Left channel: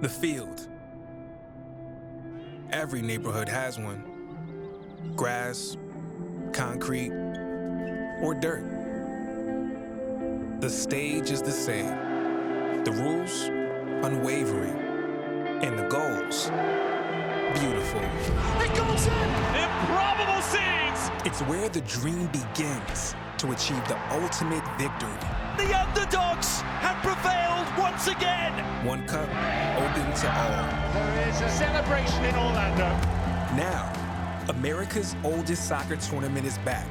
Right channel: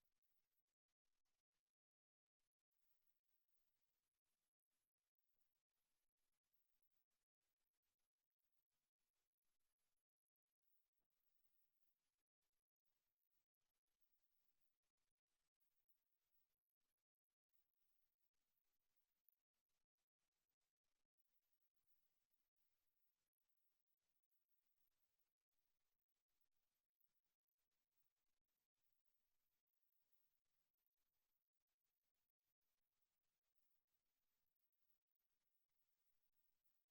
The field. Every neighborhood has one. Grass, concrete, or dirt. The stage is the same. The rules, unwavering. And the goals, beautiful. It goes in! Improbable scenes! It's where the dream begins to achieve the ultimate victory. The underdogs have prevailed once again! One cup, open to all. There is a celebration in Orlando. Now, America's oldest soccer tournament is back.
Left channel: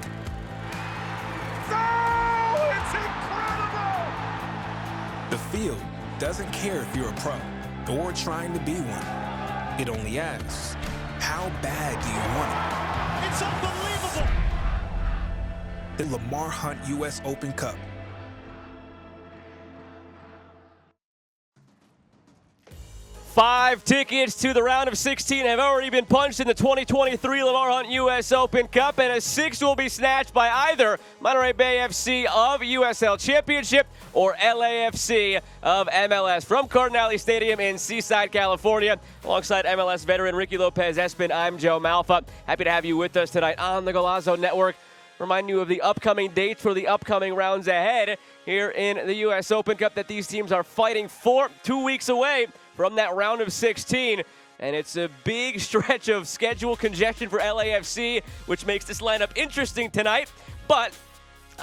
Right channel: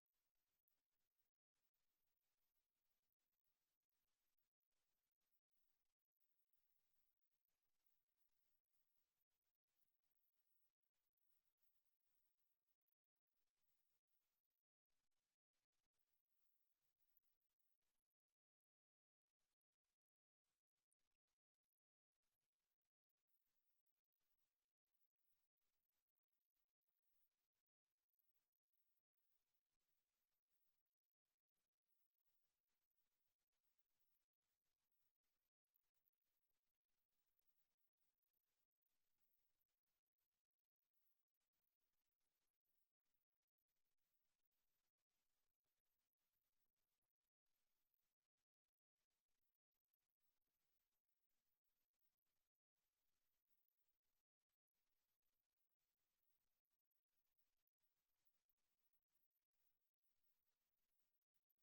Oh, it's incredible! The field doesn't care if you're a pro or trying to be one. It only asks, how bad do you want it? It's unbelievable! The Lamar Hunt U.S. Open Cup. Five tickets to the round of 16 have already been punched in the 2023 Lamar Hunt U.S. Open Cup, and a sixth will be snatched by either Monterey Bay FC of USL Championship or LAFC of MLS. From Cardinale Stadium in Seaside, California, alongside MLS veteran Ricky Lopez-Espin, I'm Joe Malfa. Happy to have you with us tonight on the Golazo Network. Remind you of the upcoming dates for the upcoming rounds ahead here in the U.S. Open Cup that these teams are fighting for. 2 weeks away from that round of 16, and it's a big stretch of schedule congestion for LAFC, which makes this lineup interesting tonight. But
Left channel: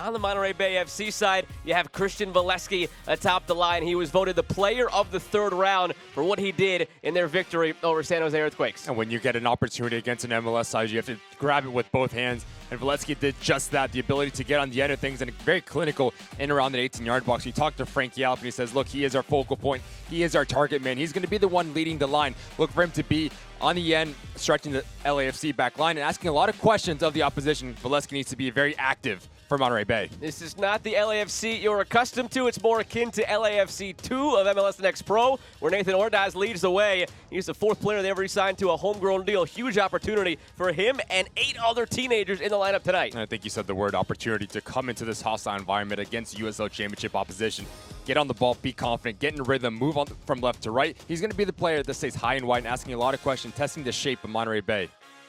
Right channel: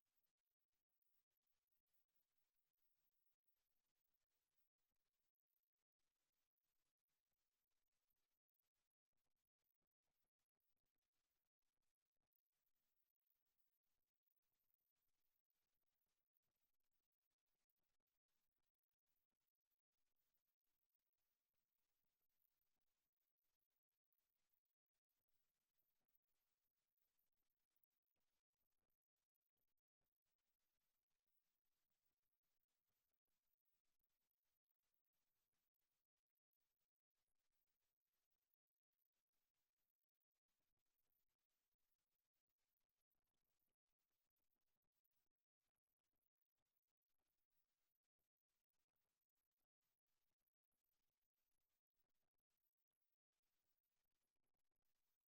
on the Monterey Bay FC side, you have Christian Valesky atop the line. He was voted the player of the third round for what he did in their victory over San Jose Earthquakes. And when you get an opportunity against an MLS side, you have to grab it with both hands. And Valesky did just that, the ability to get on the end of things and very clinical in around the 18-yard box. You talk to Frank Yallop and he says, look, he is our focal point. He is our target man. He's going to be the one leading the line. Look for him to be on the end, stretching the LAFC back line and asking a lot of questions of the opposition. Valesky needs to be very active for Monterey Bay. This is not the LAFC you're accustomed to. It's more akin to LAFC 2 of MLS Next Pro, where Nathan Ordaz leads the way. He's the fourth player they ever signed to a homegrown deal. Huge opportunity for him and 8 other teenagers in the lineup tonight. And I think you said the word opportunity to come into this hostile environment against USL Championship opposition. Get on the ball, be confident, get in rhythm, move on from left to right. He's going to be the player that stays high and wide and asking a lot of questions, testing the shape of Monterey Bay.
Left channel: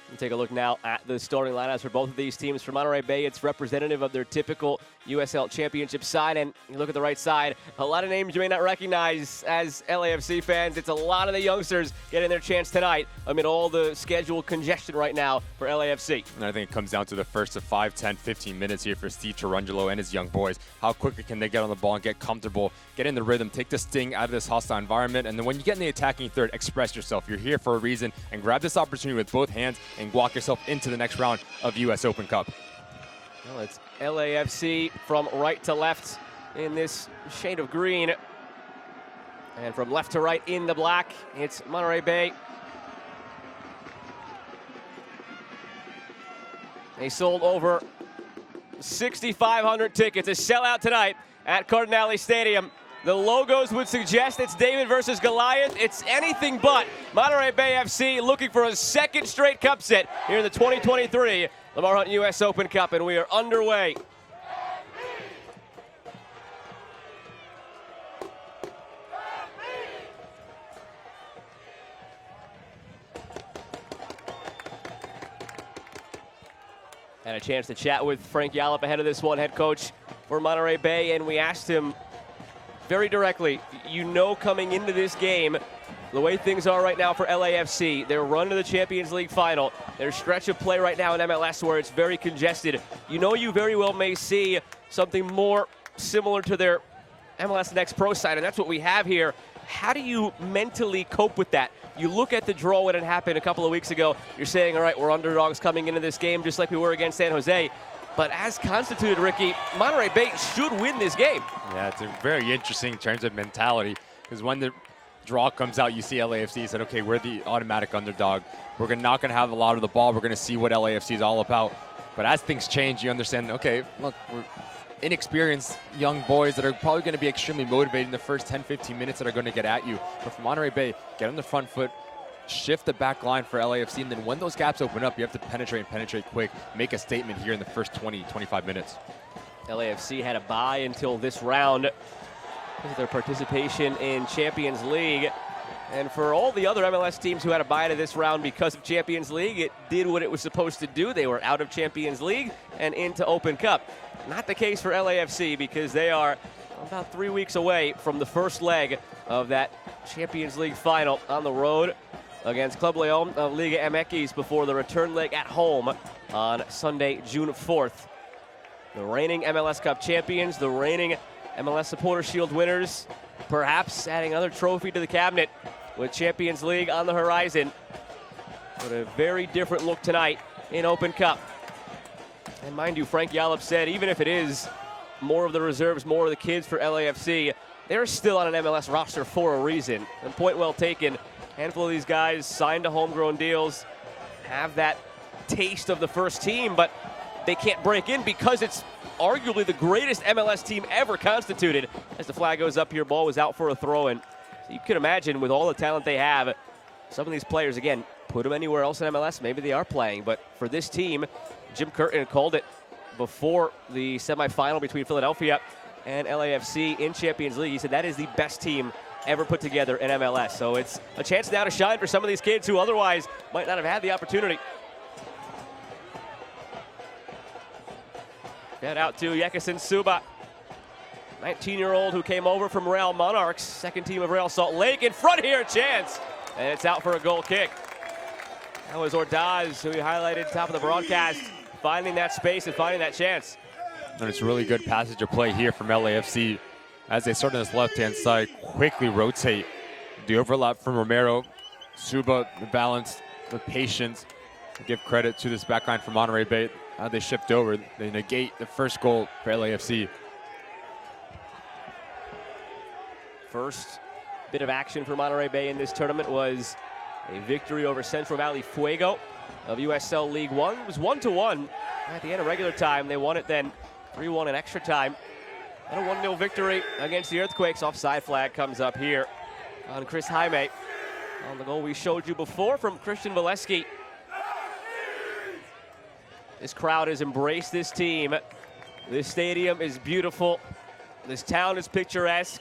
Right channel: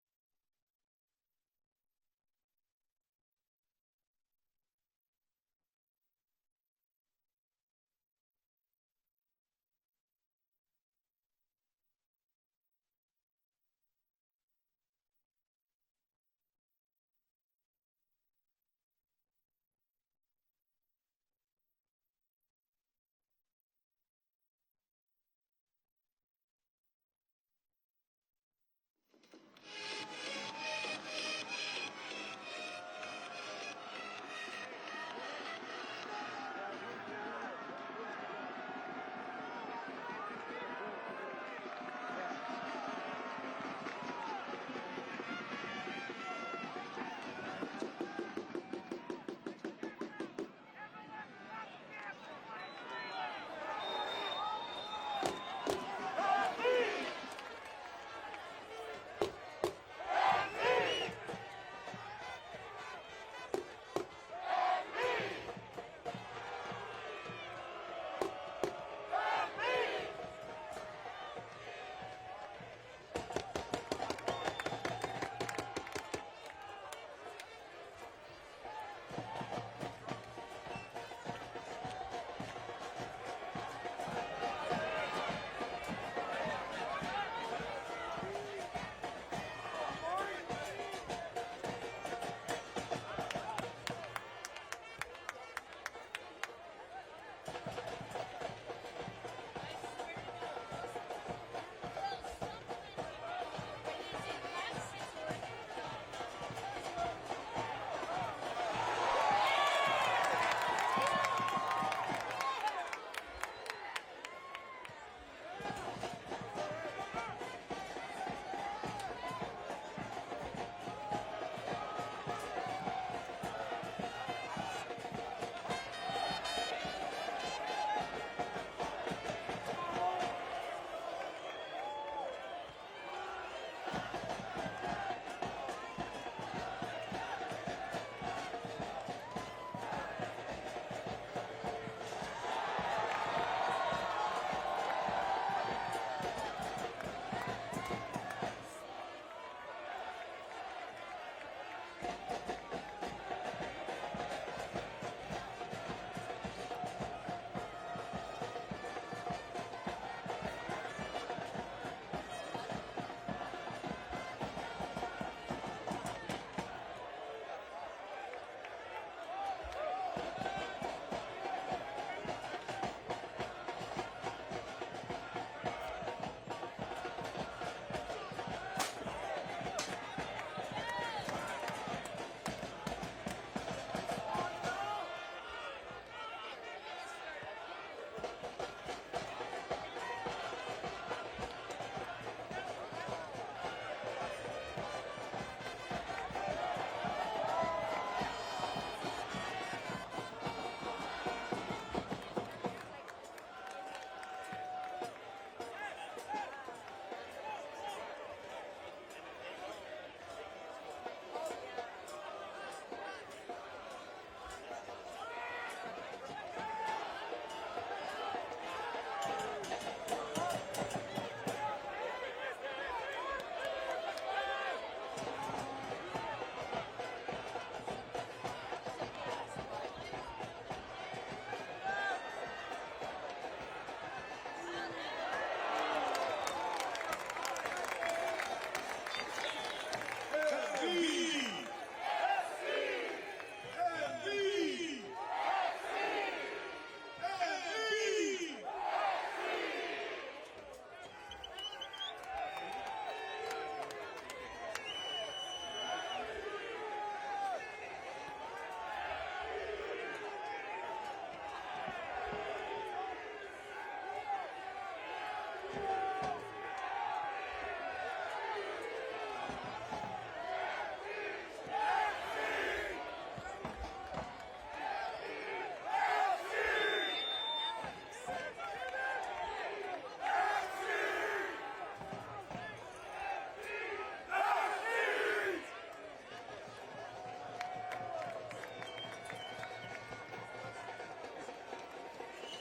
We'll take a look now at the starting lineups for both of these teams. For Monterey Bay, it's representative of their typical USL Championship side. And you look at the right side, a lot of names you may not recognize as LAFC fans. It's a lot of the youngsters getting their chance tonight amid all the schedule congestion right now for LAFC. And I think it comes down to the first of 5, 10, 15 minutes here for Steve Tarungelo and his young boys. How quickly can they get on the ball and get comfortable, get in the rhythm, take the sting out of this hostile environment. And then when you get in the attacking third, express yourself. You're here for a reason, and grab this opportunity with both hands and walk yourself into the next round of U.S. Open Cup. Well, it's LAFC from right to left in this shade of green. And from left to right in the black, it's Monterey Bay. They sold over 6,500 tickets. A sellout tonight at Cardinale Stadium. The logos would suggest it's David versus Goliath. It's anything but. Monterey Bay FC looking for a second straight cup set here in the 2023 Lamar Hunt U.S. Open Cup, and we are underway. Had a chance to chat with Frank Yallop ahead of this one, head coach for Monterey Bay, and we asked him very directly, you know coming into this game, the way things are right now for LAFC, their run to the Champions League final, their stretch of play right now in MLS where it's very congested, you know you very well may see something more similar to their MLS Next Pro side, and that's what we have here. How do you mentally cope with that? You look at the draw when it happened a couple of weeks ago, you're saying, all right, we're underdogs coming into this game just like we were against San Jose. But as constituted, Ricky, Monterey Bay should win this game. Yeah, it's very interesting in terms of mentality, because when the draw comes out, you see LAFC said, okay, we're the automatic underdog. We're not going to have a lot of the ball. We're going to see what LAFC is all about. But as things change, you understand, okay, look, we're inexperienced young boys that are probably going to be extremely motivated in the first 10, 15 minutes that are going to get at you. But for Monterey Bay, get on the front foot, shift the back line for LAFC, and then when those gaps open up, you have to penetrate quick, make a statement here in the first 20, 25 minutes. LAFC had a bye until this round. Their participation in Champions League And for all the other MLS teams who had to buy into this round because of Champions League, it did what it was supposed to do. They were out of Champions League and into Open Cup. Not the case for LAFC because they are about 3 weeks away from the first leg of that Champions League final on the road against Club Leon of Liga MX before the return leg at home on Sunday, June 4th. The reigning MLS Cup champions, the reigning MLS Supporter Shield winners, perhaps adding another trophy to the cabinet with Champions League on the horizon. But a very different look tonight in Open Cup. And mind you, Frank Yallop said even if it is more of the reserves, more of the kids for LAFC, they're still on an MLS roster for a reason. And point well taken. A handful of these guys signed to homegrown deals, have that taste of the first team, but they can't break in because it's arguably the greatest MLS team ever constituted. As the flag goes up here, ball was out for a throw-in. You can imagine with all the talent they have, some of these players, again, put them anywhere else in MLS, maybe they are playing. But for this team, Jim Curtin called it before the semifinal between Philadelphia and LAFC in Champions League. He said that is the best team ever put together in MLS. So it's a chance now to shine for some of these kids who otherwise might not have had the opportunity. Get out to Yekison Suba, 19-year-old who came over from Real Monarchs, second team of Real Salt Lake. In front here, a chance, and it's out for a goal kick. That was Ordaz, who we highlighted top of the broadcast, finding that space and finding that chance. And it's really good passage of play here from LAFC as they start on this left-hand side, quickly rotate. The overlap from Romero, Suba, the balance, the patience. Give credit to this backline from Monterey Bay. How they shift over, they negate the first goal for LAFC. First bit of action for Monterey Bay in this tournament was a victory over Central Valley Fuego of USL League One. It was 1-1 at the end of regular time. They won it then 3-1 in extra time. And a 1-0 victory against the Earthquakes. Offside flag comes up here on Chris Jaime. On the goal we showed you before from Christian Valesky. This crowd has embraced this team. This stadium is beautiful. This town is picturesque.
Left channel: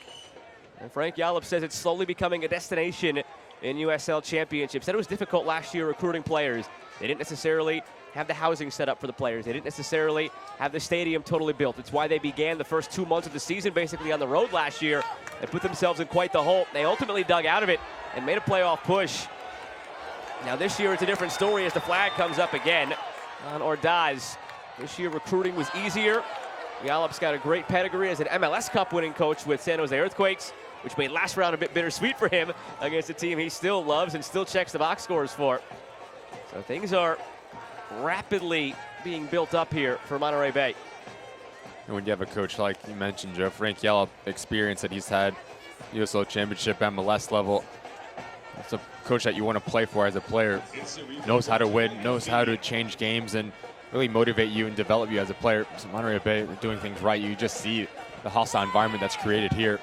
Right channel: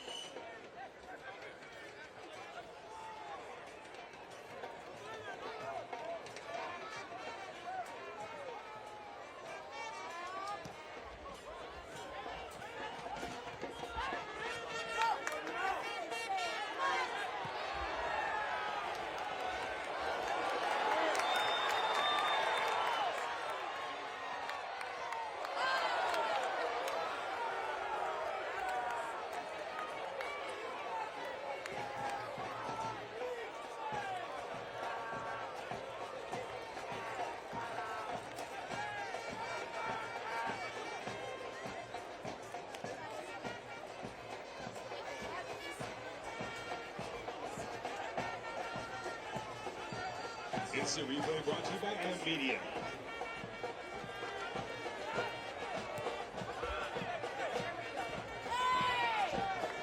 And Frank Yallop says it's slowly becoming a destination in USL Championships. Said it was difficult last year recruiting players. They didn't necessarily have the housing set up for the players. They didn't necessarily have the stadium totally built. It's why they began the first 2 months of the season basically on the road last year and put themselves in quite the hole. They ultimately dug out of it and made a playoff push. Now this year it's a different story as the flag comes up again on Ordaz. This year recruiting was easier. Yallop's got a great pedigree as an MLS Cup winning coach with San Jose Earthquakes, which made last round a bit bittersweet for him against a team he still loves and still checks the box scores for. So things are rapidly being built up here for Monterey Bay. And when you have a coach like you mentioned, Joe, Frank Yallop, experience that he's had, USL Championship, MLS level, it's a coach that you want to play for as a player. Knows how to win, knows how to change games, and really motivate you and develop you as a player. So Monterey Bay are doing things right. You just see the hostile environment that's created here.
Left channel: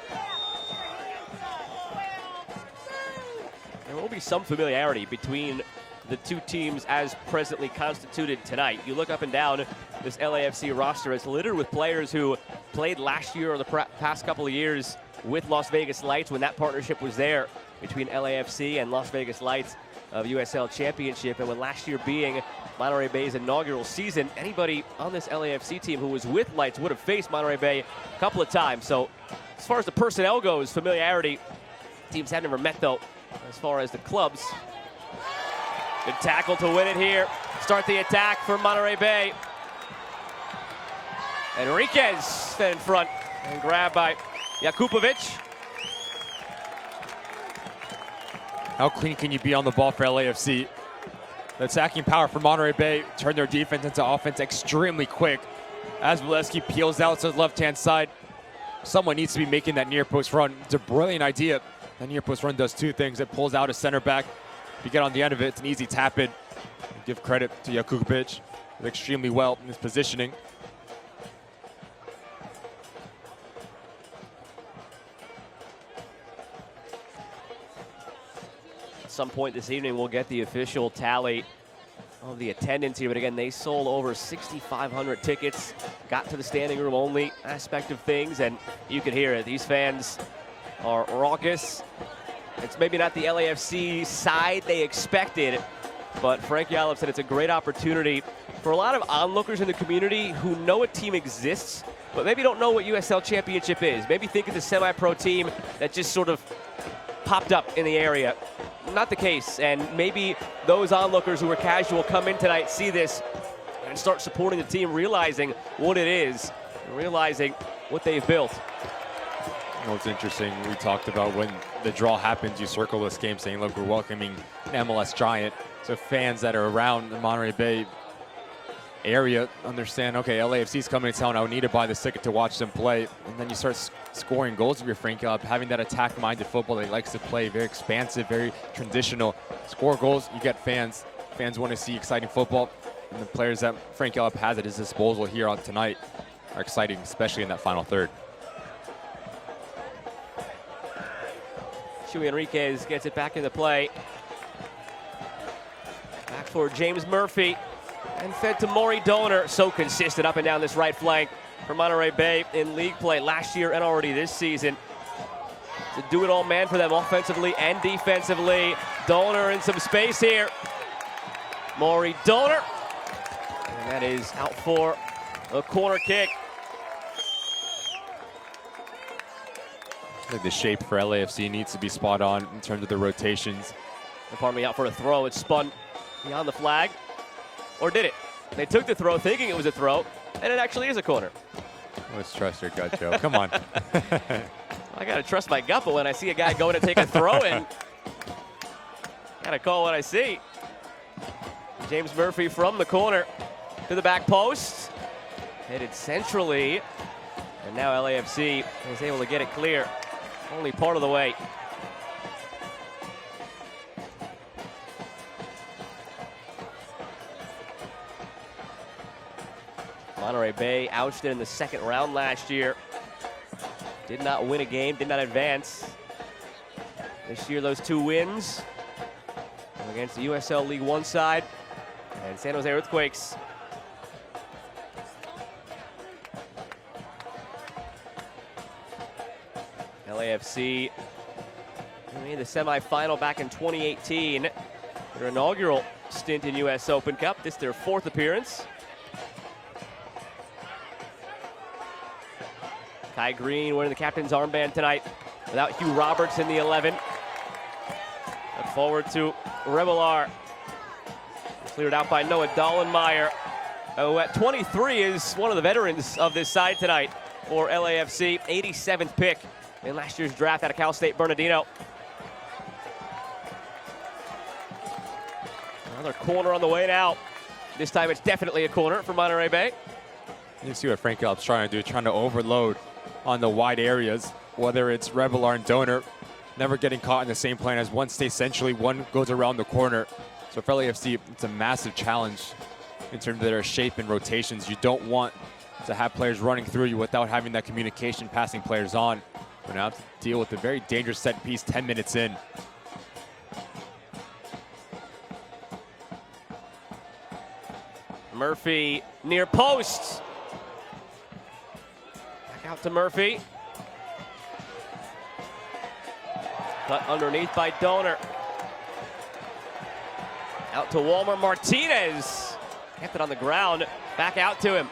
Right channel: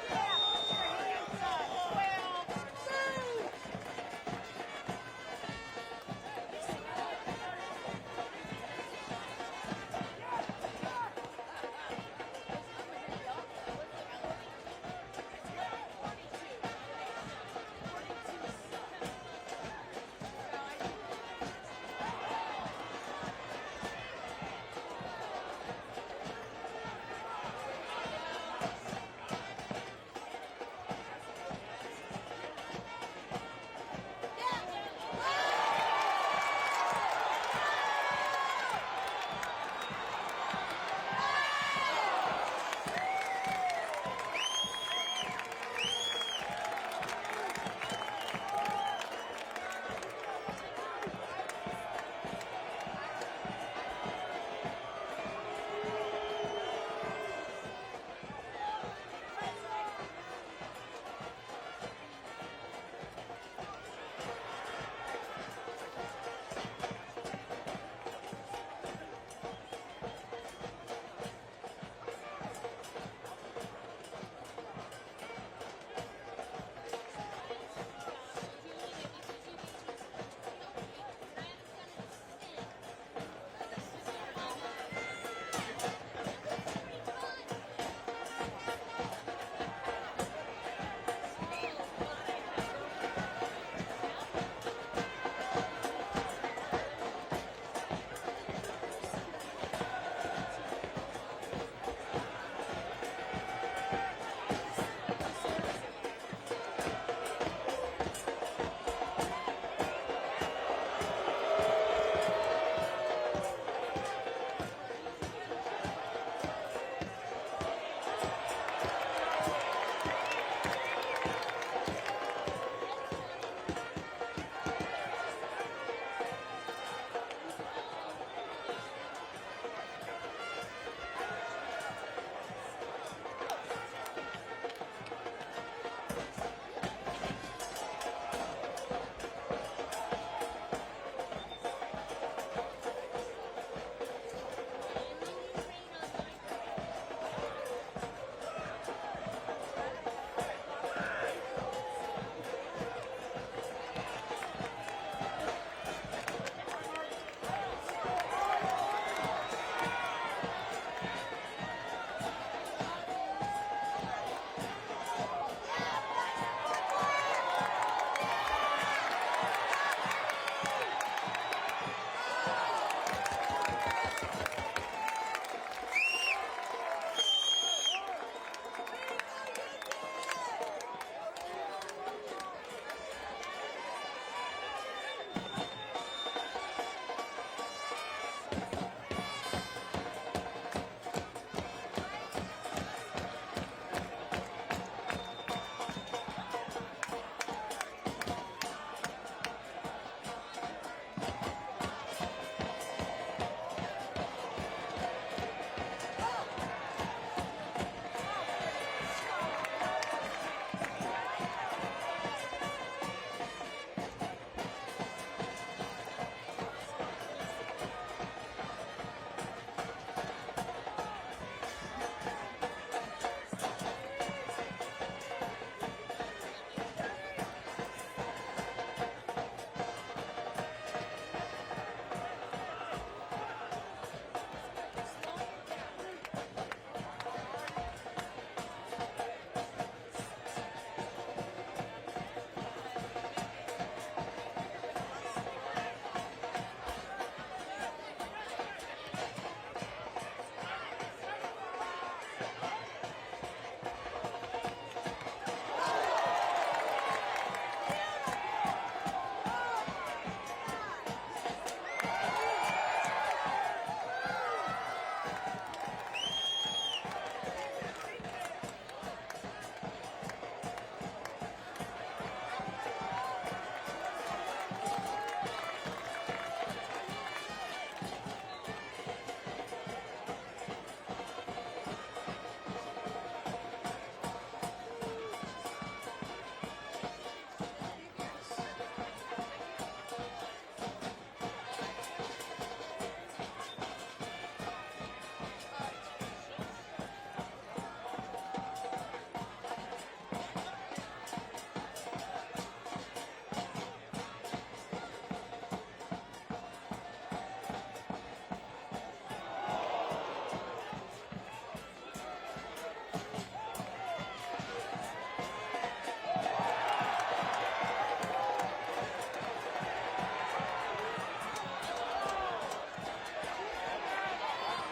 There will be some familiarity between the two teams as presently constituted tonight. You look up and down, this LAFC roster is littered with players who played last year or the past couple of years with Las Vegas Lights when that partnership was there between LAFC and Las Vegas Lights of USL Championship. And when last year being Monterey Bay's inaugural season, anybody on this LAFC team who was with Lights would have faced Monterey Bay a couple of times. So as far as the personnel goes, familiarity, teams have never met though as far as the clubs. Good tackle to win it here. Start the attack for Monterey Bay. Enriquez in front and grabbed by Jakupovic. How clean can you be on the ball for LAFC? The attacking power for Monterey Bay turned their defense into offense extremely quick. As Valesky peels out to the left-hand side, someone needs to be making that near post run. It's a brilliant idea. That near post run does two things. It pulls out a center back. You get on the end of it, it's an easy tap in. Give credit to Jakupovic. Extremely well in his positioning. At some point this evening, we'll get the official tally of the attendance here. But again, they sold over 6,500 tickets, got to the standing room only aspect of things, and you can hear it. These fans are raucous. It's maybe not the LAFC side they expected, but Frank Yallop said it's a great opportunity for a lot of onlookers in the community who know a team exists, but maybe don't know what USL Championship is. Maybe think it's a semi-pro team that just sort of popped up in the area. Not the case, and maybe those onlookers who are casual come in tonight, see this, and start supporting the team, realizing what it is, realizing what they've built. Well, it's interesting. We talked about when the draw happens, you circle this game saying, look, we're welcoming an MLS giant. So fans that are around the Monterey Bay area understand, okay, LAFC's coming to town. I need to buy the ticket to watch them play. And then you start scoring goals if you're Frank Yallop, having that attack-minded football that he likes to play, very expansive, very traditional. Score goals, you get fans. Fans want to see exciting football. And the players that Frank Yallop has at his disposal here on tonight are exciting, especially in that final third. Chuy Enriquez gets it back into play. Back for James Murphy. And fed to Maury Donor. So consistent up and down this right flank for Monterey Bay in league play last year and already this season. To do it all man for them offensively and defensively. Donor in some space here. Maury Donor. And that is out for a corner kick. The shape for LAFC needs to be spot on in terms of the rotations. Pardon me, out for a throw. It spun beyond the flag. Or did it? They took the throw thinking it was a throw, and it actually is a corner. Let's trust your gut, Joe. Come on. I gotta trust my gut, but when I see a guy going to take a throw in, gotta call what I see. James Murphy from the corner to the back post. Headed centrally. And now LAFC was able to get it clear. Only part of the way. Monterey Bay ousted in the second round last year. Did not win a game, did not advance. This year, those 2 wins against the USL League One side and San Jose Earthquakes. LAFC made the semifinal back in 2018. Their inaugural stint in US Open Cup. This is their 4th appearance. Kai Green wearing the captain's armband tonight without Hugh Roberts in the 11. Look forward to Revelar. Cleared out by Noah Dollenmeyer, who at 23 is one of the veterans of this side tonight for LAFC. 87th pick in last year's draft out of Cal State Bernardino. Another corner on the way now. This time it's definitely a corner for Monterey Bay. You see what Frank Yallop's trying to do, trying to overload on the wide areas, whether it's Revelar and Donor, never getting caught in the same plane as one stays centrally, one goes around the corner. So for LAFC, it's a massive challenge in terms of their shape and rotations. You don't want to have players running through you without having that communication, passing players on. You now have to deal with a very dangerous set piece 10 minutes in. Murphy near post. Out to Murphy. Cut underneath by Donor. Out to Walmer Martinez. Kept it on the ground. Back out to him.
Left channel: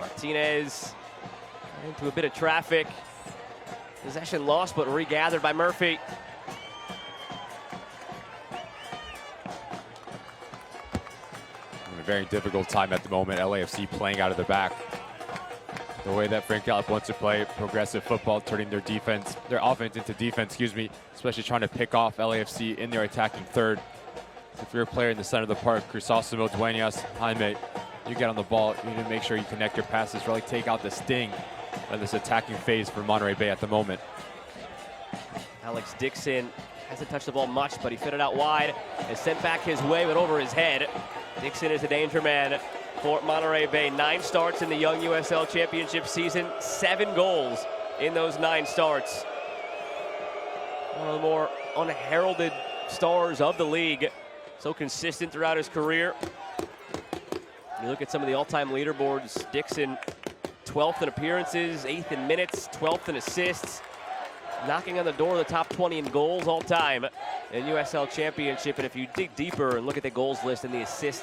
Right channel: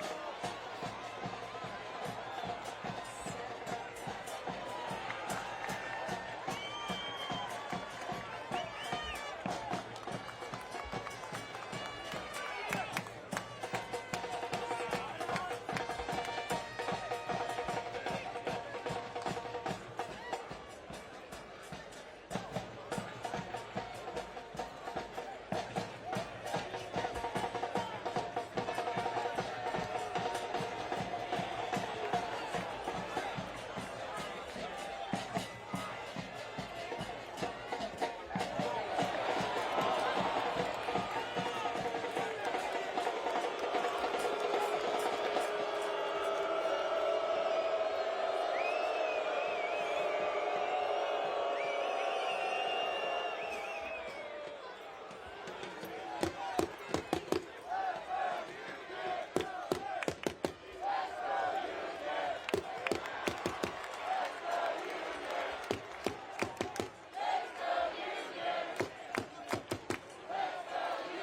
Martinez into a bit of traffic. Possession lost, but regathered by Murphy. Very difficult time at the moment. LAFC playing out of the back. The way that Frank Yallop wants to play progressive football, turning their defense, their offense into defense, especially trying to pick off LAFC in their attacking third. If you're a player in the center of the park, Crisóstomo, Dueñas, Jaime, you get on the ball, you need to make sure you connect your passes, really take out the sting of this attacking phase for Monterey Bay at the moment. Alex Dixon hasn't touched the ball much, but he fit it out wide. Is sent back his way, went over his head. Dixon is a danger man for Monterey Bay. 9 starts in the Young USL Championship season. 7 goals in those 9 starts. One of the more unheralded stars of the league. So consistent throughout his career. You look at some of the all-time leaderboards. Dixon 12th in appearances, 8th in minutes, 12th in assists. Knocking on the door of the top 20 in goals all time in USL Championship. And if you dig deeper and look at the goals list and the assist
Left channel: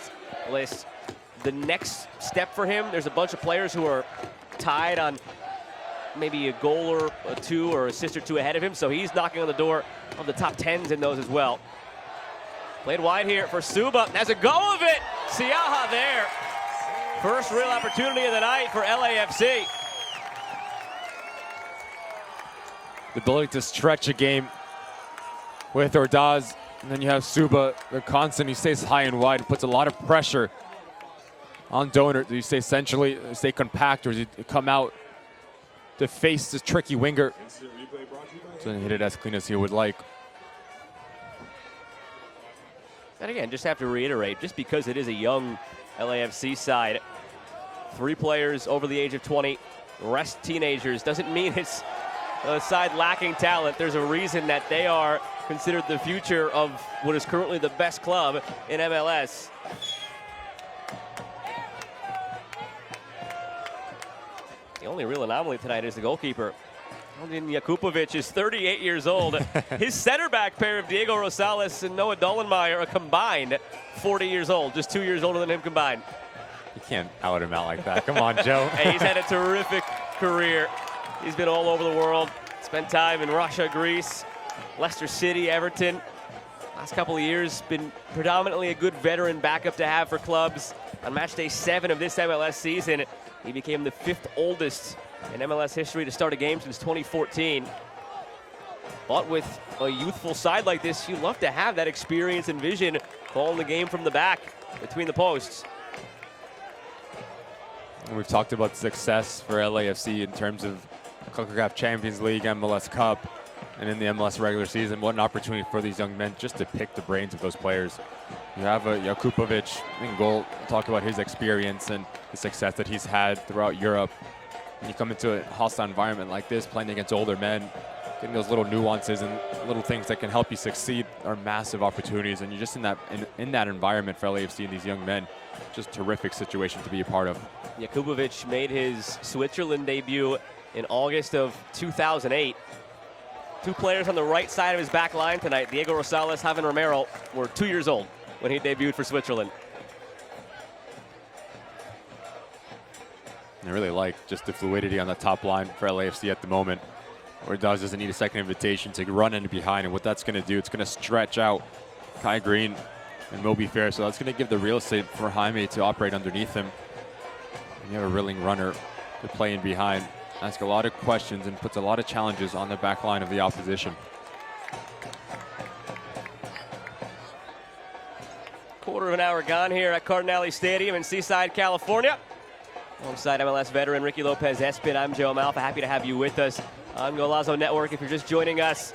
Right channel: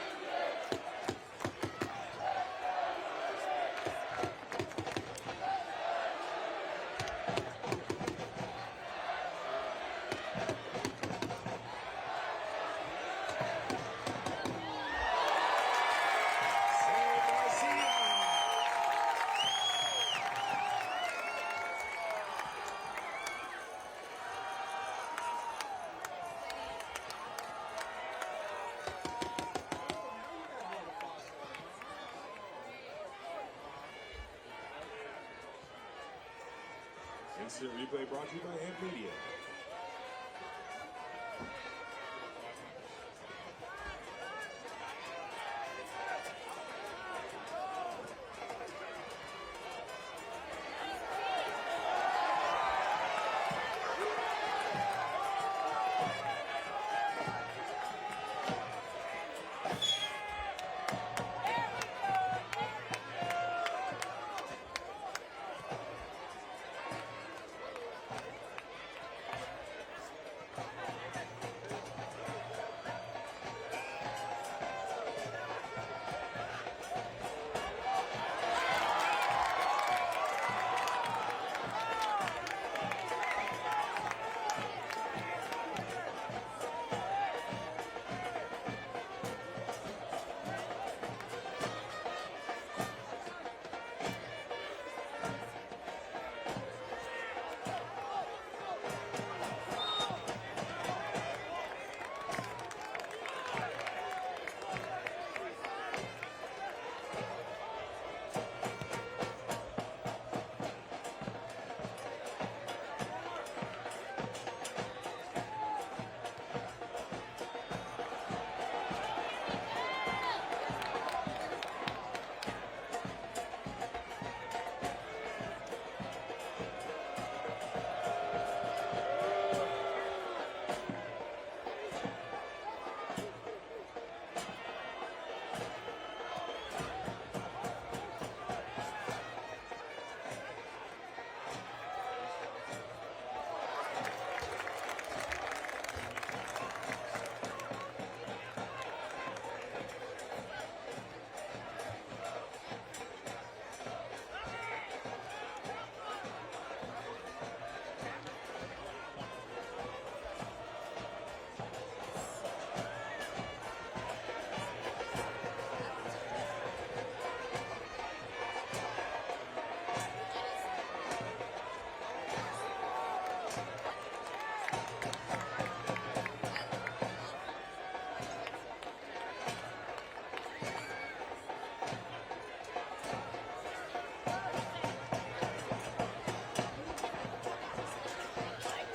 list, the next step for him, there's a bunch of players who are tied on maybe a goal or two or assist or two ahead of him. So he's knocking on the door of the top 10s in those as well. Played wide here for Suba. Has a go of it. Siaha there. First real opportunity of the night for LAFC. The ability to stretch a game with Ordaz, and then you have Suba, the constant. He stays high and wide, puts a lot of pressure on Donor. Do you stay essentially, stay compact, or does he come out to face this tricky winger? So he hit it as clean as he would like. And again, just have to reiterate, just because it is a young LAFC side, 3 players over the age of 20, rest teenagers, doesn't mean it's a side lacking talent. There's a reason that they are considered the future of what is currently the best club in MLS. The only real anomaly tonight is the goalkeeper. Jakupovic is 38 years old. His center back pair of Diego Rosales and Noah Dollenmeyer are combined 40 years old, just 2 years older than him combined. You can't out him out like that. Come on, Joe. Hey, he's had a terrific career. He's been all over the world. Spent time in Russia, Greece, Leicester City, Everton. Last couple of years, been predominantly a good veteran backup to have for clubs. On match day 7 of this MLS season, he became the 5th oldest in MLS history to start a game since 2014. But with a youthful side like this, you love to have that experience and vision calling the game from the back between the posts. We've talked about success for LAFC in terms of CONCACAF Champions League, MLS Cup, and in the MLS regular season. What an opportunity for these young men just to pick the brains of those players. You have a Jakupovic in goal, talk about his experience and the success that he's had throughout Europe. When you come into a hostile environment like this, playing against older men, getting those little nuances and little things that can help you succeed are massive opportunities. And you're just in that environment for LAFC and these young men, just terrific situation to be a part of. Jakupovic made his Switzerland debut in August of 2008. 2 players on the right side of his back line tonight, Diego Rosales, Javier Romero, were 2 years old when he debuted for Switzerland. I really like just the fluidity on the top line for LAFC at the moment, where Dawes doesn't need a second invitation to run in behind, and what that's going to do, it's going to stretch out Kai Green and Moby Fair, so that's going to give the real estate for Jaime to operate underneath him. And you have a willing runner to play in behind, ask a lot of questions and puts a lot of challenges on the back line of the opposition. Quarter of an hour gone here at Cardinale Stadium in Seaside, California. Alongside MLS veteran Ricky Lopez-Espin, I'm Joe Malfa. Happy to have you with us on Golazo Network. If you're just joining us,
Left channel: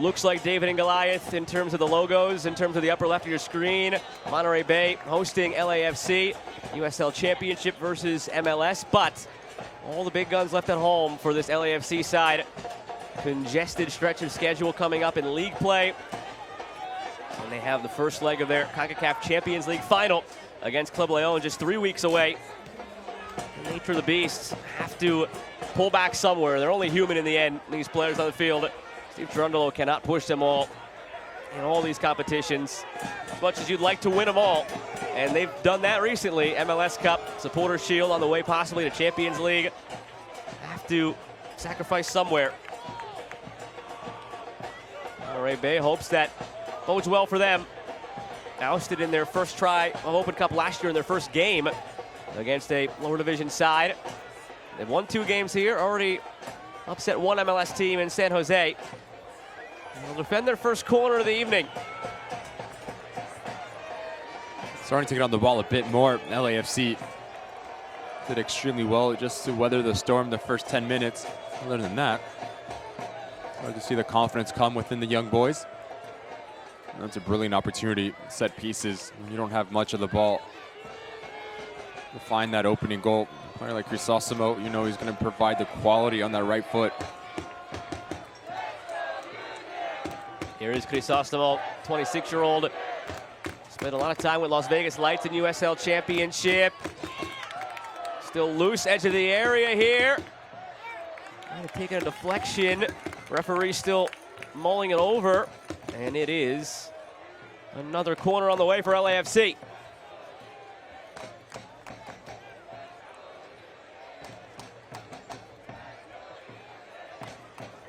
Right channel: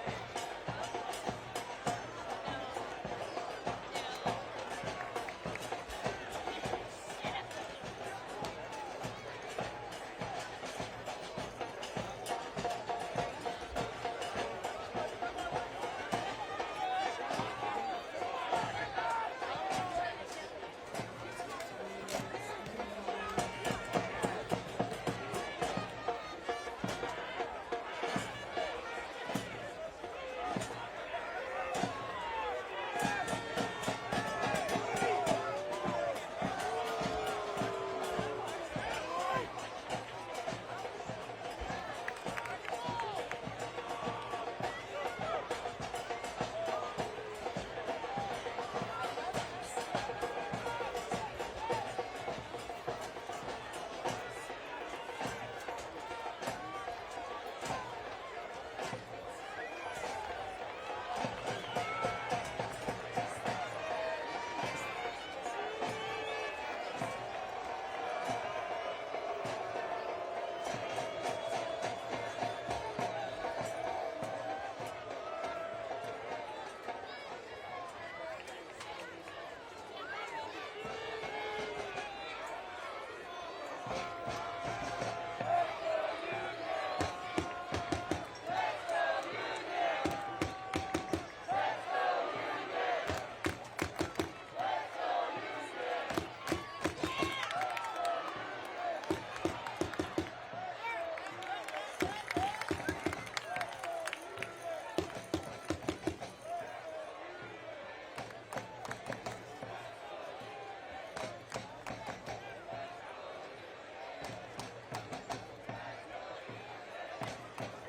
looks like David and Goliath in terms of the logos, in terms of the upper left of your screen. Monterey Bay hosting LAFC, USL Championship versus MLS, but all the big guns left at home for this LAFC side. Congested stretch of schedule coming up in league play. And they have the first leg of their CONCACAF Champions League final against Club Leon just 3 weeks away. Need for the Beasts have to pull back somewhere. They're only human in the end, these players on the field. Steve Grundolo cannot push them all in all these competitions as much as you'd like to win them all. And they've done that recently. MLS Cup, Supporters Shield on the way possibly to Champions League. Have to sacrifice somewhere. Monterey Bay hopes that bodes well for them. Ousted in their first try of Open Cup last year in their first game against a lower division side. They've won 2 games here, already upset 1 MLS team in San Jose. They'll defend their first corner of the evening. Starting to get on the ball a bit more. LAFC did extremely well just to weather the storm the first 10 minutes. Other than that, hard to see the confidence come within the young boys. That's a brilliant opportunity. Set pieces. You don't have much of the ball. To find that opening goal. Probably like Crisosimo, you know he's going to provide the quality on that right foot. Here is Crisosimo, 26-year-old. Spent a lot of time with Las Vegas Lights in USL Championship. Still loose, edge of the area here. Taking a deflection. Referee still mulling it over. And it is another corner on the way for LAFC.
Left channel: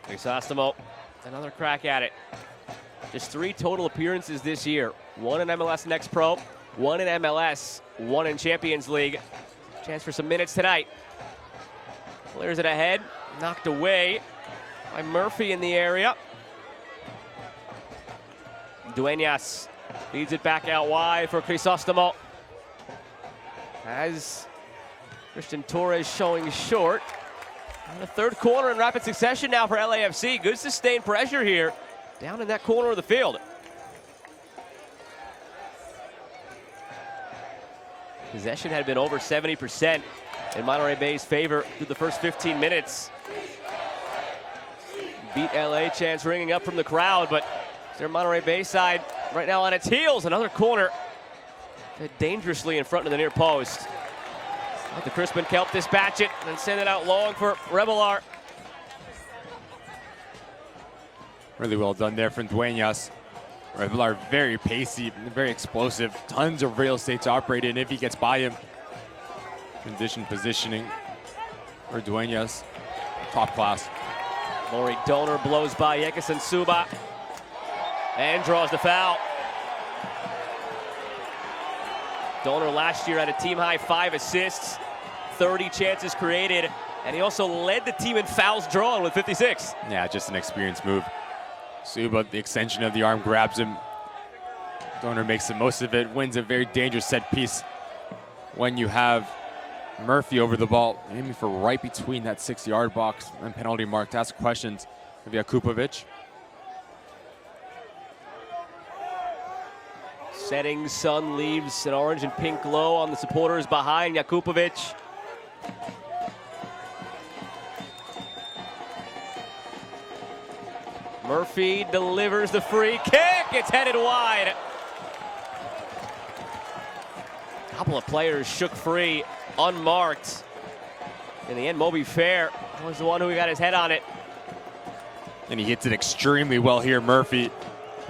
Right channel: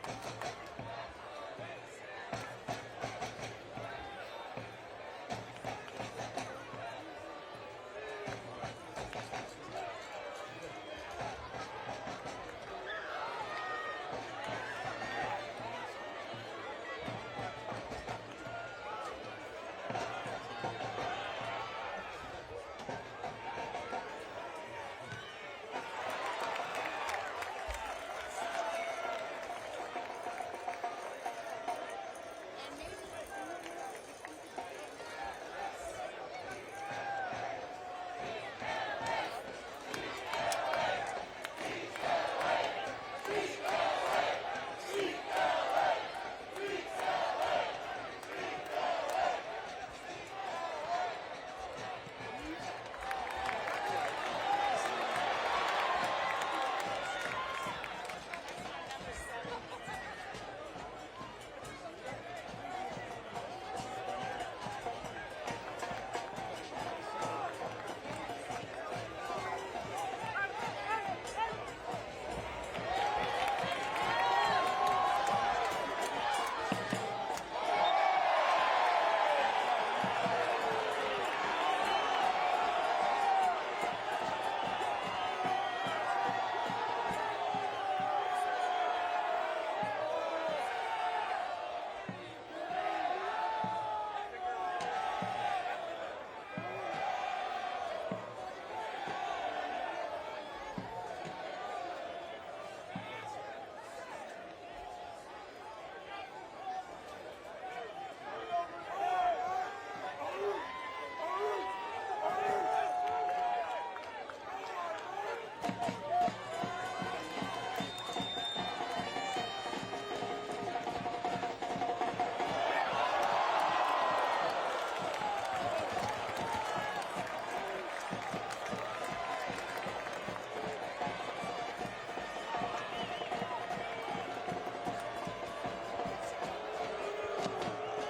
Crisostomo, another crack at it. Just 3 total appearances this year. 1 in MLS Next Pro, 1 in MLS, 1 in Champions League. Chance for some minutes tonight. Clears it ahead, knocked away by Murphy in the area. Duenas leads it back out wide for Crisostomo. As Christian Torres showing short. And the 3rd corner in rapid succession now for LAFC. Good sustained pressure here down in that corner of the field. Possession had been over 70% in Monterey Bay's favor through the first 15 minutes. Beat LA chants ringing up from the crowd, but their Monterey Bay side right now on its heels. Another corner dangerously in front of the near post. The Crispin Kelp dispatch it and send it out long for Revelar. Really well done there from Duenas. Revelar very pacey, very explosive. Tons of real estate to operate in if he gets by him. Condition positioning for Duenas. Top class. Lori Donor blows by Yekison Suba and draws the foul. Donor last year had a team-high 5 assists, 30 chances created, and he also led the team in fouls drawn with 56. Yeah, just an experienced move. Suba, the extension of the arm, grabs him. Donor makes the most of it, wins a very dangerous set piece. When you have Murphy over the ball, aiming for right between that 6-yard box and penalty mark to ask questions of Jakupovic. Setting sun leaves an orange and pink glow on the supporters behind Jakupovic. Murphy delivers the free kick. It's headed wide. A couple of players shook free, unmarked. In the end, Moby Fair was the one who got his head on it. And he hits it extremely well here, Murphy.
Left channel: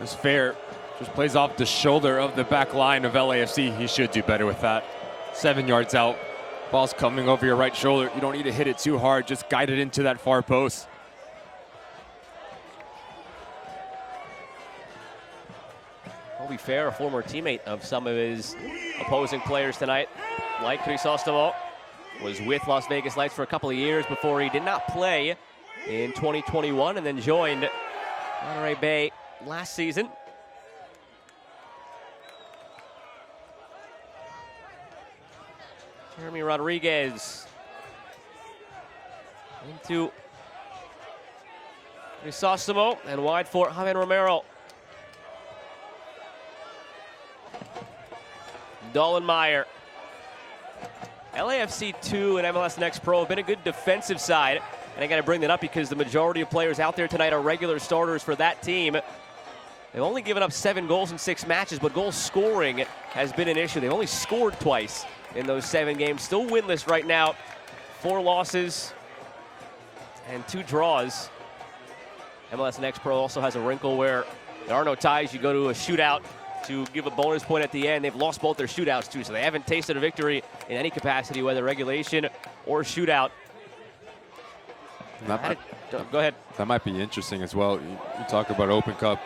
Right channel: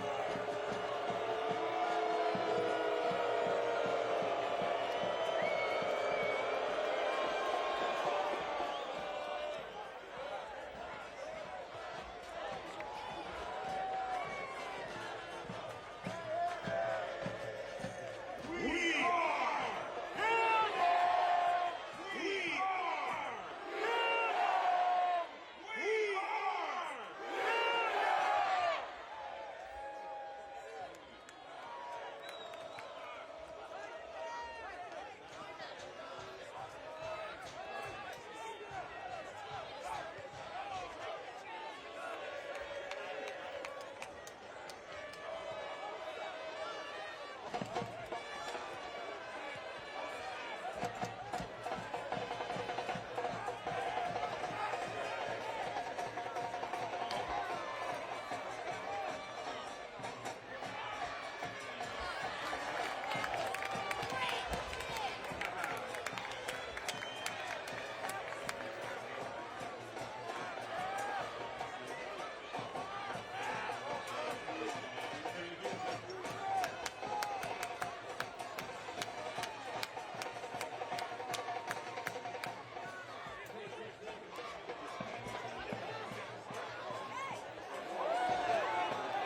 It's fair. Just plays off the shoulder of the back line of LAFC. He should do better with that. 7 yards out. Ball's coming over your right shoulder. You don't need to hit it too hard. Just guide it into that far post. Moby Fair, a former teammate of some of his opposing players tonight. Like Crisostomo, was with Las Vegas Lights for a couple of years before he did not play in 2021 and then joined Monterey Bay last season. Jeremy Rodriguez into Crisostomo and wide for Javier Romero. Dollenmeyer. LAFC 2 and MLS Next Pro have been a good defensive side. And I got to bring that up because the majority of players out there tonight are regular starters for that team. They've only given up 7 goals in 6 matches, but goal scoring has been an issue. They've only scored twice in those 7 games. Still winless right now. 4 losses and 2 draws. MLS Next Pro also has a wrinkle where there are no ties. You go to a shootout to give a bonus point at the end. They've lost both their shootouts too, so they haven't tasted a victory in any capacity, whether regulation or shootout. Go ahead. That might be interesting as well. You talk about Open Cup.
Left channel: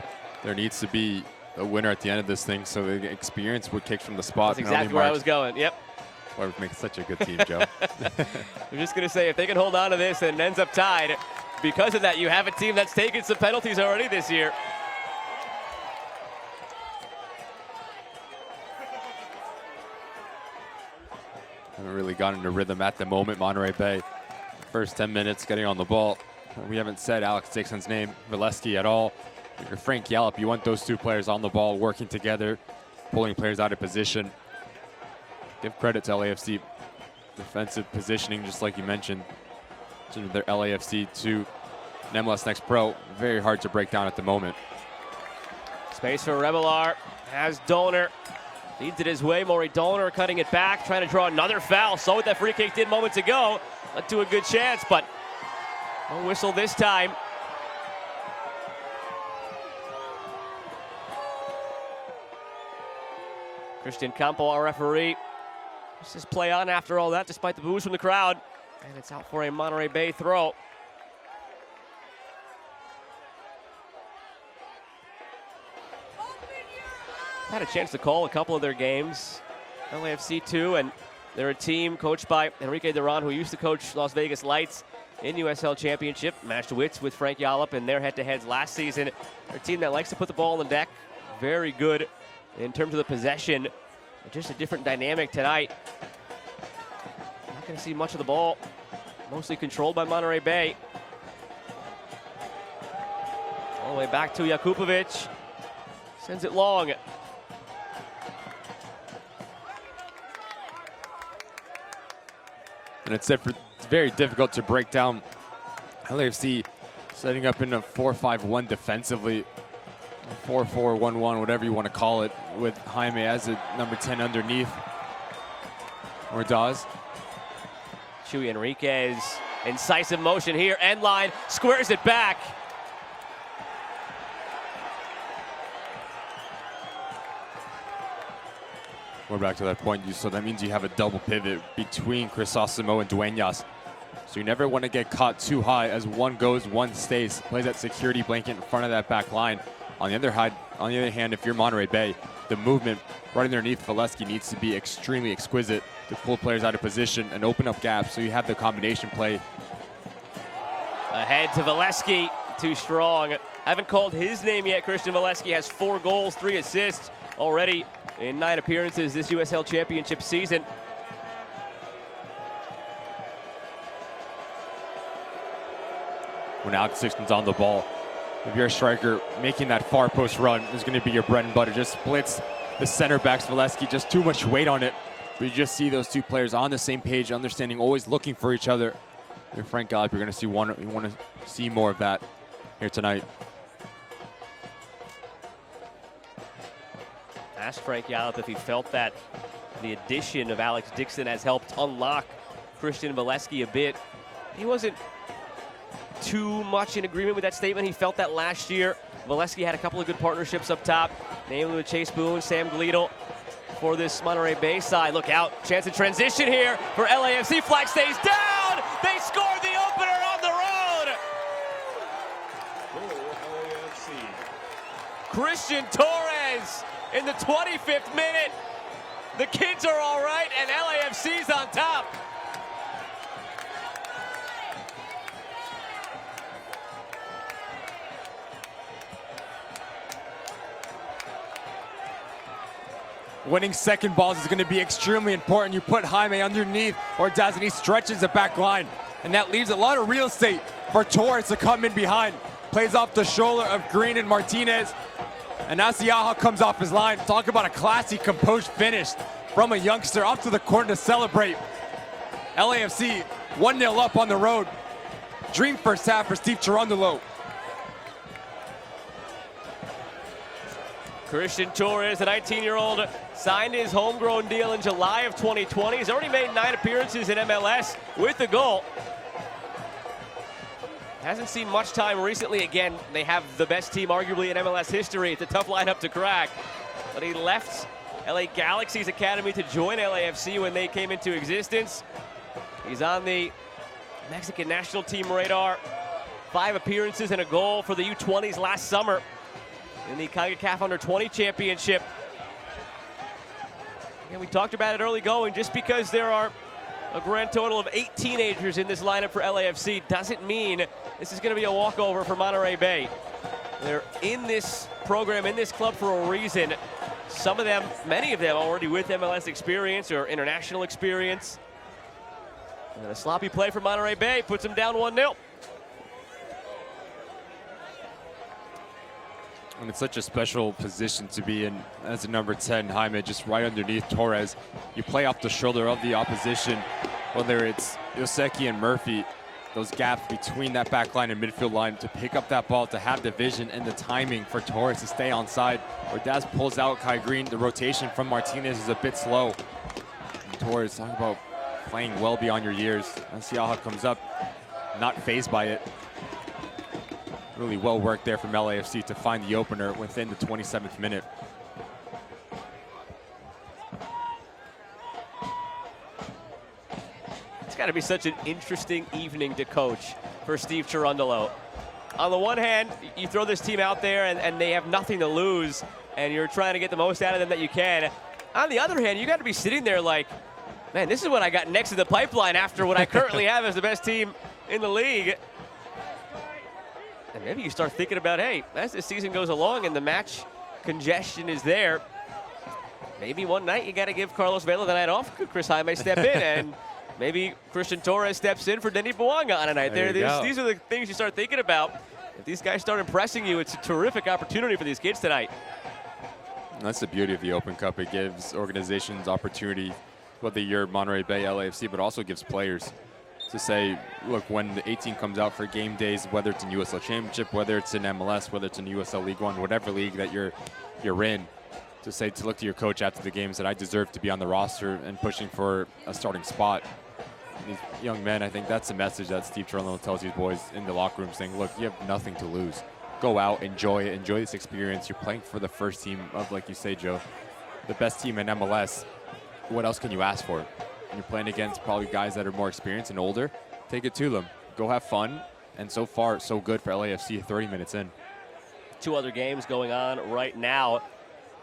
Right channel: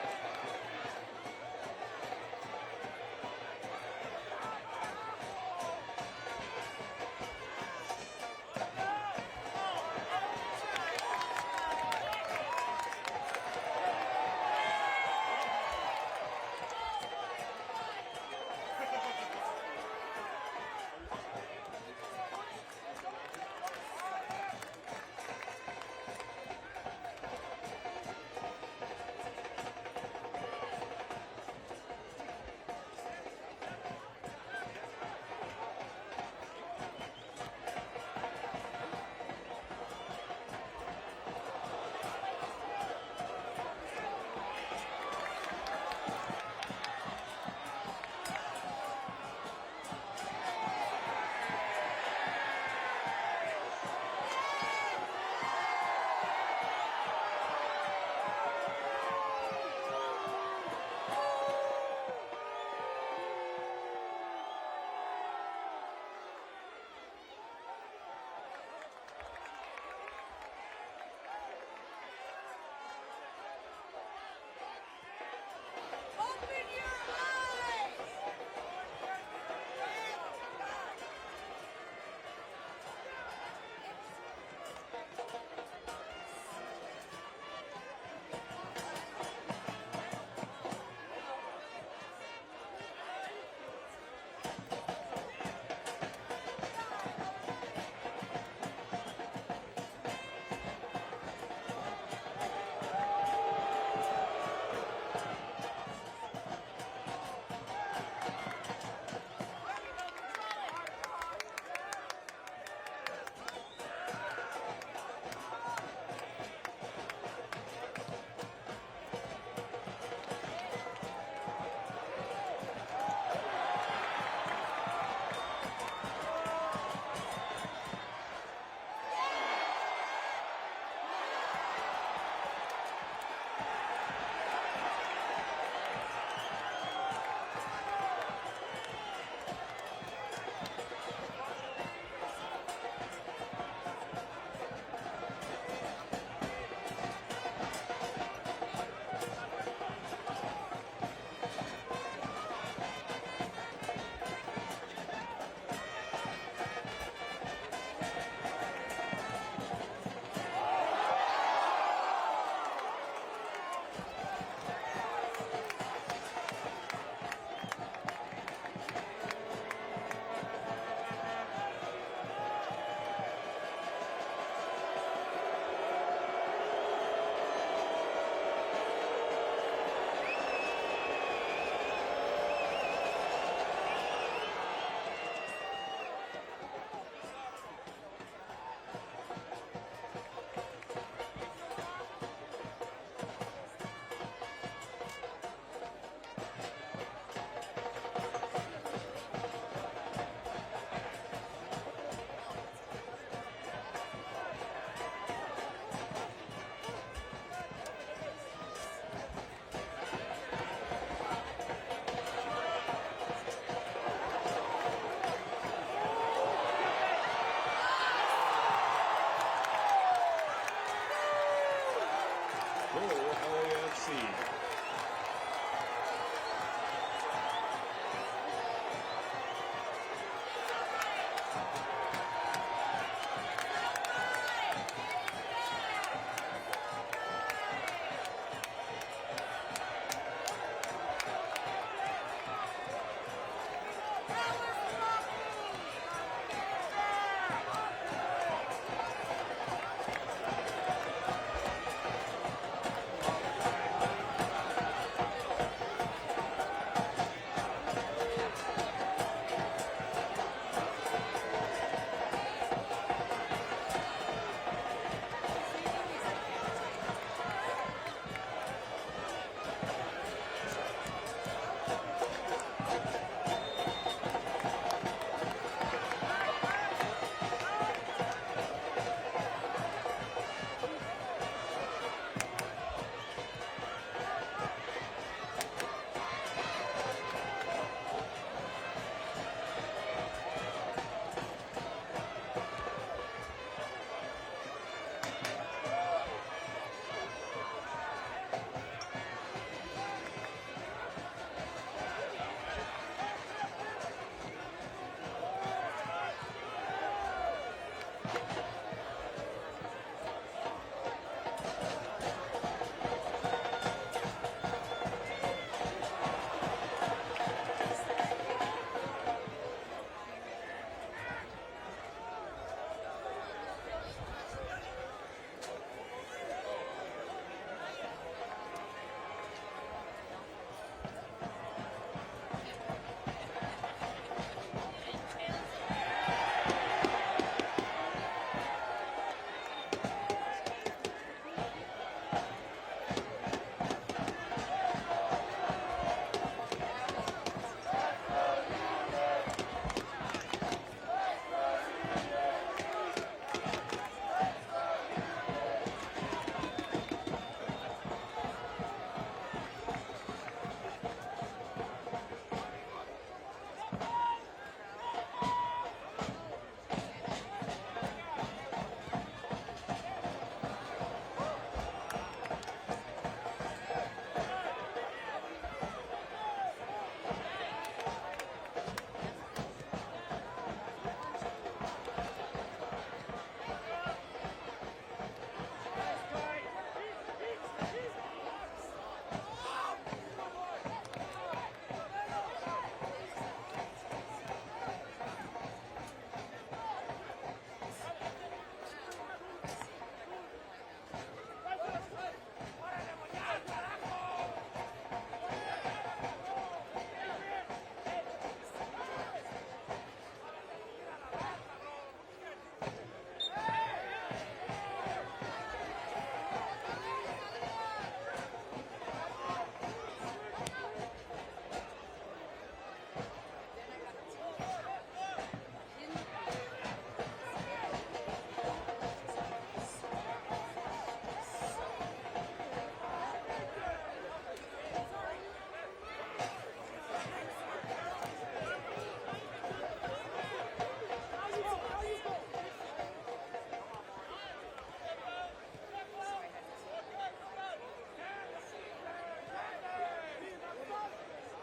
There needs to be a winner at the end of this thing, so the experience would kick from the spot. That's exactly where I was going. Yep. That would make such a good team, Joe. I'm just going to say, if they can hold on to this and it ends up tied, because of that, you have a team that's taken some penalties already this year. Really got into rhythm at the moment, Monterey Bay. First 10 minutes getting on the ball. We haven't said Alex Dixon's name, Valesky, at all. Or Frank Yallop, you want those 2 players on the ball, working together, pulling players out of position. Give credit to LAFC. Defensive positioning, just like you mentioned. Their LAFC 2 and MLS Next Pro, very hard to break down at the moment. Space for Revelar, has Donor. Feeds it his way. Maury Dolner cutting it back, trying to draw another foul. Saw what that free kick did moments ago. Led to a good chance, but no whistle this time. Christian Campo, our referee. This is play on after all that, despite the boos from the crowd. And it's out for a Monterey Bay throw. Had a chance to call a couple of their games. LAFC too, and they're a team coached by Enrique Duran, who used to coach Las Vegas Lights in USL Championship. Matched wits with Frank Yallop in their head-to-heads last season. A team that likes to put the ball on the deck. Very good in terms of the possession. Just a different dynamic tonight. Not going to see much of the ball. Mostly controlled by Monterey Bay. All the way back to Jakupovic. Sends it long. And it's very difficult to break down. LAFC setting up in a 4-5-1 defensively. 4-4-1-1, whatever you want to call it, with Jaime as a number 10 underneath. Ordaz. Chuy Enriquez, incisive motion here, end line, squares it back. We're back to that point, so that means you have a double pivot between Crisosimo and Dueñas. So you never want to get caught too high. As one goes, one stays. Play that security blanket in front of that back line. On the other hand, if you're Monterey Bay, the movement right underneath Valesky needs to be extremely exquisite to pull players out of position and open up gaps so you have the combination play. Ahead to Valesky, too strong. I haven't called his name yet. Christian Valesky has 4 goals, 3 assists already in 9 appearances this USL Championship season. When Alex Dixon's on the ball, if you're a striker, making that far post run is going to be your bread and butter. Just splits the center backs, Valesky, just too much weight on it. But you just see those two players on the same page, understanding, always looking for each other. With Frank Yallop, you're going to see you want to see more of that here tonight. Asked Frank Yallop if he felt that the addition of Alex Dixon has helped unlock Christian Valesky a bit. He wasn't too much in agreement with that statement. He felt that last year. Valesky had a couple of good partnerships up top, namely with Chase Boone, Sam Gleedle for this Monterey Bay side. Look out, chance of transition here for LAFC. Flag stays down. They scored the opener on the road. Goal, LAFC. Christian Torres in the 25th minute. The kids are all right, and LAFC's on top. Winning second balls is going to be extremely important. You put Jaime underneath Ordaz, and he stretches the back line. And that leaves a lot of real estate for Torres to come in behind. Plays off the shoulder of Green and Martinez. And Asiaha comes off his line. Talk about a classy, composed finish from a youngster up to the court to celebrate. LAFC 1-0 up on the road. Dream first half for Steve Cherundolo. Christian Torres, the 19-year-old, signed his homegrown deal in July of 2020. He's already made 9 appearances in MLS with a goal. Hasn't seen much time recently. Again, they have the best team arguably in MLS history. It's a tough lineup to crack. But he left LA Galaxy's academy to join LAFC when they came into existence. He's on the Mexican national team radar. 5 appearances and a goal for the U20s last summer in the CONCACAF Under-20 Championship. And we talked about it early going. Just because there are a grand total of 8 teenagers in this lineup for LAFC doesn't mean this is going to be a walkover for Monterey Bay. They're in this program, in this club for a reason. Some of them, many of them already with MLS experience or international experience. And a sloppy play for Monterey Bay puts them down 1-0. And it's such a special position to be in as a number 10, Jaime, just right underneath Torres. You play off the shoulder of the opposition, whether it's Yoseki and Murphy. those gaps between that back line and midfield line to pick up that ball, to have the vision and the timing for Torres to stay onside. Ordaz pulls out Kai Green. The rotation from Martinez is a bit slow. Torres, talking about playing well beyond your years. Siaha comes up, not fazed by it. Really well worked there from LAFC to find the opener within the 27th minute. It's got to be such an interesting evening to coach for Steve Cherundolo. On the one hand, you throw this team out there and they have nothing to lose, and you're trying to get the most out of them that you can. On the other hand, you got to be sitting there like, man, this is what I got next to the pipeline after what I currently have as the best team in the league. And maybe you start thinking about, hey, as the season goes along and the match congestion is there, maybe one night you got to give Carlos Vela the night off. Chris Jaime step in, and maybe Christian Torres steps in for Denis Bouanga on a night. These are the things you start thinking about. If these guys start impressing you, it's a terrific opportunity for these kids tonight. That's the beauty of the Open Cup. It gives organizations opportunity, whether you're Monterey Bay, LAFC, but also gives players to say, look, when the 18 comes out for game days, whether it's in USL Championship, whether it's in MLS, whether it's in USL League One, whatever league that you're in, to say, to look to your coach after the games that I deserve to be on the roster and pushing for a starting spot. These young men, I think that's the message that Steve Cherundolo tells you boys in the locker room, saying, look, you have nothing to lose. Go out, enjoy it, enjoy this experience. You're playing for the first team of, like you say, Joe, the best team in MLS. What else can you ask for? You're playing against probably guys that are more experienced and older. Take it to them. Go have fun. And so far, so good for LAFC 30 minutes in. Two other games going on right now.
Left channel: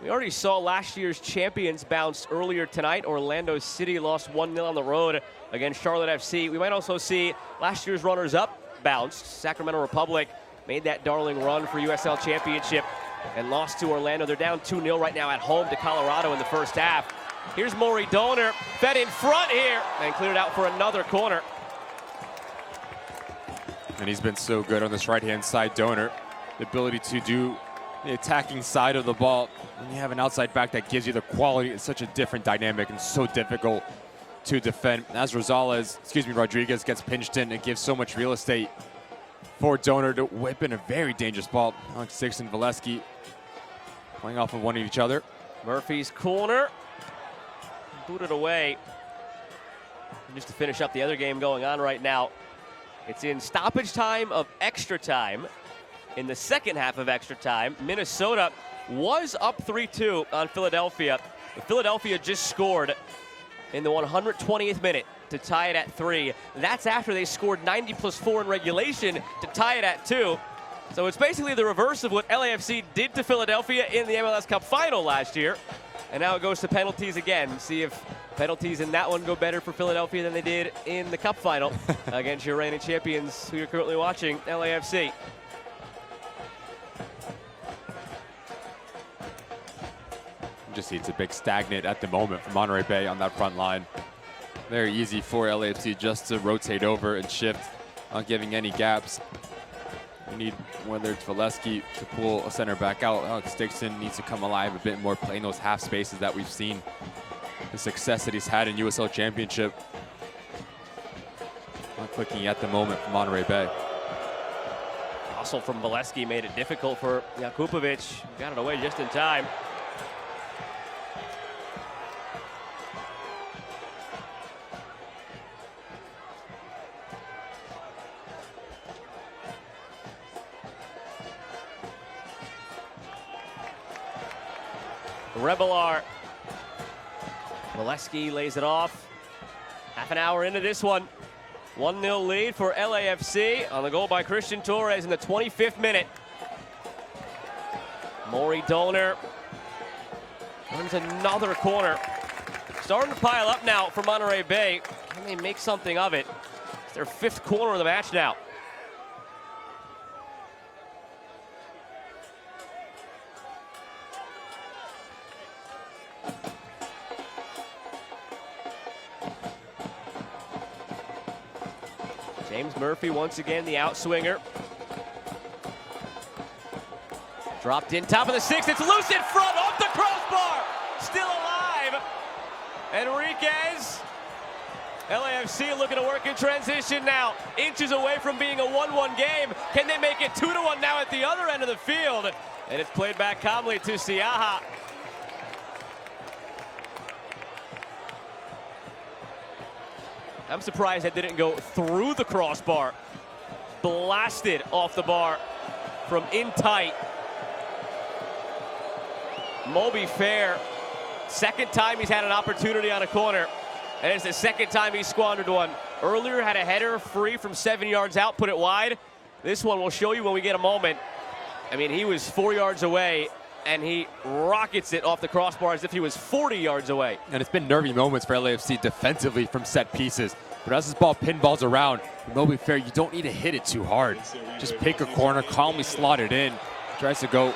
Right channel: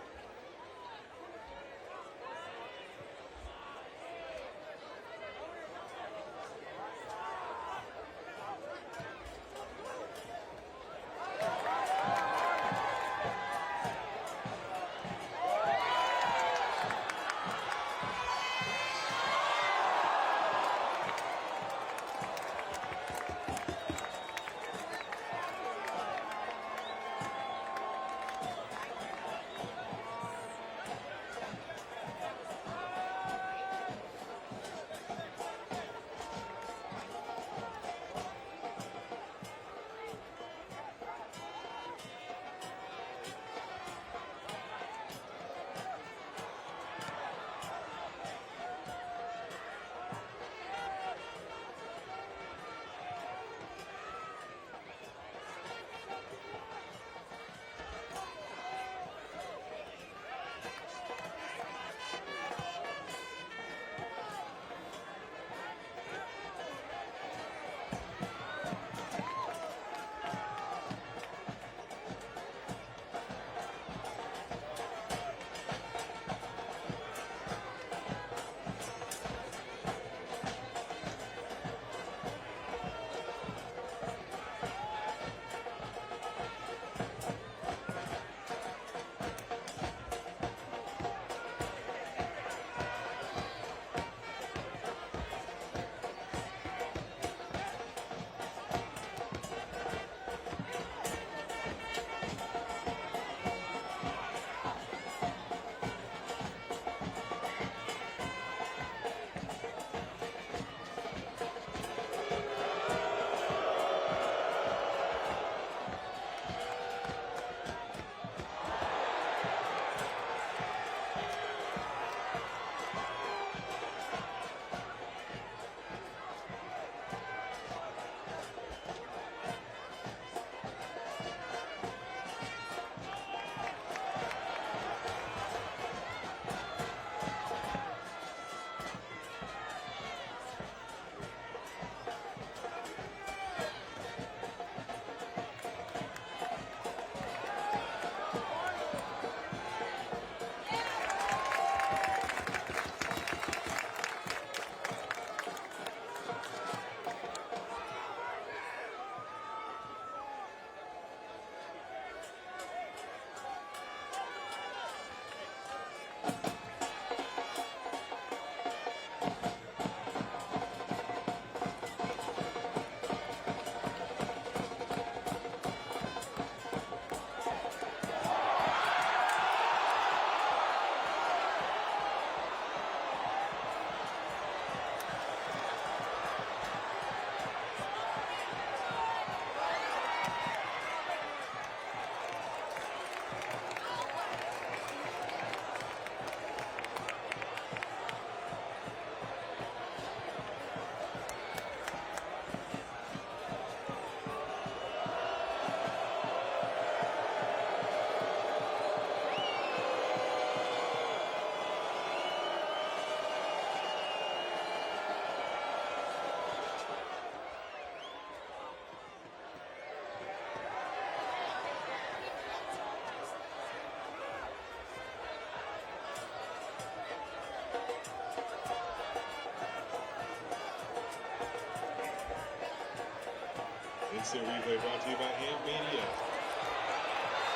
We already saw last year's champions bounce earlier tonight. Orlando City lost 1-0 on the road against Charlotte FC. We might also see last year's runners-up bounce. Sacramento Republic made that darling run for USL Championship and lost to Orlando. They're down 2-0 right now at home to Colorado in the first half. Here's Maury Donor, fed in front here, and cleared out for another corner. And he's been so good on this right-hand side, Donor. The ability to do the attacking side of the ball. When you have an outside back that gives you the quality, it's such a different dynamic and so difficult to defend. As Rodriguez gets pinched in, it gives so much real estate for Donor to whip in a very dangerous ball. On Six and Valesky playing off of one of each other. Murphy's corner. Boot it away. Just to finish up the other game going on right now. It's in stoppage time of extra time. In the second half of extra time, Minnesota was up 3-2 on Philadelphia. Philadelphia just scored in the 120th minute to tie it at 3. That's after they scored 90+4 in regulation to tie it at 2. So it's basically the reverse of what LAFC did to Philadelphia in the MLS Cup final last year. And now it goes to penalties again. See if penalties in that one go better for Philadelphia than they did in the Cup final against your reigning champions, who you're currently watching, LAFC. Just see it's a big stagnant at the moment for Monterey Bay on that front line. Very easy for LAFC just to rotate over and shift, not giving any gaps. You need, whether it's Valesky to pull a center back out, Dixon needs to come alive a bit more, playing those half spaces that we've seen. The success that he's had in USL Championship. Not clicking at the moment for Monterey Bay. Hustle from Valesky made it difficult for Jakupovic. Got it away just in time. Rebelar. Valesky lays it off. Half an hour into this one. 1-0 lead for LAFC on the goal by Christian Torres in the 25th minute. Maury Donor brings another corner. Starting to pile up now for Monterey Bay. Can they make something of it? It's their 5th corner of the match now. Murphy once again, the outswinger. Dropped in top of the 6. It's loose in front, off the crossbar. Still alive. Enriquez. LAFC looking to work in transition now. Inches away from being a 1-1 game. Can they make it 2-1 now at the other end of the field? And it's played back calmly to Siaha. I'm surprised that didn't go through the crossbar. Blasted off the bar from in tight. Moby Fair, second time he's had an opportunity on a corner. And it's the second time he squandered one. Earlier had a header free from 7 yards out, put it wide. This one we'll show you when we get a moment. I mean, he was 4 yards away, and he rockets it off the crossbar as if he was 40 yards away. And it's been nervy moments for LAFC defensively from set pieces. But as this ball pinballs around, Moby Fair, you don't need to hit it too hard. Just pick a corner, calmly slot it in. Tries to go.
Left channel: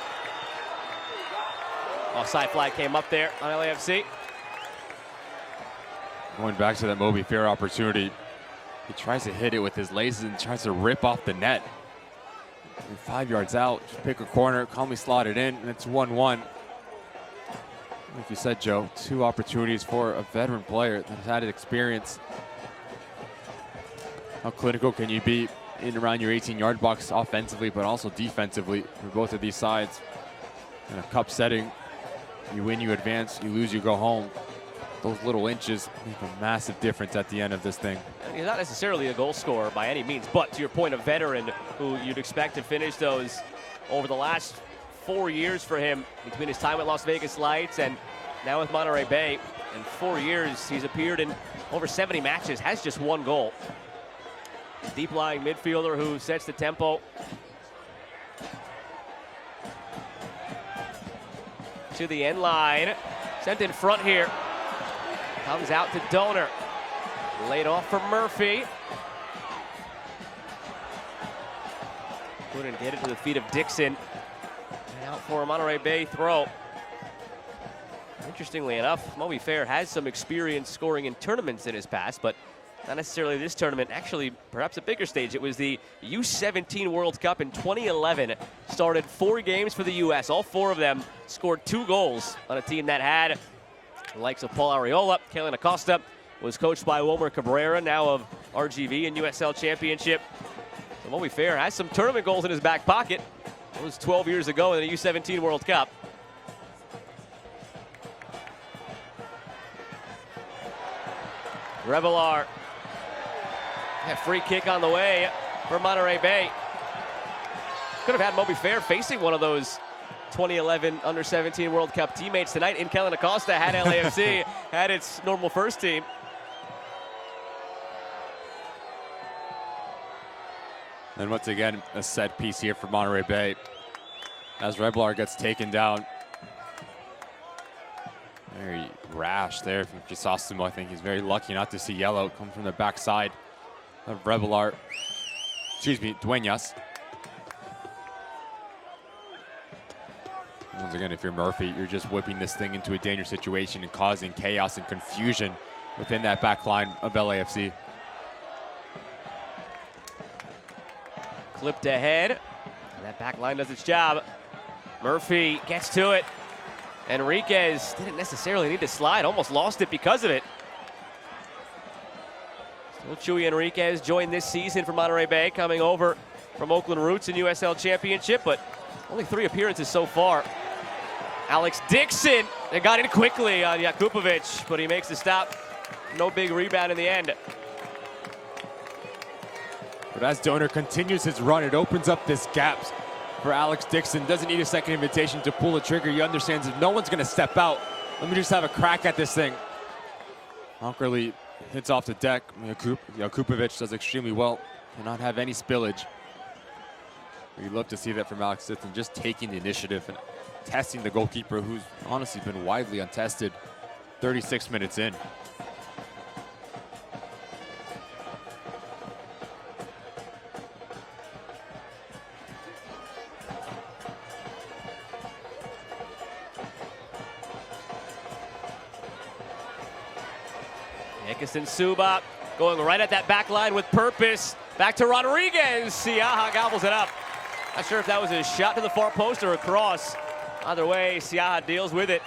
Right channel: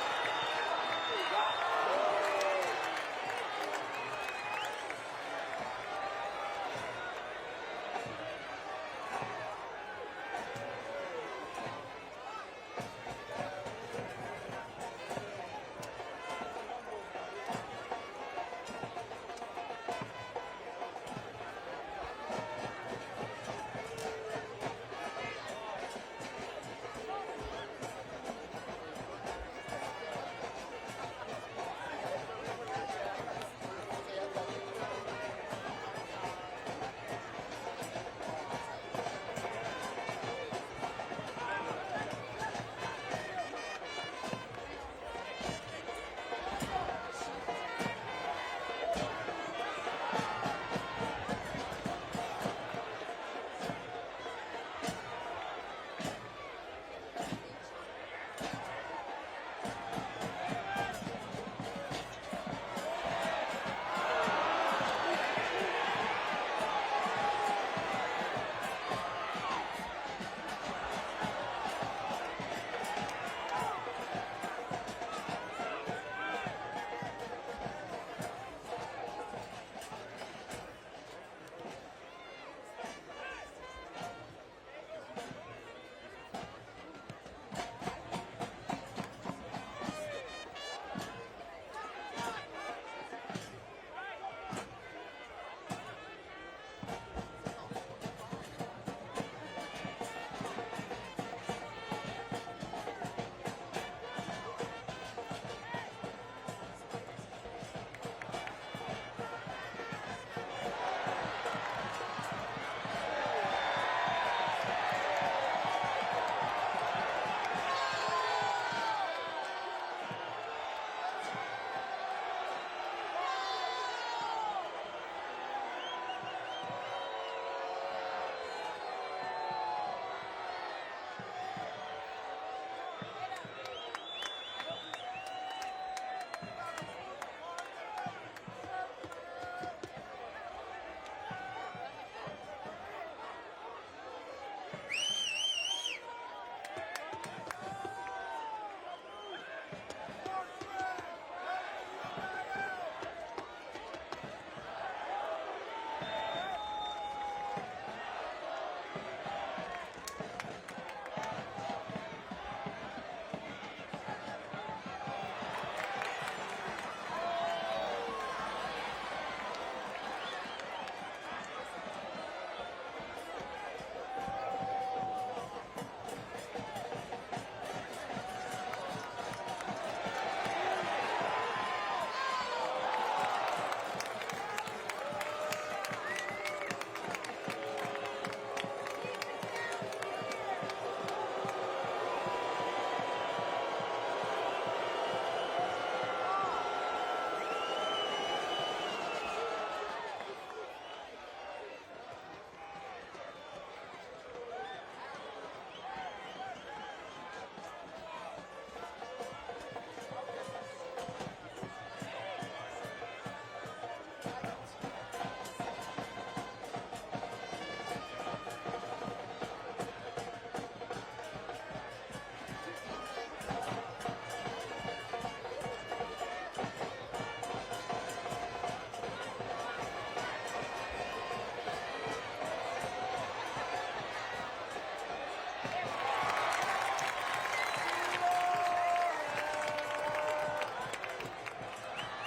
Offside flag came up there on LAFC. Going back to that Moby Fair opportunity. He tries to hit it with his legs and tries to rip off the net. And 5 yards out, pick a corner, calmly slot it in, and it's 1-1. Like you said, Joe, 2 opportunities for a veteran player who's had experience. How clinical can you be in around your 18-yard box offensively, but also defensively on both of these sides? In a cup setting, you win, you advance, you lose, you go home. Those little inches make a massive difference at the end of this thing. He's not necessarily a goal scorer by any means, but to your point, a veteran who you'd expect to finish those over the last 4 years for him, between his time with Las Vegas Lights and now with Monterey Bay. In 4 years, he's appeared in over 70 matches, has just 1 goal. Deep-lying midfielder who sets the tempo. To the end line, sent in front here. Comes out to Donor. Laid off for Murphy. Couldn't get it to the feet of Dixon. For a Monterey Bay throw. Interestingly enough, Moby Fair has some experience scoring in tournaments in his past, but not necessarily this tournament. Actually, perhaps a bigger stage. It was the U17 World Cup in 2011. Started 4 games for the U.S. All 4 of them scored 2 goals on a team that had the likes of Paul Arriola. Kellen Acosta was coached by Wilmer Cabrera, now of RGV and USL Championship. Moby Fair has some tournament goals in his back pocket. It was 12 years ago in the U17 World Cup. Revelar. A free kick on the way from Monterey Bay. Could have had Moby Fair facing one of those 2011 Under-17 World Cup teammates tonight in Kellen Acosta had LAFC had its normal first team. And once again, a set piece here for Monterey Bay as Revelar gets taken down. Very rash there. Chrysostom, I think he's very lucky not to see yellow come from the backside of Revelar. Excuse me, Duenas. Once again, if you're Murphy, you're just whipping this thing into a dangerous situation and causing chaos and confusion within that back line of LAFC. Flipped ahead. That back line does its job. Murphy gets to it. Enriquez didn't necessarily need to slide, almost lost it because of it. Chuy Enriquez joined this season for Monterey Bay, coming over from Oakland Roots in USL Championship, but only 3 appearances so far. Alex Dixon, they got in quickly on Jakupovic, but he makes the stop. No big rebound in the end. But as Donor continues his run, it opens up this gap for Alex Dixon. Doesn't need a second invitation to pull the trigger. He understands that no one's going to step out. Let me just have a crack at this thing. Awkwardly hits off the deck. Jakupovic does extremely well. Cannot have any spillage. We'd love to see that from Alex Dixon, just taking the initiative and testing the goalkeeper, who's honestly been widely untested 36 minutes in. Suba going right at that back line with purpose. Back to Rodriguez. Siaha gobbles it up. Not sure if that was a shot to the far post or a cross. Either way, Siaha deals with it.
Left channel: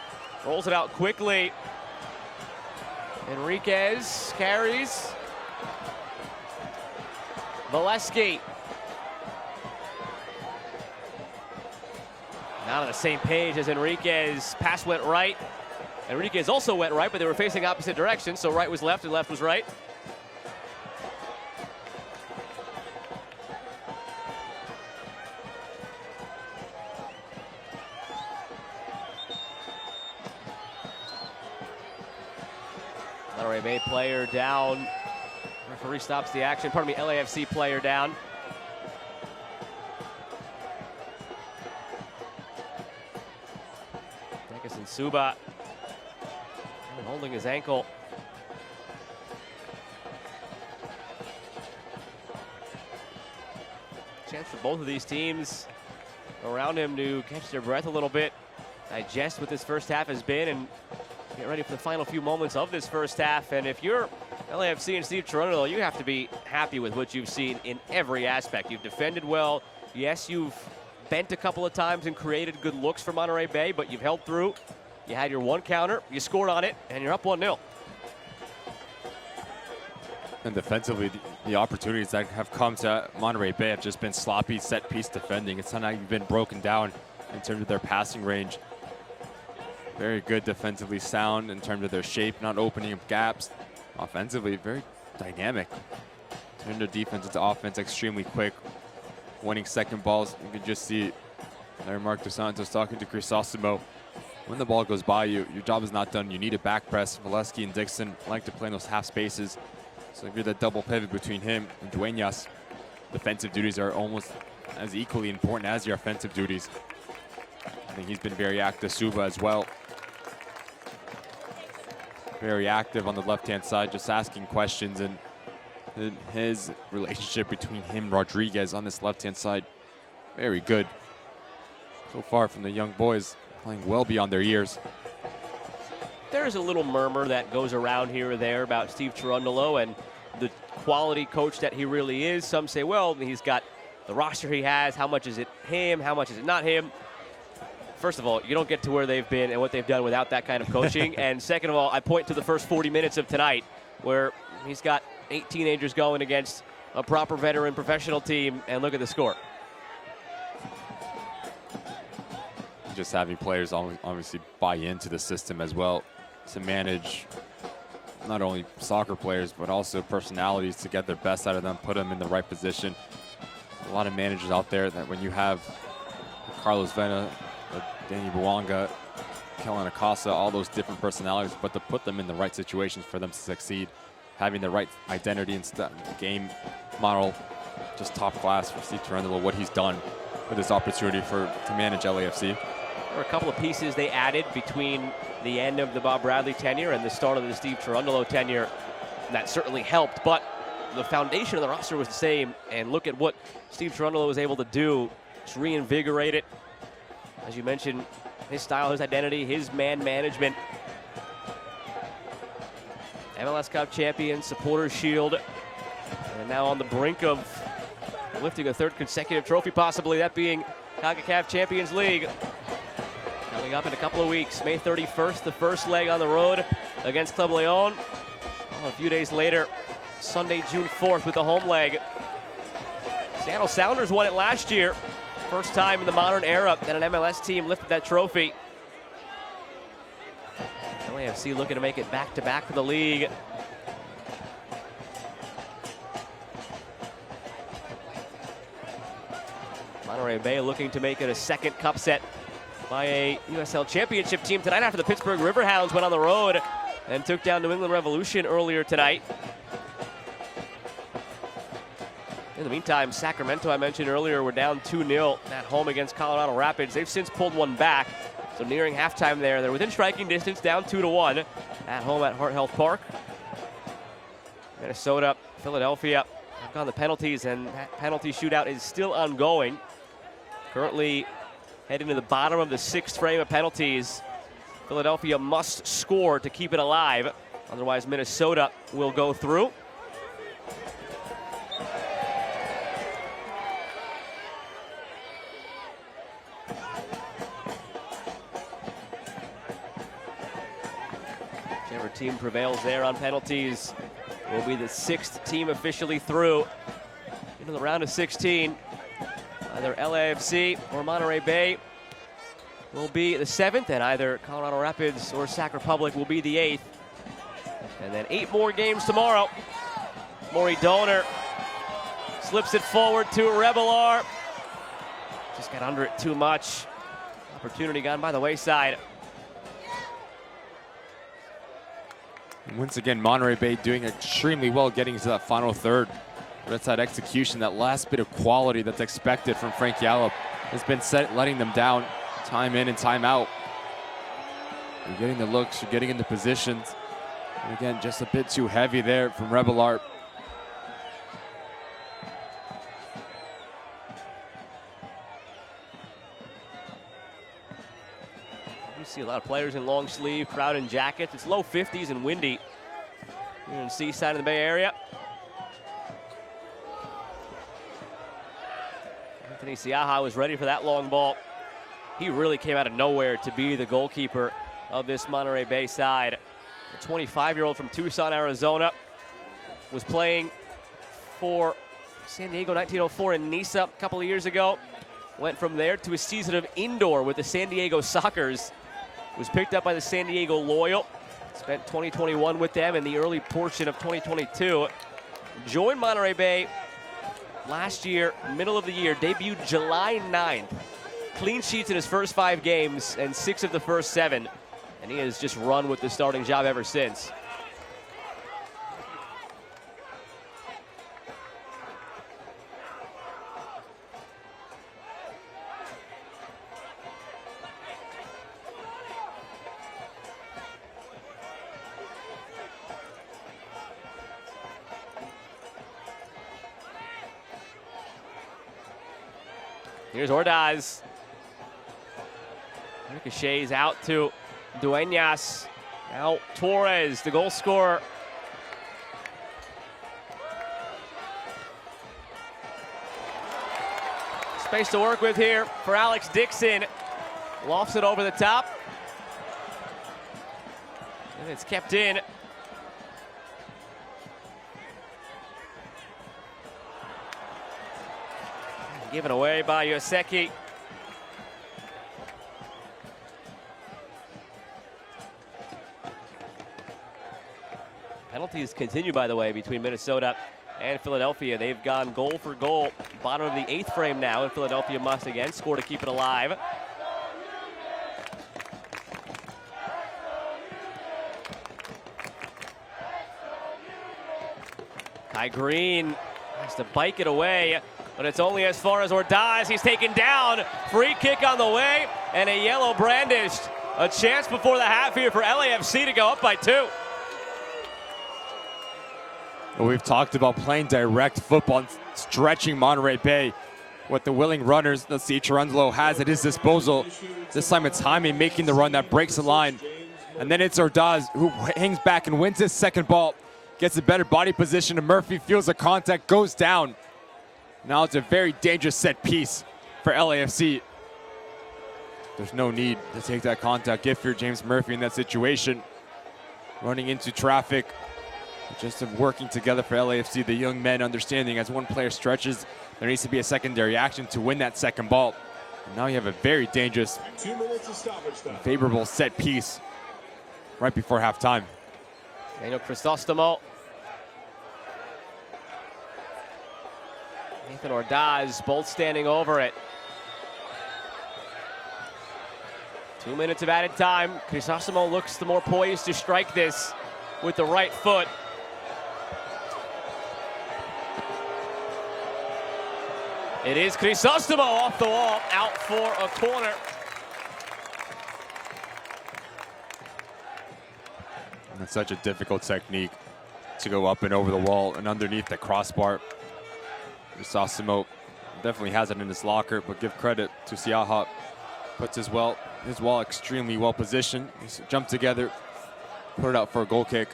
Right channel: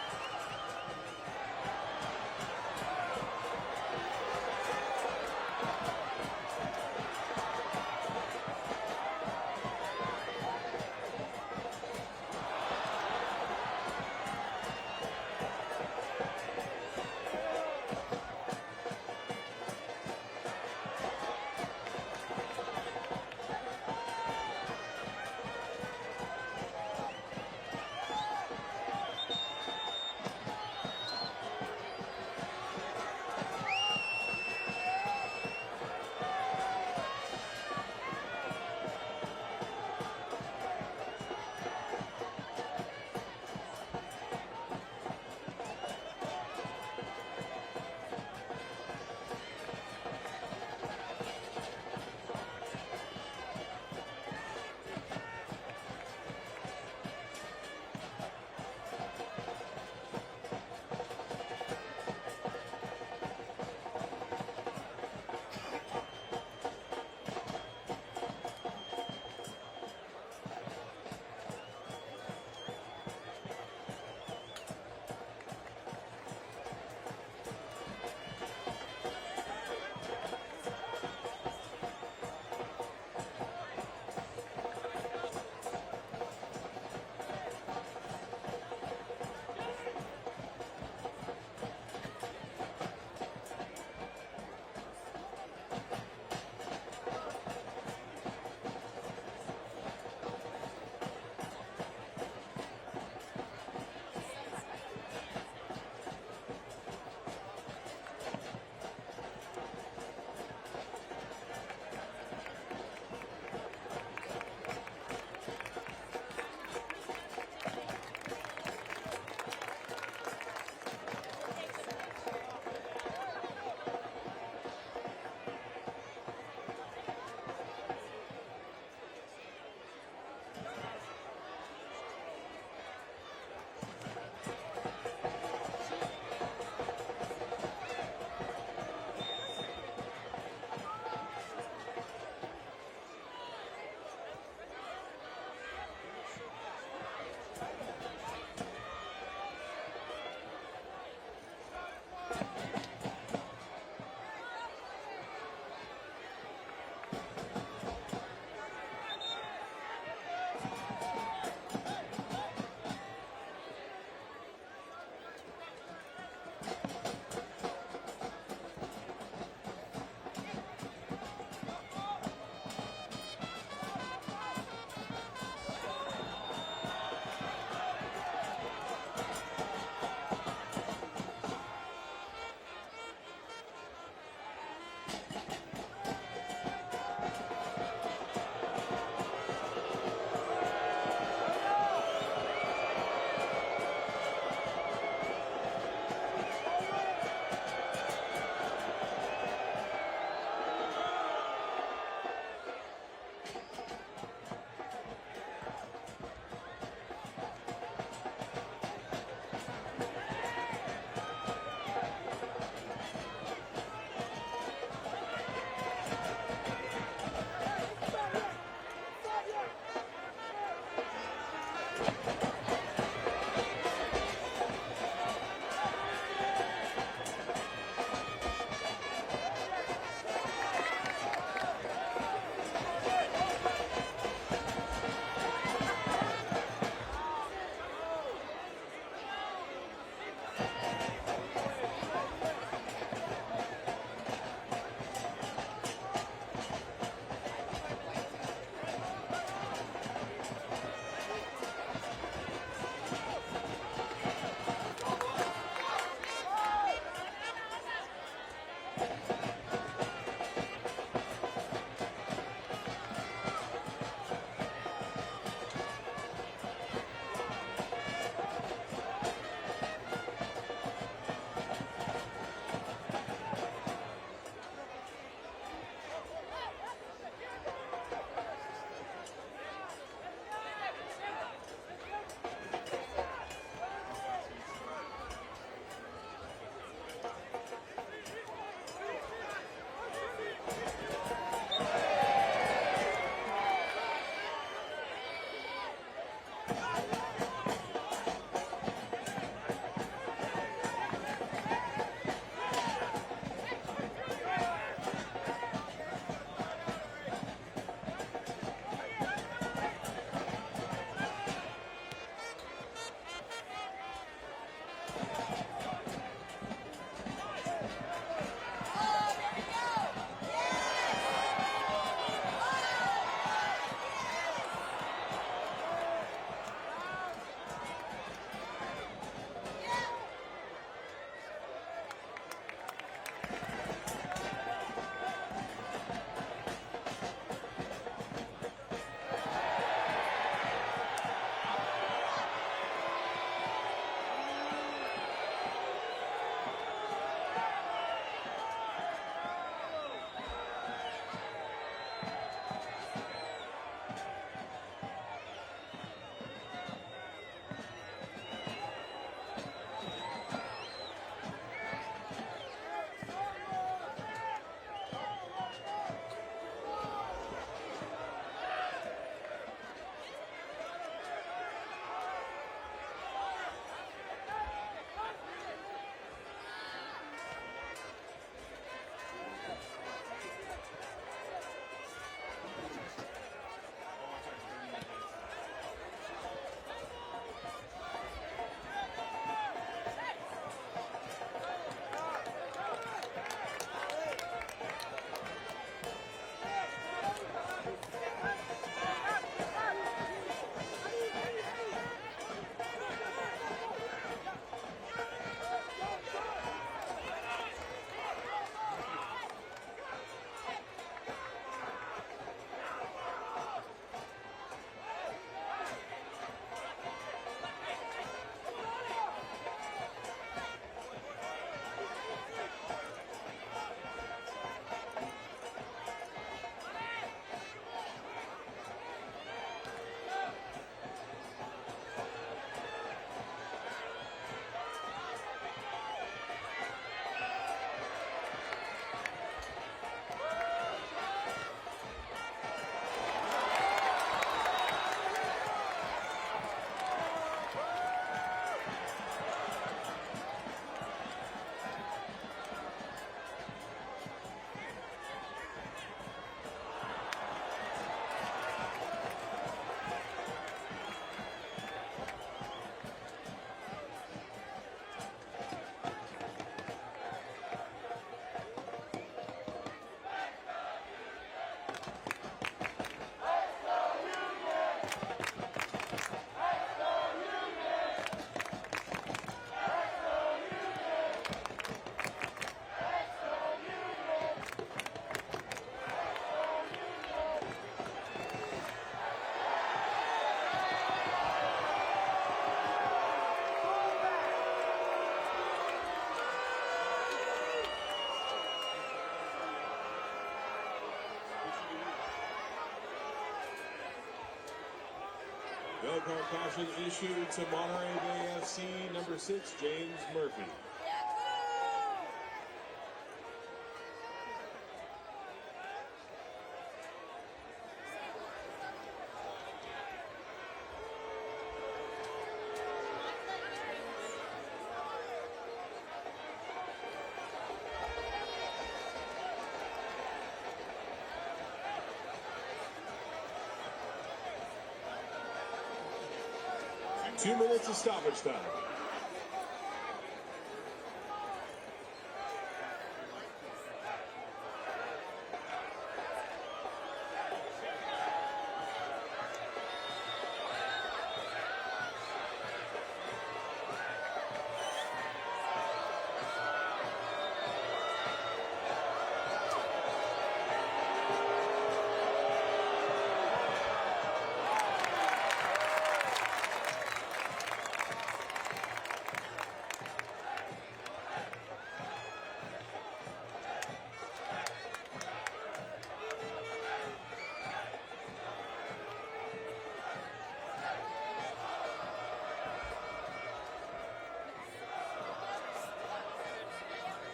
Rolls it out quickly. Enriquez carries. Valesky. Not on the same page as Enriquez. Pass went right. Enriquez also went right, but they were facing opposite directions, so right was left and left was right. Monterey Bay player down. Referee stops the action. Pardon me, LAFC player down. Suba holding his ankle. Chance for both of these teams around him to catch their breath a little bit, digest what this first half has been, and get ready for the final few moments of this first half. And if you're LAFC and Steve Cherundolo, you have to be happy with what you've seen in every aspect. You've defended well. Yes, you've bent a couple of times and created good looks for Monterey Bay, but you've held through. You had your one counter, you scored on it, and you're up 1-0. And defensively, the opportunities that have come to Monterey Bay have just been sloppy set-piece defending. It's not even been broken down in terms of their passing range. Very good defensively sound in terms of their shape, not opening up gaps. Offensively, very dynamic. In their defense into offense, extremely quick. Winning second balls, you can just see Mark Dos Santos talking to Crisostomo. When the ball goes by you, your job is not done. You need a back press. Valesky and Dixon like to play in those half spaces. So if you're the double pivot between him and Dueñas, defensive duties are almost as equally important as your offensive duties. I think he's been very active. Suba as well. Very active on the left-hand side, just asking questions. And his relationship between him and Rodriguez on this left-hand side, very good. So far from the young boys, playing well beyond their years. There's a little murmur that goes around here or there about Steve Cherundolo and the quality coach that he really is. Some say, well, he's got the roster he has. How much is it him? How much is it not him? First of all, you don't get to where they've been and what they've done without that kind of coaching. And second of all, I point to the first 40 minutes of tonight where he's got 8 teenagers going against a proper veteran professional team, and look at the score. Just having players obviously buy into the system as well to manage not only soccer players but also personalities to get their best out of them, put them in the right position. A lot of managers out there that when you have Carlos Vena, Danny Buanga, Kellen Acosta, all those different personalities, but to put them in the right situations for them to succeed, having the right identity and game model, just top class for Steve Cherundolo, what he's done with this opportunity to manage LAFC. There were a couple of pieces they added between the end of the Bob Bradley tenure and the start of the Steve Cherundolo tenure. And that certainly helped, but the foundation of the roster was the same. And look at what Steve Cherundolo was able to do to reinvigorate it. As you mentioned, his style, his identity, his man management. MLS Cup champion, Supporters Shield. And now on the brink of lifting a 3rd consecutive trophy, possibly, that being CONCACAF Champions League. Coming up in a couple of weeks, May 31st, the first leg on the road against Club Leon. A few days later, Sunday, June 4th with the home leg. Seattle Sounders won it last year. First time in the modern era that an MLS team lifted that trophy. LAFC looking to make it back-to-back for the league. Monterey Bay looking to make it a second cup set by a USL Championship team tonight after the Pittsburgh Riverhounds went on the road and took down New England Revolution earlier tonight. In the meantime, Sacramento, I mentioned earlier, were down 2-0 at home against Colorado Rapids. They've since pulled one back, so nearing halftime there. They're within striking distance, down 2-1 at home at Heart Health Park. Minnesota, Philadelphia on the penalties, and that penalty shootout is still ongoing. Currently heading to the bottom of the 6th frame of penalties. Philadelphia must score to keep it alive. Otherwise, Minnesota will go through. Whichever team prevails there on penalties will be the 6th team officially through in the round of 16. Either LAFC or Monterey Bay will be the 7th, and either Colorado Rapids or Sac Republic will be the 8th. And then 8 more games tomorrow. Maury Donor slips it forward to Revelar. Just got under it too much. Opportunity gone by the wayside. Once again, Monterey Bay doing extremely well getting to that final third. That's that execution, that last bit of quality that's expected from Frank Yallop has been letting them down time in and time out. You're getting the looks, you're getting into positions. And again, just a bit too heavy there from Revelar. See a lot of players in long sleeve, crowd in jackets. It's low 50s and windy in the seaside of the Bay Area. Anthony Siaha was ready for that long ball. He really came out of nowhere to be the goalkeeper of this Monterey Bay side. The 25-year-old from Tucson, Arizona, was playing for San Diego 1904 in Nisa a couple of years ago. Went from there to a season of indoor with the San Diego Sockers. Was picked up by the San Diego Loyal. Spent 2021 with them in the early portion of 2022. Joined Monterey Bay last year, middle of the year, debuted July 9th. Clean sheets in his first 5 games and 6 of the first 7. And he has just run with the starting job ever since. Here's Ordaz. Ricochets out to Duenas. Now Torres, the goal scorer. Space to work with here for Alex Dixon. Lofts it over the top. And it's kept in. Given away by Yoseki. Penalties continue, by the way, between Minnesota and Philadelphia. They've gone goal for goal. Bottom of the 8th frame now, and Philadelphia must again score to keep it alive. Kai Green has to bike it away. But it's only as far as Ordaz. He's taken down. Free kick on the way, and a yellow brandished. A chance before the half here for LAFC to go up by 2. Well, we've talked about playing direct football and stretching Monterey Bay. What the willing runners that C. Cherundolo has at his disposal. This time it's Jaime making the run that breaks the line. And then it's Ordaz who hangs back and wins his second ball. Gets a better body position, and Murphy feels the contact, goes down. Now it's a very dangerous set piece for LAFC. There's no need to take that contact if you're James Murphy in that situation. Running into traffic, just working together for LAFC, the young men understanding as one player stretches, there needs to be a secondary action to win that second ball. And now you have a very dangerous, 2 minutes of stoppage time. Favorable set piece right before halftime. Daniel Crisostomo. Nathan Ordaz both standing over it. 2 minutes of added time. Crisostomo looks the more poised to strike this with the right foot. It is Crisostomo off the wall, out for a corner. And it's such a difficult technique to go up and over the wall and underneath the crossbar. Crisostomo definitely has it in his locker, but give credit to Siaha. Puts his wall extremely well positioned. He's jumped together, put it out for a goal kick.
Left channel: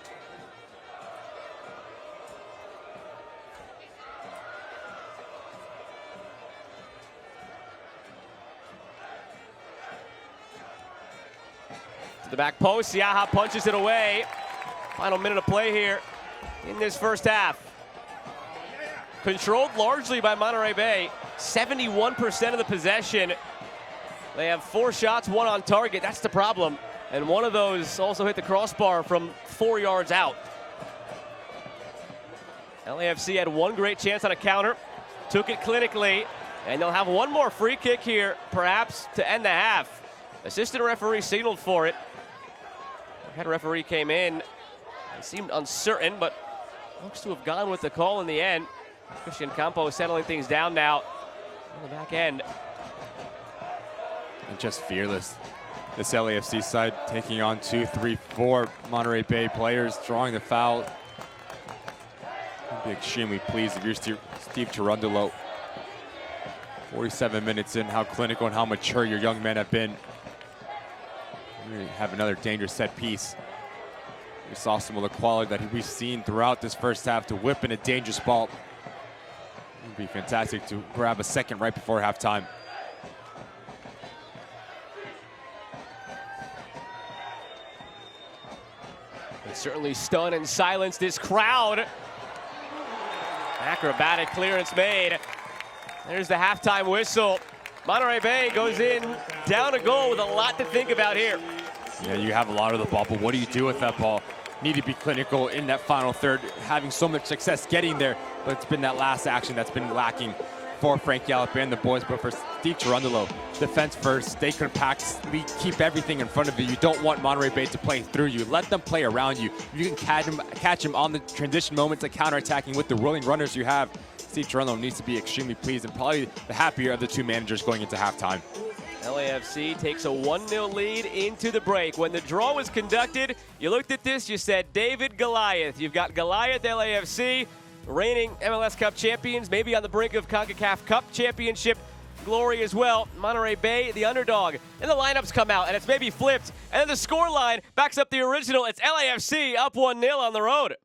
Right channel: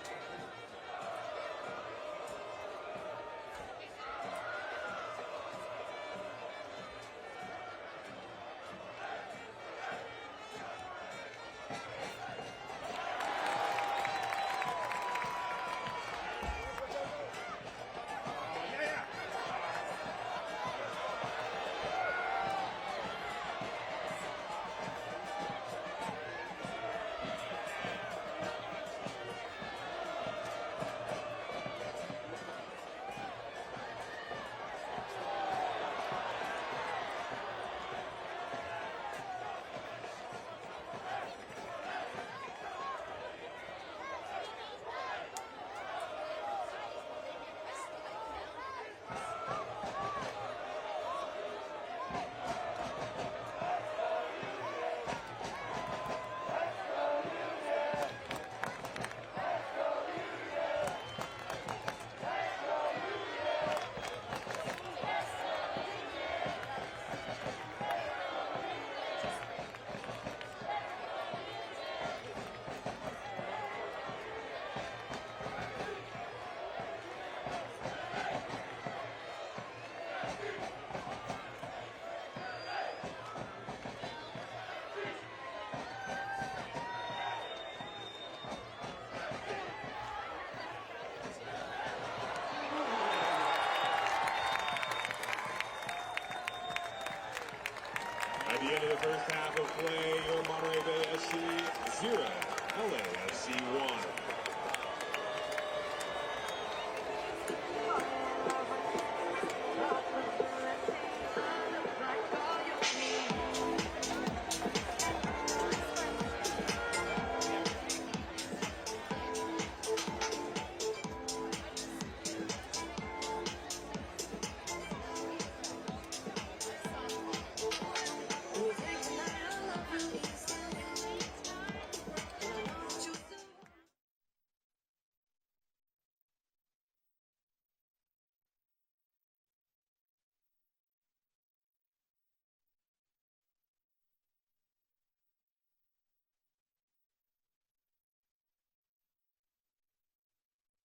To the back post, Siaha punches it away. Final minute of play here. in this first half. Controlled largely by Monterey Bay, 71% of the possession. They have 4 shots, 1 on target. That's the problem. And one of those also hit the crossbar from 4 yards out. LAFC had 1 great chance on a counter, took it clinically, and they'll have 1 more free kick here, perhaps to end the half. Assistant referee signaled for it. Head referee came in. He seemed uncertain, but looks to have gone with the call in the end. Christian Campos settling things down now on the back end. Just fearless. This LAFC side taking on 2, 3, 4 Monterey Bay players, drawing the foul. I'd be extremely pleased if you're Steve Cherundolo. 47 minutes in, how clinical and how mature your young men have been. We have another dangerous set piece. We saw some of the quality that we've seen throughout this first half to whip in a dangerous ball. It would be fantastic to grab a second right before halftime. Certainly stun and silence this crowd. Acrobatic clearance made. There's the halftime whistle. Monterey Bay goes in down a goal with a lot to think about here. Yeah, you have a lot of the ball, but what do you do with that ball? Need to be clinical in that final third, having so much success getting there, but it's been that last action that's been lacking for Frank Gallup and the boys. But for Steve Cherundolo, defense first, stay compact, keep everything in front of you. You don't want Monterey Bay to play through you. Let them play around you. You can catch him on the transition moments and counterattacking with the willing runners you have. Steve Cherundolo needs to be extremely pleased and probably the happier of the 2 managers going into halftime. LAFC takes a 1-0 lead into the break. When the draw was conducted, you looked at this, you said David Goliath. You've got Goliath LAFC, reigning MLS Cup champions, maybe on the brink of CONCACAF Cup championship glory as well. Monterey Bay, the underdog. And the lineups come out, and it's maybe flipped. And then the score line backs up the original. It's LAFC up 1-0 on the road.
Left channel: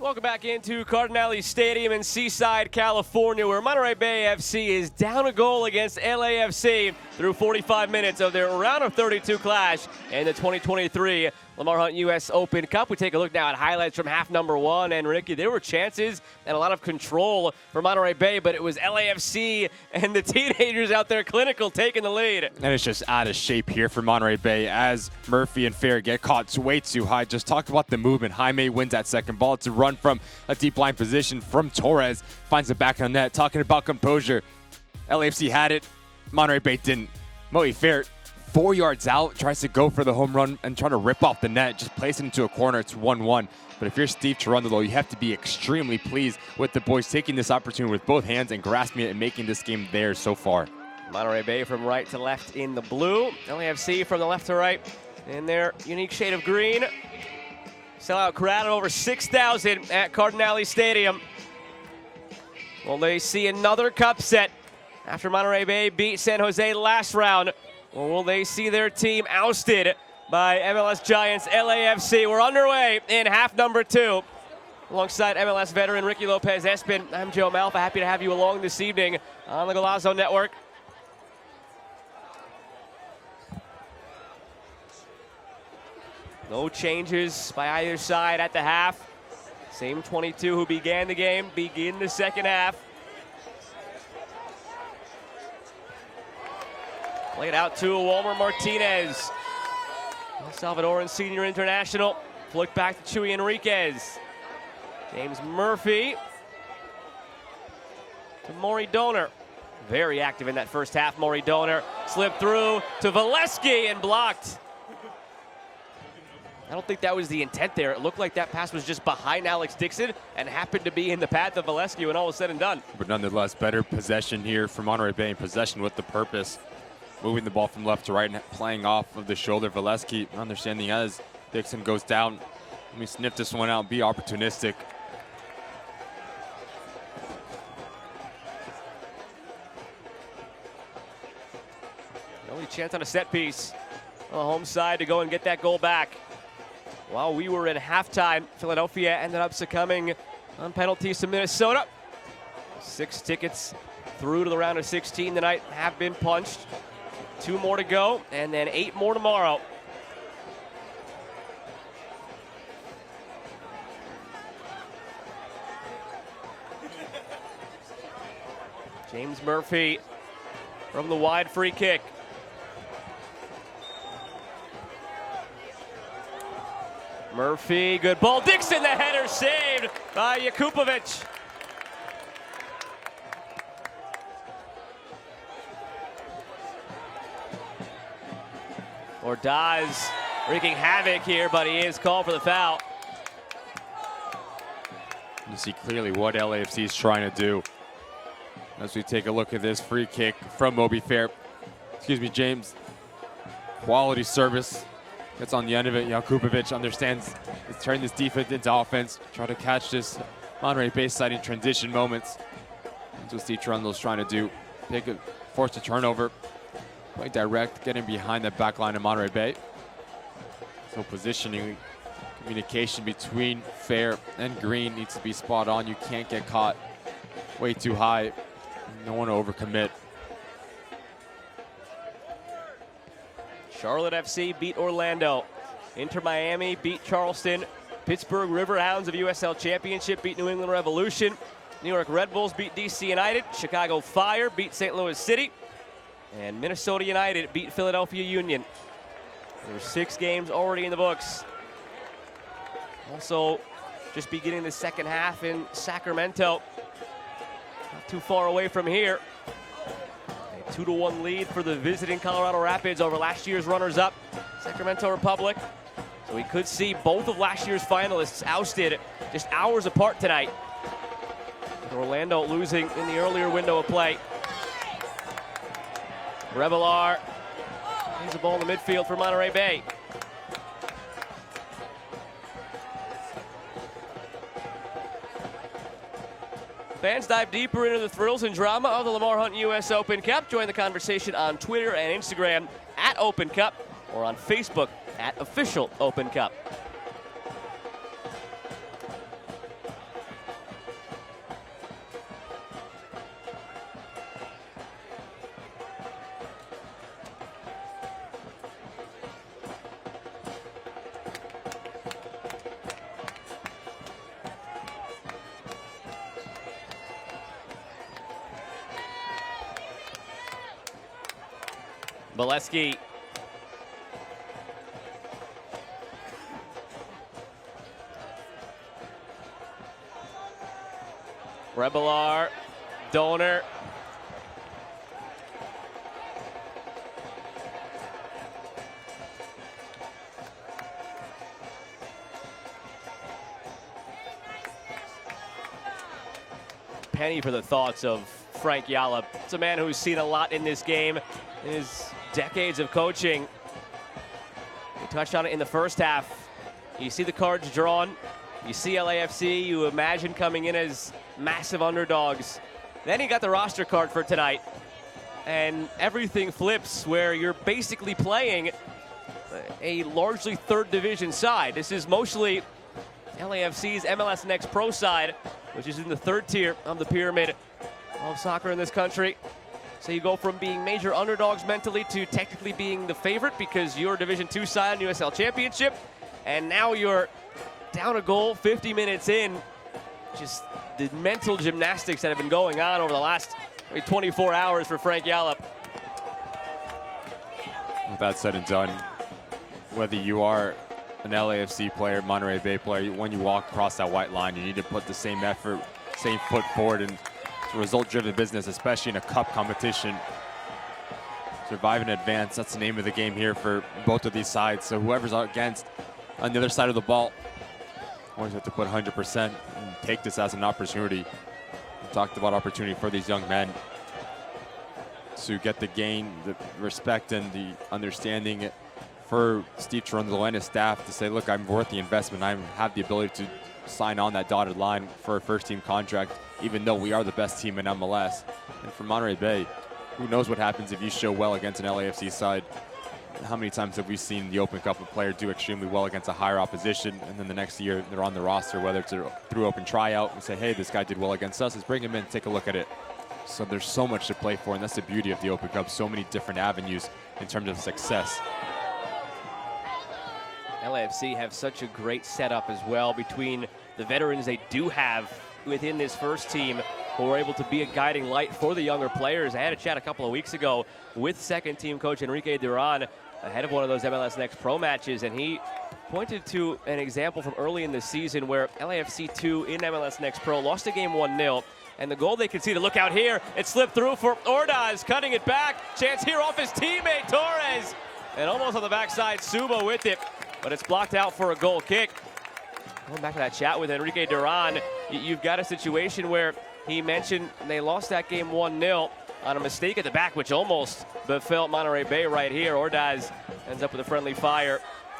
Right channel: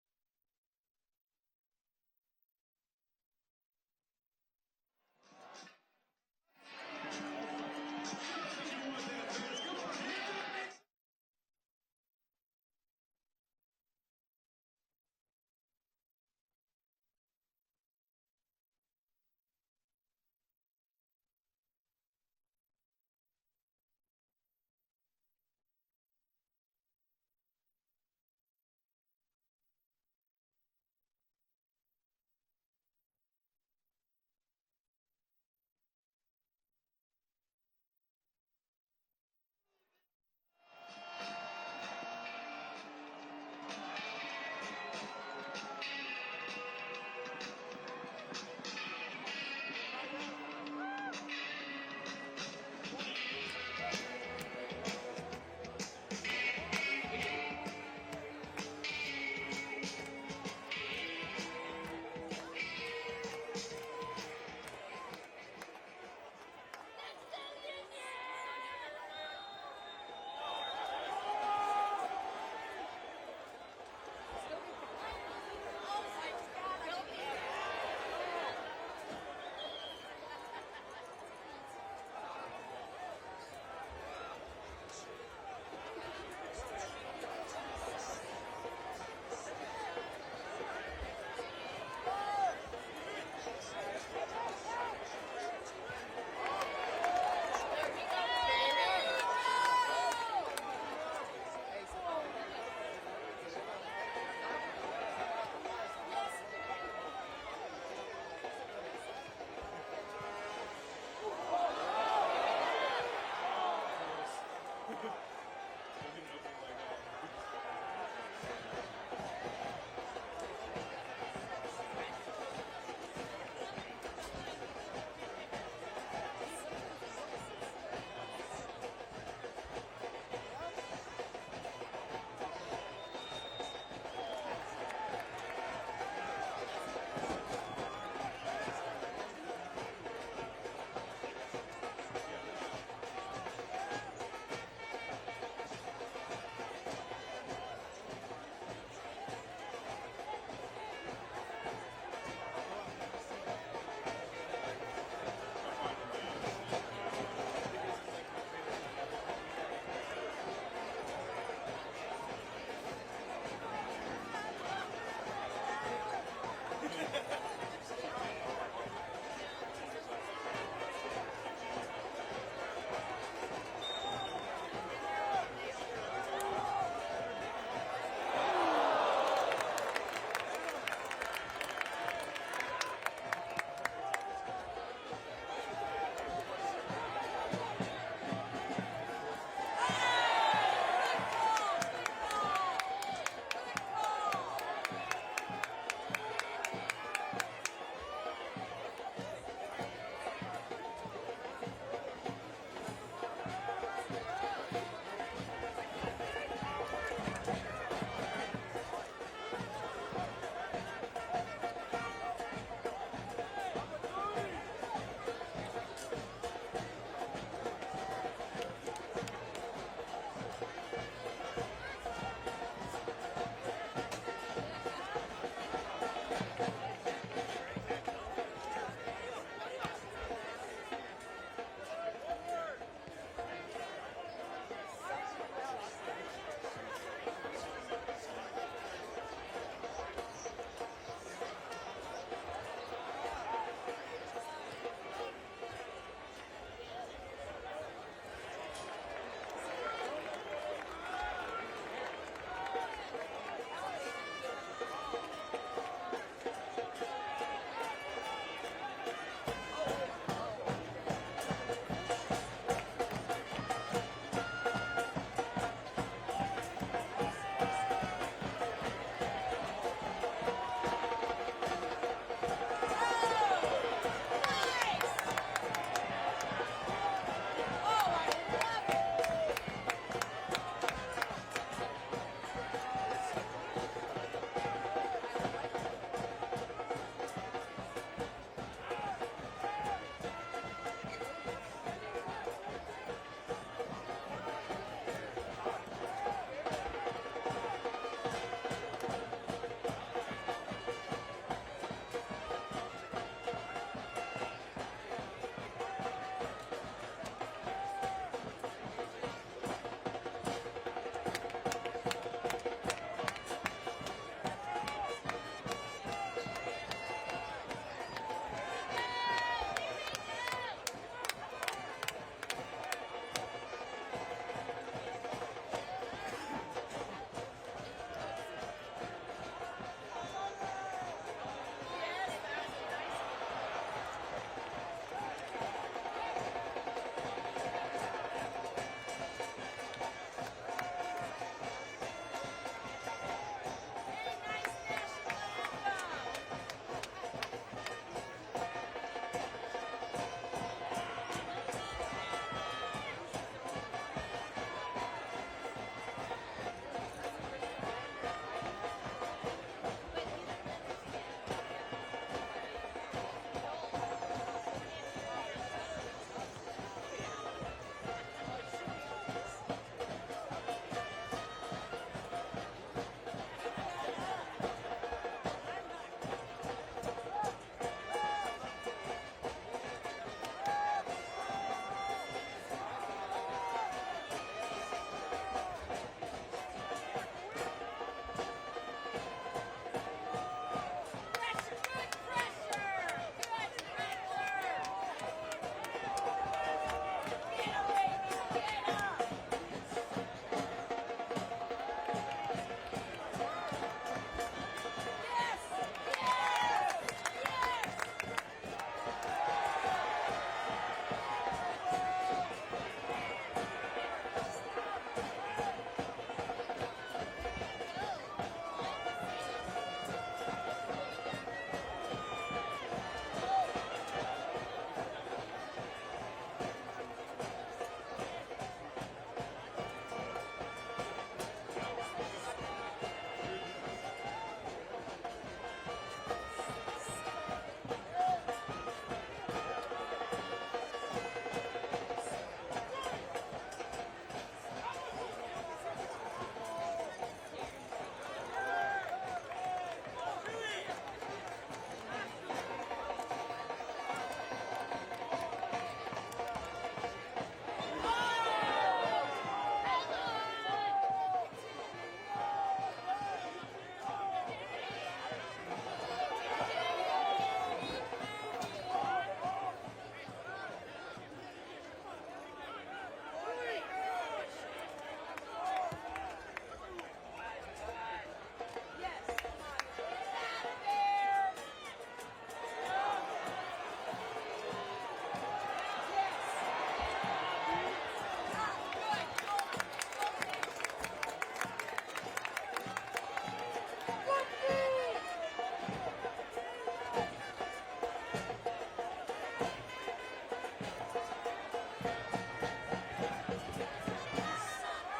Welcome back into Cardinale Stadium in Seaside, California, where Monterey Bay FC is down a goal against LAFC through 45 minutes of their round of 32 clash in the 2023 Lamar Hunt U.S. Open Cup. We take a look now at highlights from half number one. And Ricky, there were chances and a lot of control for Monterey Bay, but it was LAFC and the teenagers out there clinical taking the lead. And it's just out of shape here for Monterey Bay as Murphy and Fair get caught way too high. Just talk about the movement. Jaime wins that second ball. It's a run from a deep line position from Torres. Finds it back on net. Talking about composure. LAFC had it. Monterey Bay didn't. Moe Fair, 4 yards out, tries to go for the home run and try to rip off the net. Just place it into a corner. It's 1-1. But if you're Steve Cherundolo, you have to be extremely pleased with the boys taking this opportunity with both hands and grasping it and making this game theirs so far. Monterey Bay from right to left in the blue. LAFC from the left to right in their unique shade of green. Sellout crowd of over 6,000 at Cardinale Stadium. Will they see another cup set after Monterey Bay beat San Jose last round? Or will they see their team ousted by MLS Giants LAFC? We're underway in half number two. Alongside MLS veteran Ricky Lopez-Espin, I'm Joe Malfa. Happy to have you along this evening on the Golazo Network. No changes by either side at the half. Same 22 who began the game begin the second half. Played out to Walmer Martinez. Salvadoran senior international. Flick back to Chuy Enriquez. James Murphy. And Maury Donor. Very active in that first half. Maury Donor slipped through to Valesky and blocked. I don't think that was the intent there. It looked like that pass was just behind Alex Dixon and happened to be in the path of Valesky when all was said and done. But nonetheless, better possession here for Monterey Bay, possession with the purpose. Moving the ball from left to right and playing off of the shoulder. Valesky understanding as Dixon goes down. Let me sniff this one out, be opportunistic. Only chance on a set piece on the home side to go and get that goal back. While we were at halftime, Philadelphia ended up succumbing on penalties to Minnesota. 6 tickets through to the round of 16 tonight have been punched. 2 more to go, and then 8 more tomorrow. James Murphy from the wide free kick. Murphy, good ball. Dixon, the header saved by Jakupovic. Ordaz wreaking havoc here, but he is called for the foul. You see clearly what LAFC is trying to do. As we take a look at this free kick from Moby Fair. Excuse me, James. Quality service. Gets on the end of it. Jakupovic understands to turn this defense into offense. Try to catch this Monterey Bay side in transition moments. That's what Steve Cherundolo's trying to do. Force a turnover. Quite direct, getting behind the back line of Monterey Bay. So positioning, communication between Fair and Green needs to be spot on. You can't get caught way too high. Don't want to overcommit. Charlotte FC beat Orlando. Inter Miami beat Charleston. Pittsburgh Riverhounds of USL Championship beat New England Revolution. New York Red Bulls beat DC United. Chicago Fire beat St. Louis City. And Minnesota United beat Philadelphia Union. There's 6 games already in the books. Also, just beginning the second half in Sacramento. Not too far away from here. 2-1 lead for the visiting Colorado Rapids over last year's runners-up, Sacramento Republic. We could see both of last year's finalists ousted just hours apart tonight. Orlando losing in the earlier window of play. Revelar has the ball in the midfield for Monterey Bay. Fans dive deeper into the thrills and drama of the Lamar Hunt U.S. Open Cup. Join the conversation on Twitter and Instagram at Open Cup or on Facebook at Official Open Cup. Bolesky. Rebelar, Donor. Penny for the thoughts of Frank Yallop. It's a man who's seen a lot in this game, his decades of coaching. He touched on it in the first half. You see the cards drawn. You see LAFC, you imagine coming in as massive underdogs. Then he got the roster card for tonight, and everything flips where you're basically playing a largely third division side. This is mostly LAFC's MLS Next Pro side, which is in the third tier of the pyramid of soccer in this country. So you go from being major underdogs mentally to technically being the favorite because you're Division II side in USL Championship, and now you're down a goal 50 minutes in. Just the mental gymnastics that have been going on over the last 24 hours for Frank Yallop. With that said and done, whether you are an LAFC player, Monterey Bay player, when you walk across that white line, you need to put the same effort, same foot forward in result-driven business, especially in a cup competition. Survive and advance, that's the name of the game here for both of these sides. So whoever's against on the other side of the ball, always have to put 100% and take this as an opportunity. We talked about opportunity for these young men to get the gain, the respect and the understanding for Steve Trundle and his staff to say, look, I'm worth the investment. I have the ability to sign on that dotted line for a first-team contract, even though we are the best team in MLS. And for Monterey Bay, who knows what happens if you show well against an LAFC side. How many times have we seen the Open Cup a player do extremely well against a higher opposition, and then the next year they're on the roster, whether it's through open tryout, and say, hey, this guy did well against us, let's bring him in, take a look at it. So there's so much to play for, and that's the beauty of the Open Cup, so many different avenues in terms of success. LAFC have such a great setup as well between the veterans they do have within this first team, who were able to be a guiding light for the younger players. I had a chat a couple of weeks ago with second-team coach Enrique Duran ahead of one of those MLS Next Pro matches, and he pointed to an example from early in the season where LAFC 2 in MLS Next Pro lost a game 1-0, and the goal they conceded, look out here, it slipped through for Ordaz, cutting it back, chance here off his teammate Torres, and almost on the backside, Suba with it, but it's blocked out for a goal kick. Going back to that chat with Enrique Duran, you've got a situation where he mentioned they lost that game 1-0 on a mistake at the back, which almost befell Monterey Bay right here. Ordaz ends up with a friendly fire,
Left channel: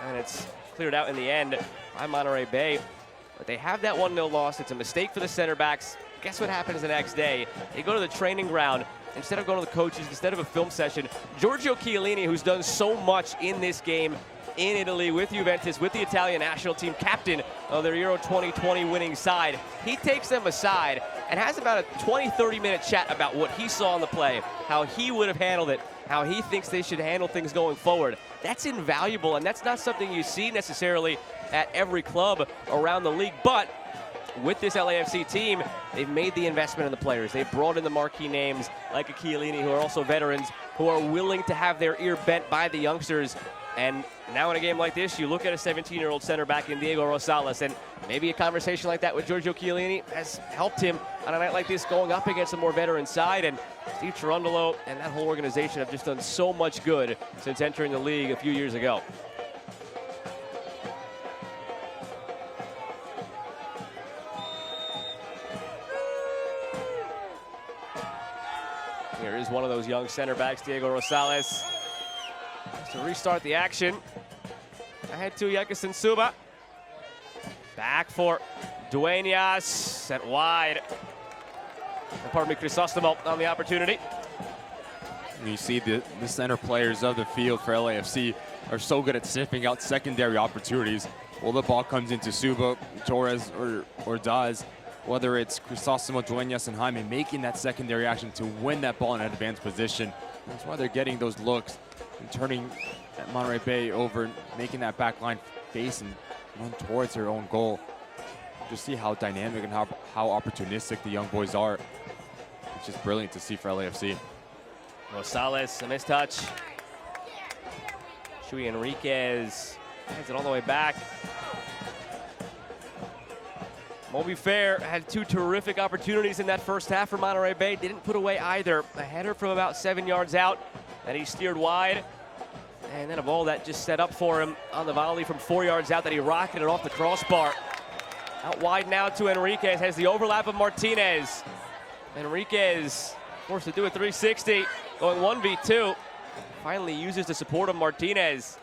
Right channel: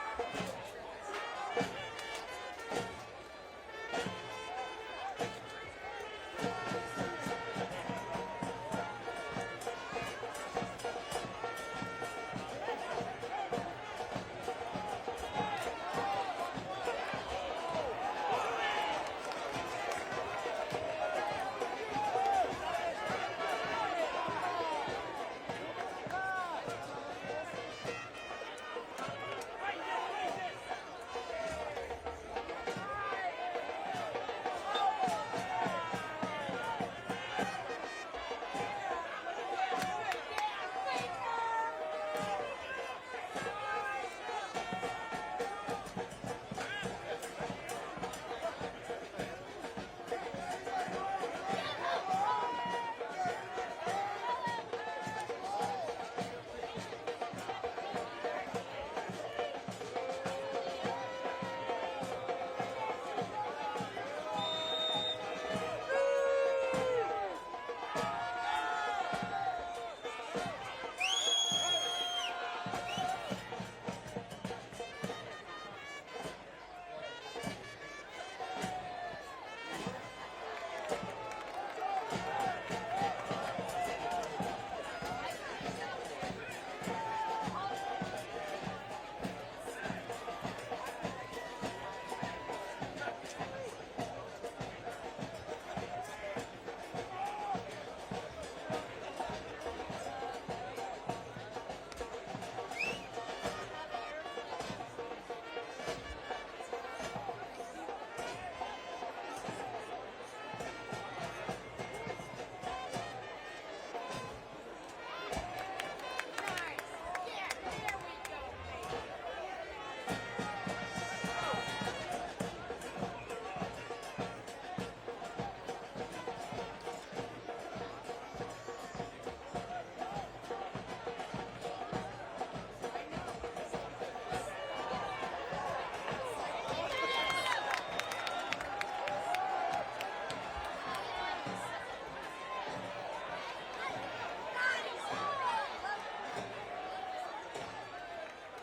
and it's cleared out in the end by Monterey Bay. But they have that 1-0 loss. It's a mistake for the center backs. Guess what happens the next day? They go to the training ground. Instead of going to the coaches, instead of a film session, Giorgio Chiellini, who's done so much in this game in Italy with Juventus, with the Italian national team, captain of their Euro 2020 winning side, he takes them aside and has about a 20-30 minute chat about what he saw in the play, how he would have handled it, how he thinks they should handle things going forward. That's invaluable, and that's not something you see necessarily at every club around the league, but with this LAFC team, they've made the investment in the players. They've brought in the marquee names like a Chiellini, who are also veterans, who are willing to have their ear bent by the youngsters. And now in a game like this, you look at a 17-year-old center back in Diego Rosales, and maybe a conversation like that with Giorgio Chiellini has helped him on a night like this going up against a more veteran side. And Steve Cherundolo and that whole organization have just done so much good since entering the league a few years ago. One of those young center backs, Diego Rosales, to restart the action. Ahead to Yekison Suba. Back for Dueñas, sent wide. Pardon me, Crisostomo on the opportunity. You see the center players of the field for LAFC are so good at sniffing out secondary opportunities. Well, the ball comes into Suba, Torres, or Daz. Whether it's Crisostomo, Dueñas, and Jaime making that secondary action to win that ball in an advanced position. That's why they're getting those looks and turning Monterey Bay over, making that back line face and going towards their own goal. Just see how dynamic and how opportunistic the young boys are. It's just brilliant to see for LAFC. Rosales, a nice touch. Chuy Enriquez sends it all the way back. Moby Fair had two terrific opportunities in that first half for Monterey Bay. Didn't put away either. A header from about 7 yards out that he steered wide. And then a ball that just set up for him on the volley from 4 yards out that he rocketed off the crossbar. Out wide now to Enriquez, has the overlap of Martinez. Enriquez forced to do a 360, going 1v2. Finally uses the support of Martinez.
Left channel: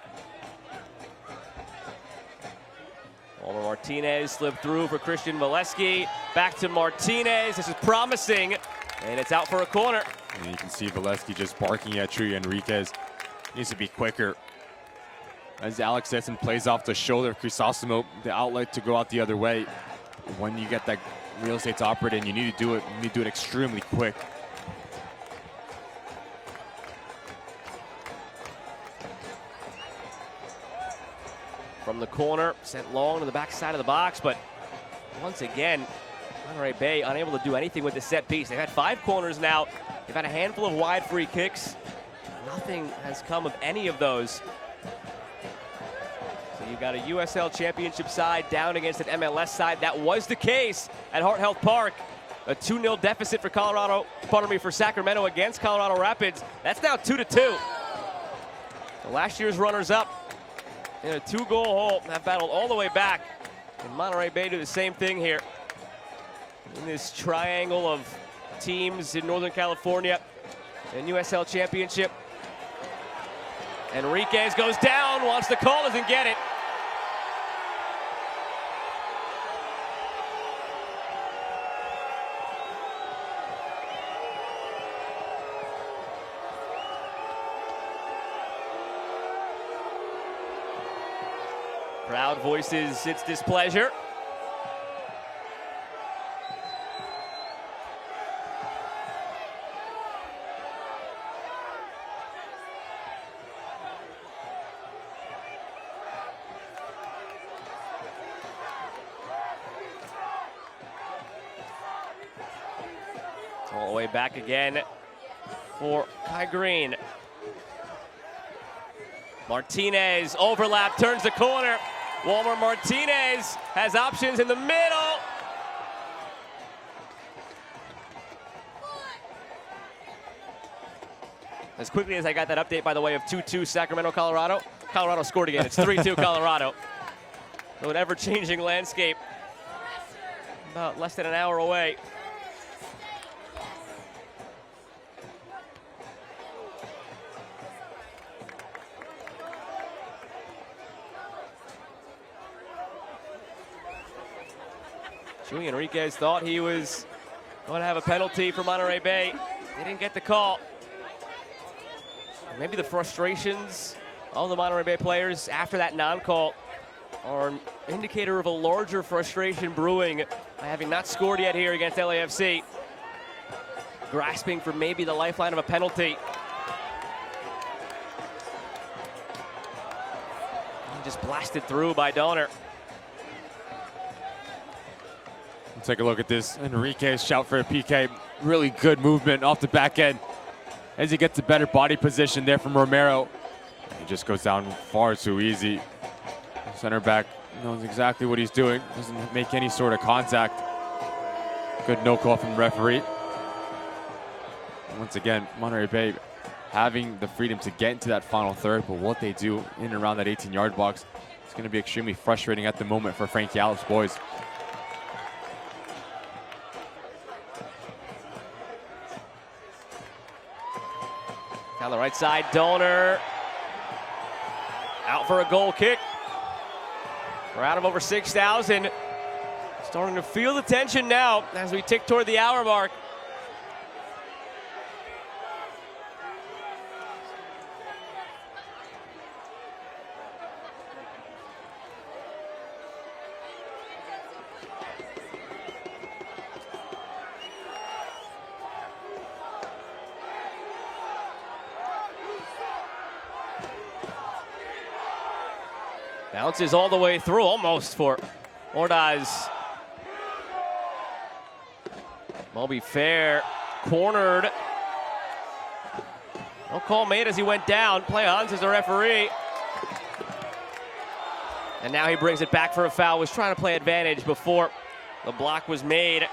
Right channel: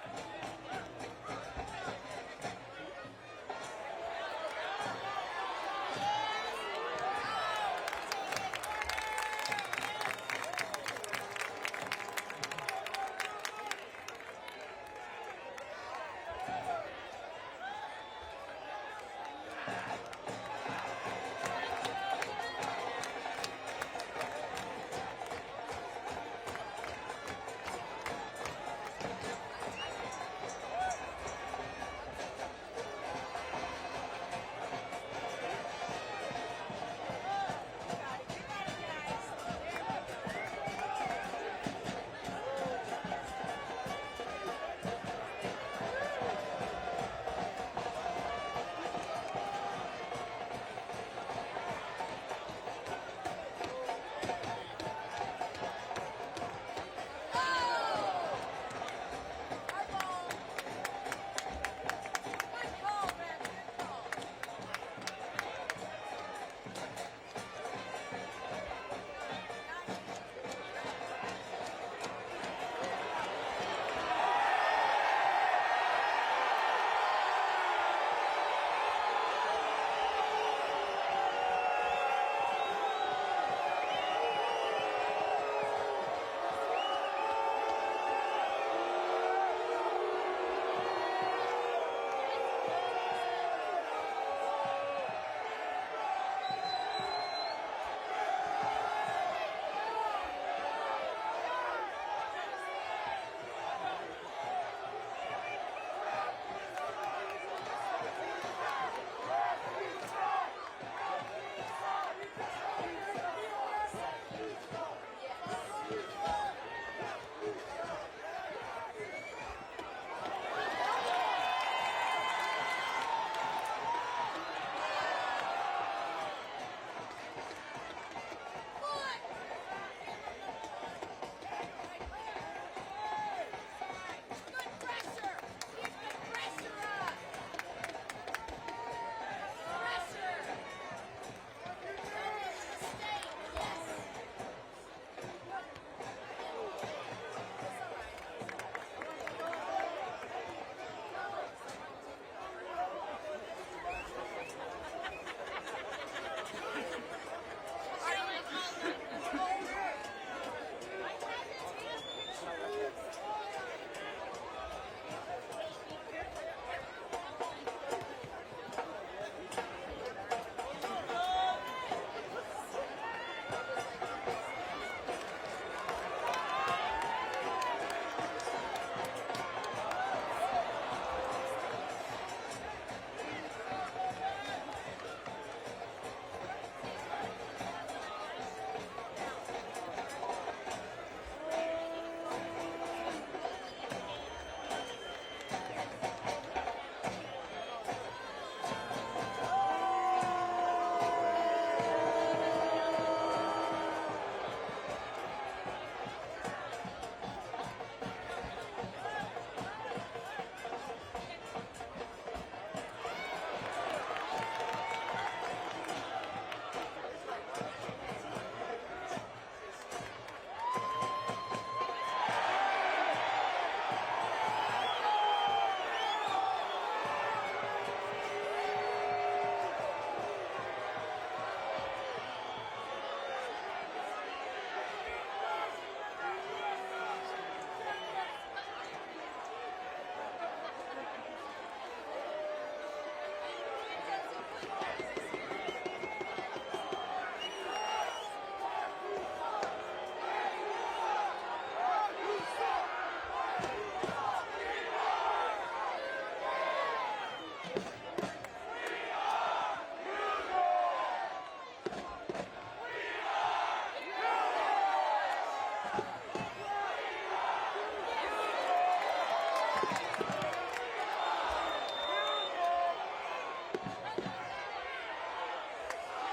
Over Martinez slipped through for Christian Valesky. Back to Martinez. This is promising, and it's out for a corner. And you can see Valesky just barking at Chuy Enriquez. Needs to be quicker. As Alex Sesson plays off the shoulder of Crisosimo, the outlet to go out the other way. When you get that real estate to operate in, you need to do it. You need to do it extremely quick. From the corner, sent long to the backside of the box, but once again, Monterey Bay unable to do anything with the set piece. They've had 5 corners now. They've had a handful of wide free kicks. Nothing has come of any of those. You've got a USL Championship side down against an MLS side. That was the case at Heart Health Park. A 2-0 deficit for Sacramento against Colorado Rapids. That's now 2-2. Last year's runners-up in a 2-goal hole. That battled all the way back. And Monterey Bay do the same thing here. In this triangle of teams in Northern California and USL Championship. Enriquez goes down, wants the call, doesn't get it. Crowd voices its displeasure. All the way back again for Kai Green. Martinez overlap, turns the corner. Walmer Martinez has options in the middle. As quickly as I got that update, by the way, of 2-2 Sacramento, Colorado. Colorado scored again. It's 3-2 Colorado. So an ever-changing landscape. About less than an hour away. Chuy Enriquez thought he was going to have a penalty for Monterey Bay. He didn't get the call. Maybe the frustrations of the Monterey Bay players after that non-call are an indicator of a larger frustration brewing, having not scored yet here against LAFC. Grasping for maybe the lifeline of a penalty. Just blasted through by Donner. Take a look at this. Enriquez shout for a PK. Really good movement off the back end as he gets a better body position there from Romero. He just goes down far too easy. Center back knows exactly what he's doing. Doesn't make any sort of contact. Good no call from the referee. Once again, Monterey Bay having the freedom to get into that final third, but what they do in and around that 18-yard box is going to be extremely frustrating at the moment for Frankie Allen's boys. On the right side, Donner out for a goal kick. We're out of over 6,000. Starting to feel the tension now as we tick toward the hour mark. Bounces all the way through, almost for Ordaz. Moby Fair cornered. No call made as he went down. Play on, says the referee. And now he brings it back for a foul. Was trying to play advantage before the block was made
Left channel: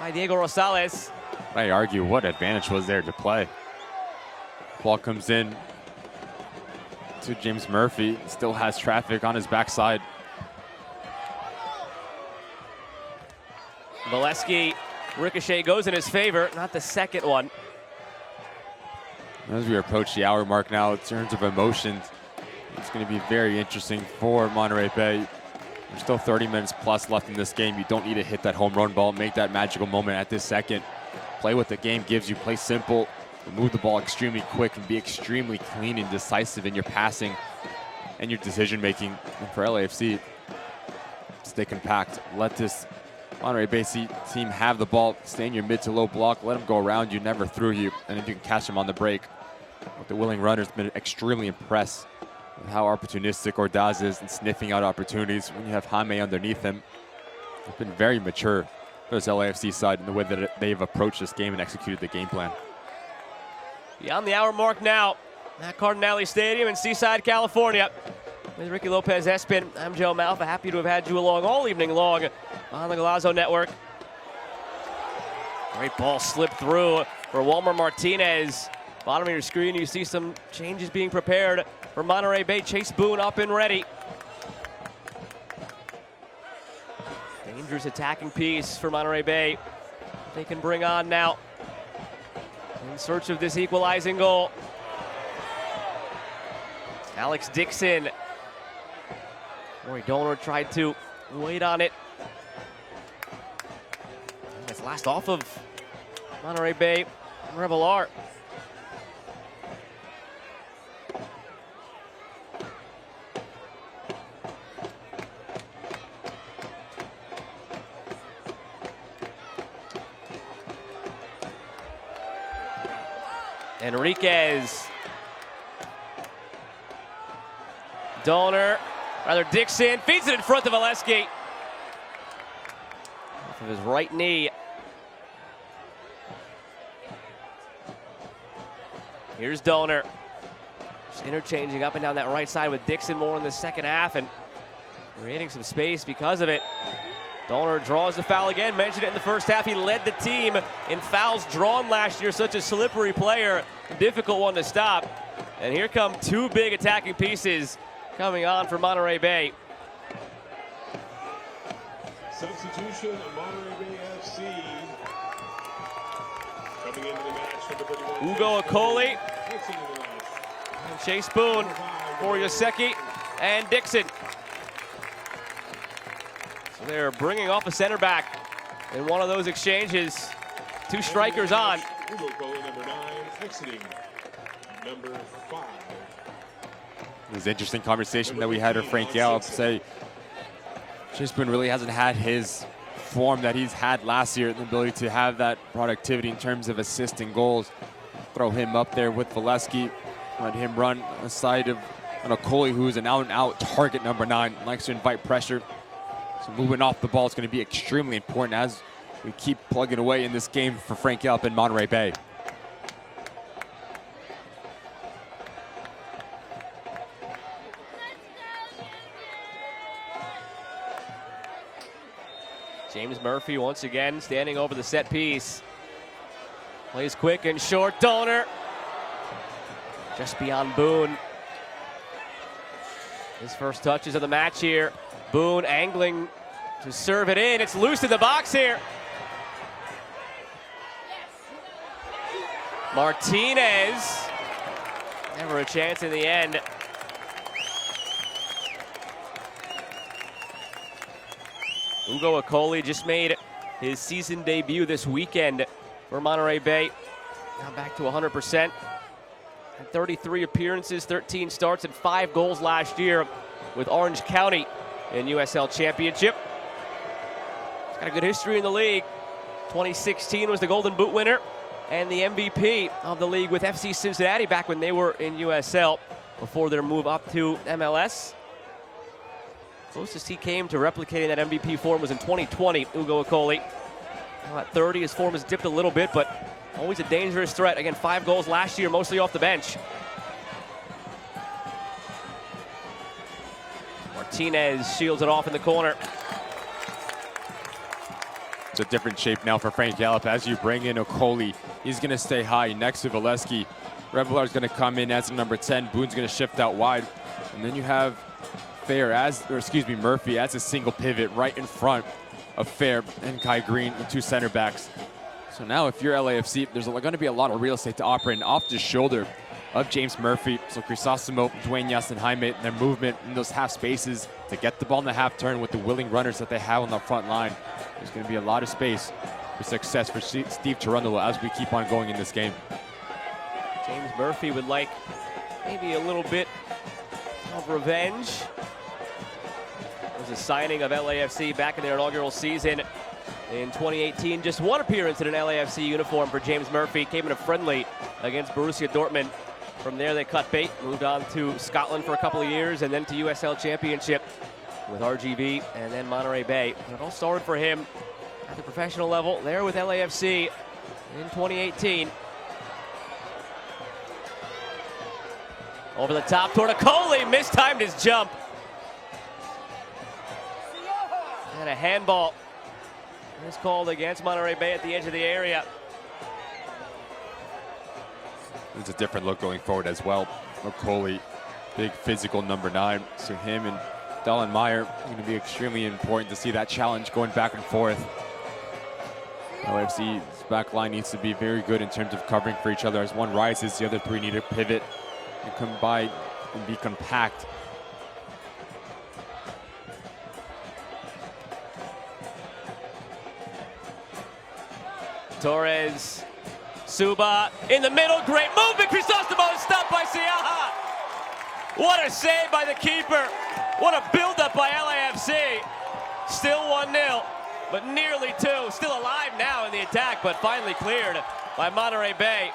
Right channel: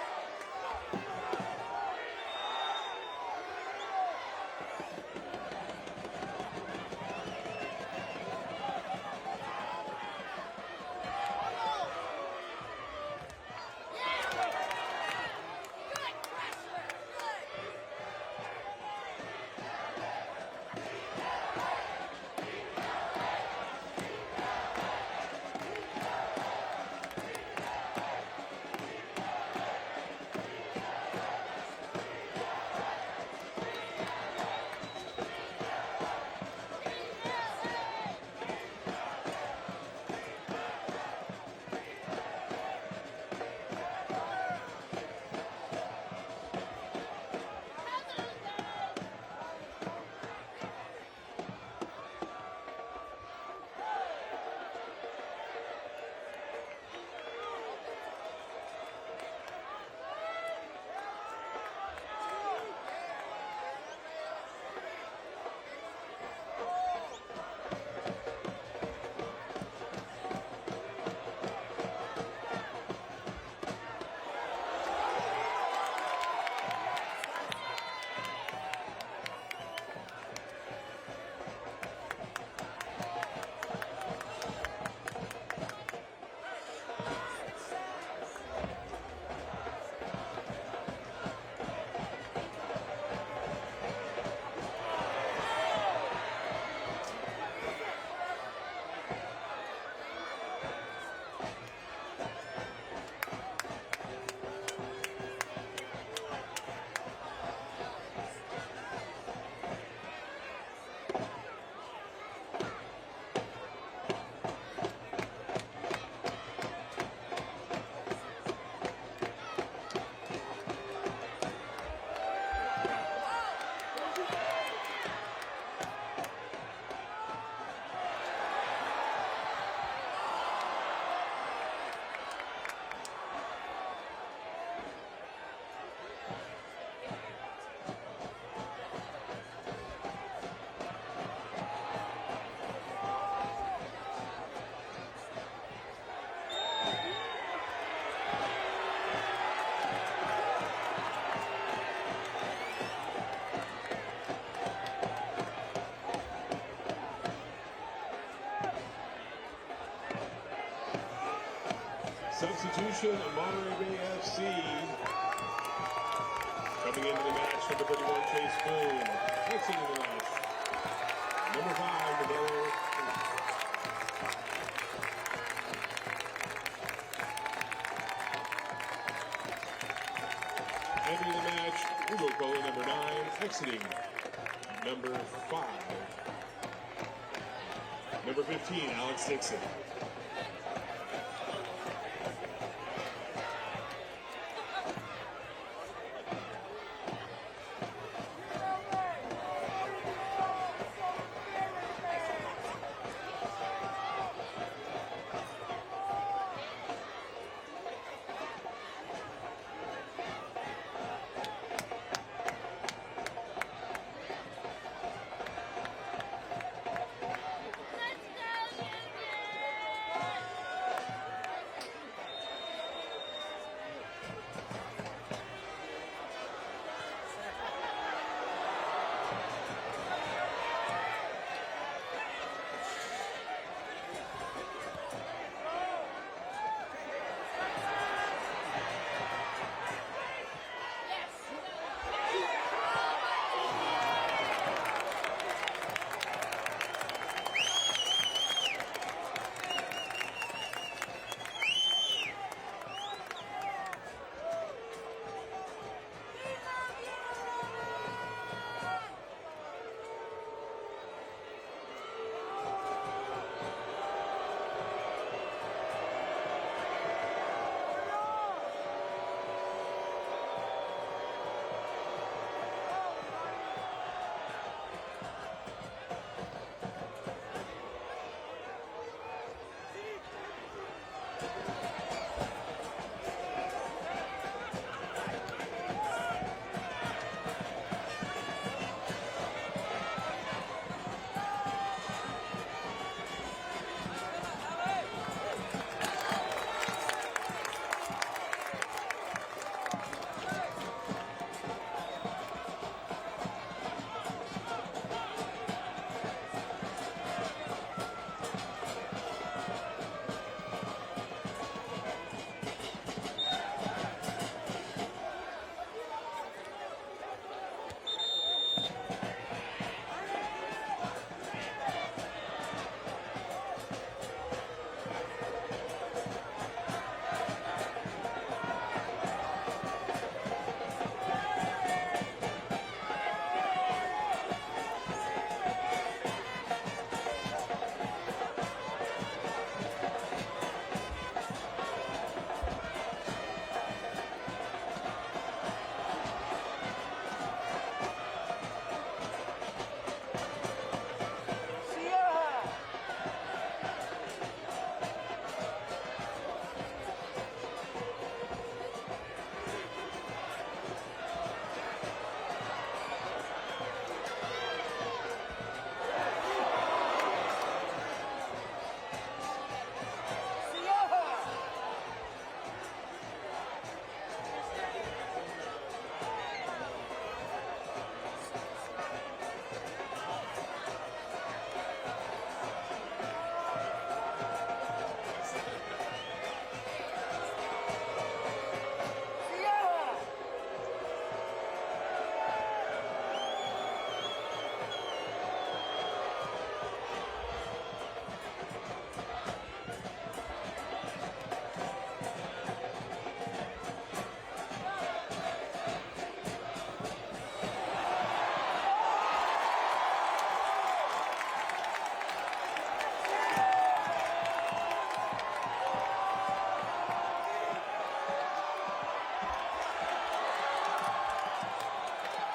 by Diego Rosales. I argue what advantage was there to play. Ball comes in to James Murphy. Still has traffic on his backside. Valesky, ricochet goes in his favor, not the second one. As we approach the hour mark now, in terms of emotions, it's going to be very interesting for Monterey Bay. There's still 30 minutes plus left in this game. You don't need to hit that home run ball, make that magical moment at this second. Play what the game gives you, play simple, move the ball extremely quick, and be extremely clean and decisive in your passing and your decision making. And for LAFC, stay compact. Let this Monterey Bay team have the ball, stay in your mid to low block, let them go around you, never through you, and then you can catch them on the break. But the willing runner's been extremely impressed with how opportunistic Ordaz is in sniffing out opportunities. When you have Jaime underneath him, it's been very mature for this LAFC side in the way that they've approached this game and executed the game plan. Beyond the hour mark now at Cardinale Stadium in Seaside, California. With Ricky Lopez-Espin, I'm Joe Malfa. Happy to have had you along all evening long on the Golazo Network. Great ball slipped through for Walmer Martinez. Bottom of your screen, you see some changes being prepared for Monterey Bay. Chase Boone up and ready. Dangerous attacking piece for Monterey Bay. They can bring on now in search of this equalizing goal. Alex Dixon. Roy Donor tried to wait on it. It's last off of Monterey Bay Revelar. Enriquez. Donor, rather Dixon, feeds it in front of Valesky. With his right knee. Here's Donor. Just interchanging up and down that right side with Dixon more in the second half and creating some space because of it. Donor draws the foul again. Mentioned it in the first half. He led the team in fouls drawn last year. Such a slippery player. A difficult one to stop. And here come two big attacking pieces coming on for Monterey Bay. Substitution of Monterey Bay FC. Coming into the match, number 31. Ugo Akoli, Chase Boone, Yoseki, and Dixon. They're bringing off a center back in one of those exchanges. Two strikers on. Ugo Akoli, number 9, exiting number 5. It was an interesting conversation that we had with Frank Gale say Chase Boone really hasn't had his form that he's had last year, the ability to have that productivity in terms of assisting goals. Throw him up there with Valesky, let him run on the side of Akoli, who's an out-and-out target number 9, likes to invite pressure. So moving off the ball is going to be extremely important as we keep plugging away in this game for Frank Gale up in Monterey Bay. James Murphy once again standing over the set piece. Plays quick and short. Donor just beyond Boone. His first touches of the match here. Boone angling to serve it in. It's loose in the box here. Martinez. Never a chance in the end. Ugo Akoli just made his season debut this weekend for Monterey Bay. Got back to 100%. 33 appearances, 13 starts, and 5 goals last year with Orange County in USL Championship. Got a good history in the league. 2016 was the Golden Boot winner and the MVP of the league with FC Cincinnati back when they were in USL before their move up to MLS. Closest he came to replicating that MVP form was in 2020, Ugo Akoli. At 30, his form has dipped a little bit, but always a dangerous threat. Again, 5 goals last year, mostly off the bench. Martinez shields it off in the corner. It's a different shape now for Frank Gallup as you bring in Okoli. He's going to stay high next to Valesky. Revelar's going to come in as a number 10. Boone's going to shift out wide. And then you have Murphy as a single pivot right in front of Fair and Kai Green, and 2 center backs. So now if you're LAFC, there's going to be a lot of real estate to operate off the shoulder of James Murphy. So Crisostomo, Dueñas, and Jaime, their movement in those half spaces to get the ball in the half turn with the willing runners that they have on the front line. There's going to be a lot of space for success for Steve Cherundolo as we keep on going in this game. James Murphy would like maybe a little bit of revenge. The signing of LAFC back in their inaugural season in 2018. Just 1 appearance in an LAFC uniform for James Murphy. Came in a friendly against Borussia Dortmund. From there they cut bait, moved on to Scotland for a couple of years, and then to USL Championship with RGV and then Monterey Bay. It all started for him at the professional level there with LAFC in 2018. Over the top toward Okoli, mistimed his jump. And a handball was called against Monterey Bay at the edge of the area. It's a different look going forward as well. Okoli, big physical number 9. So him and Dallenmeyer going to be extremely important to see that challenge going back and forth. LAFC's back line needs to be very good in terms of covering for each other. As one rises, the other 3 need to pivot and combine and be compact. Torres, Suba in the middle, great movement. Crisostomo is stopped by Siaha. What a save by the keeper. What a build-up by LAFC. Still 1-0, but nearly 2. Still alive now in the attack, but finally cleared by Monterey Bay.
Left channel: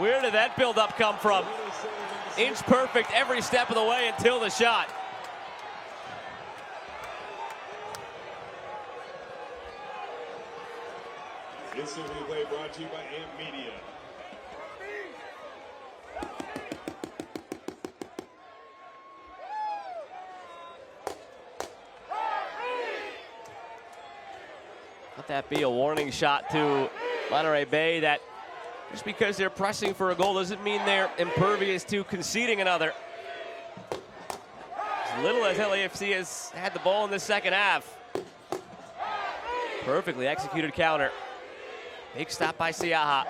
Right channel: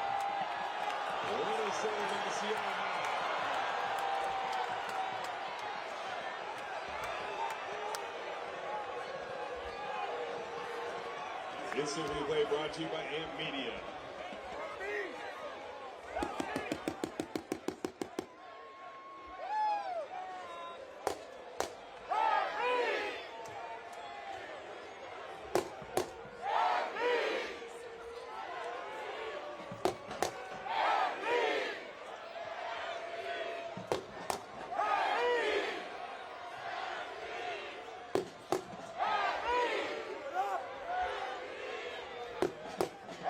Where did that build-up come from? Inch perfect every step of the way until the shot. Instant replay brought to you by AMP Media. Could that be a warning shot to Monterey Bay that just because they're pressing for a goal doesn't mean they're impervious to conceding another? As little as LAFC has had the ball in the second half. Perfectly executed counter. Big stop by Siaha.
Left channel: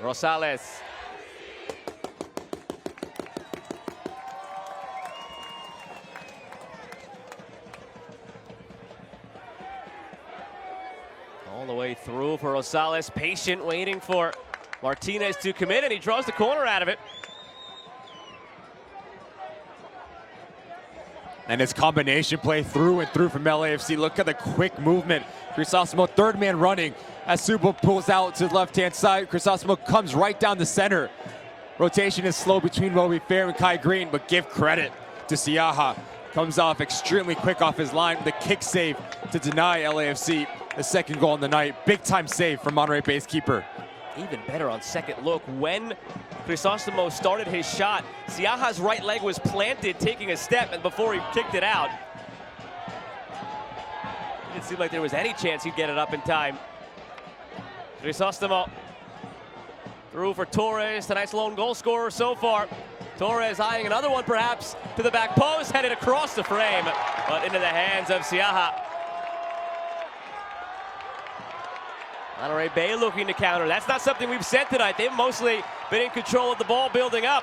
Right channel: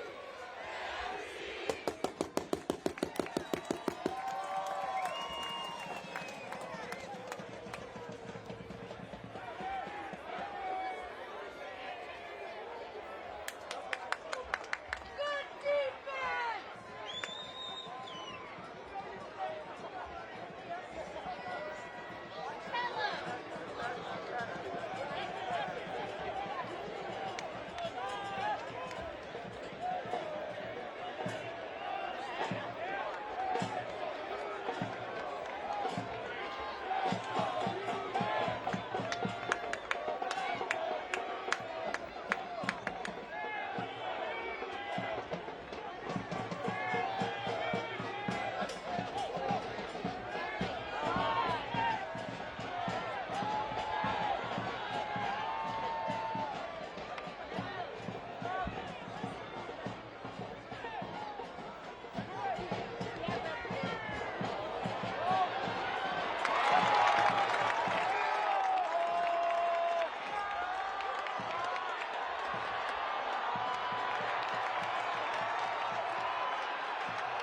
Rosales. All the way through for Rosales. Patient, waiting for Martinez to come in, and he draws the corner out of it. And it's combination play through and through from LAFC. Look at the quick movement. Crisostomo, 3rd man running as Suba pulls out to the left-hand side. Crisostomo comes right down the center. Rotation is slow between Roby Fair and Kai Green, but give credit to Siaha. Comes off extremely quick off his line with a kick save to deny LAFC the 2nd goal on the night. Big-time save from Monterey Bay's keeper. Even better on second look. When Crisostomo started his shot, Siaha's right leg was planted, taking a step, and before he kicked it out, it didn't seem like there was any chance he'd get it up in time. Crisostomo through for Torres, tonight's lone goal scorer so far. Torres eyeing another one perhaps to the back post, headed across the frame, but into the hands of Siaha. Monterey Bay looking to counter. That's not something we've said tonight. They've mostly been in control of the ball building up.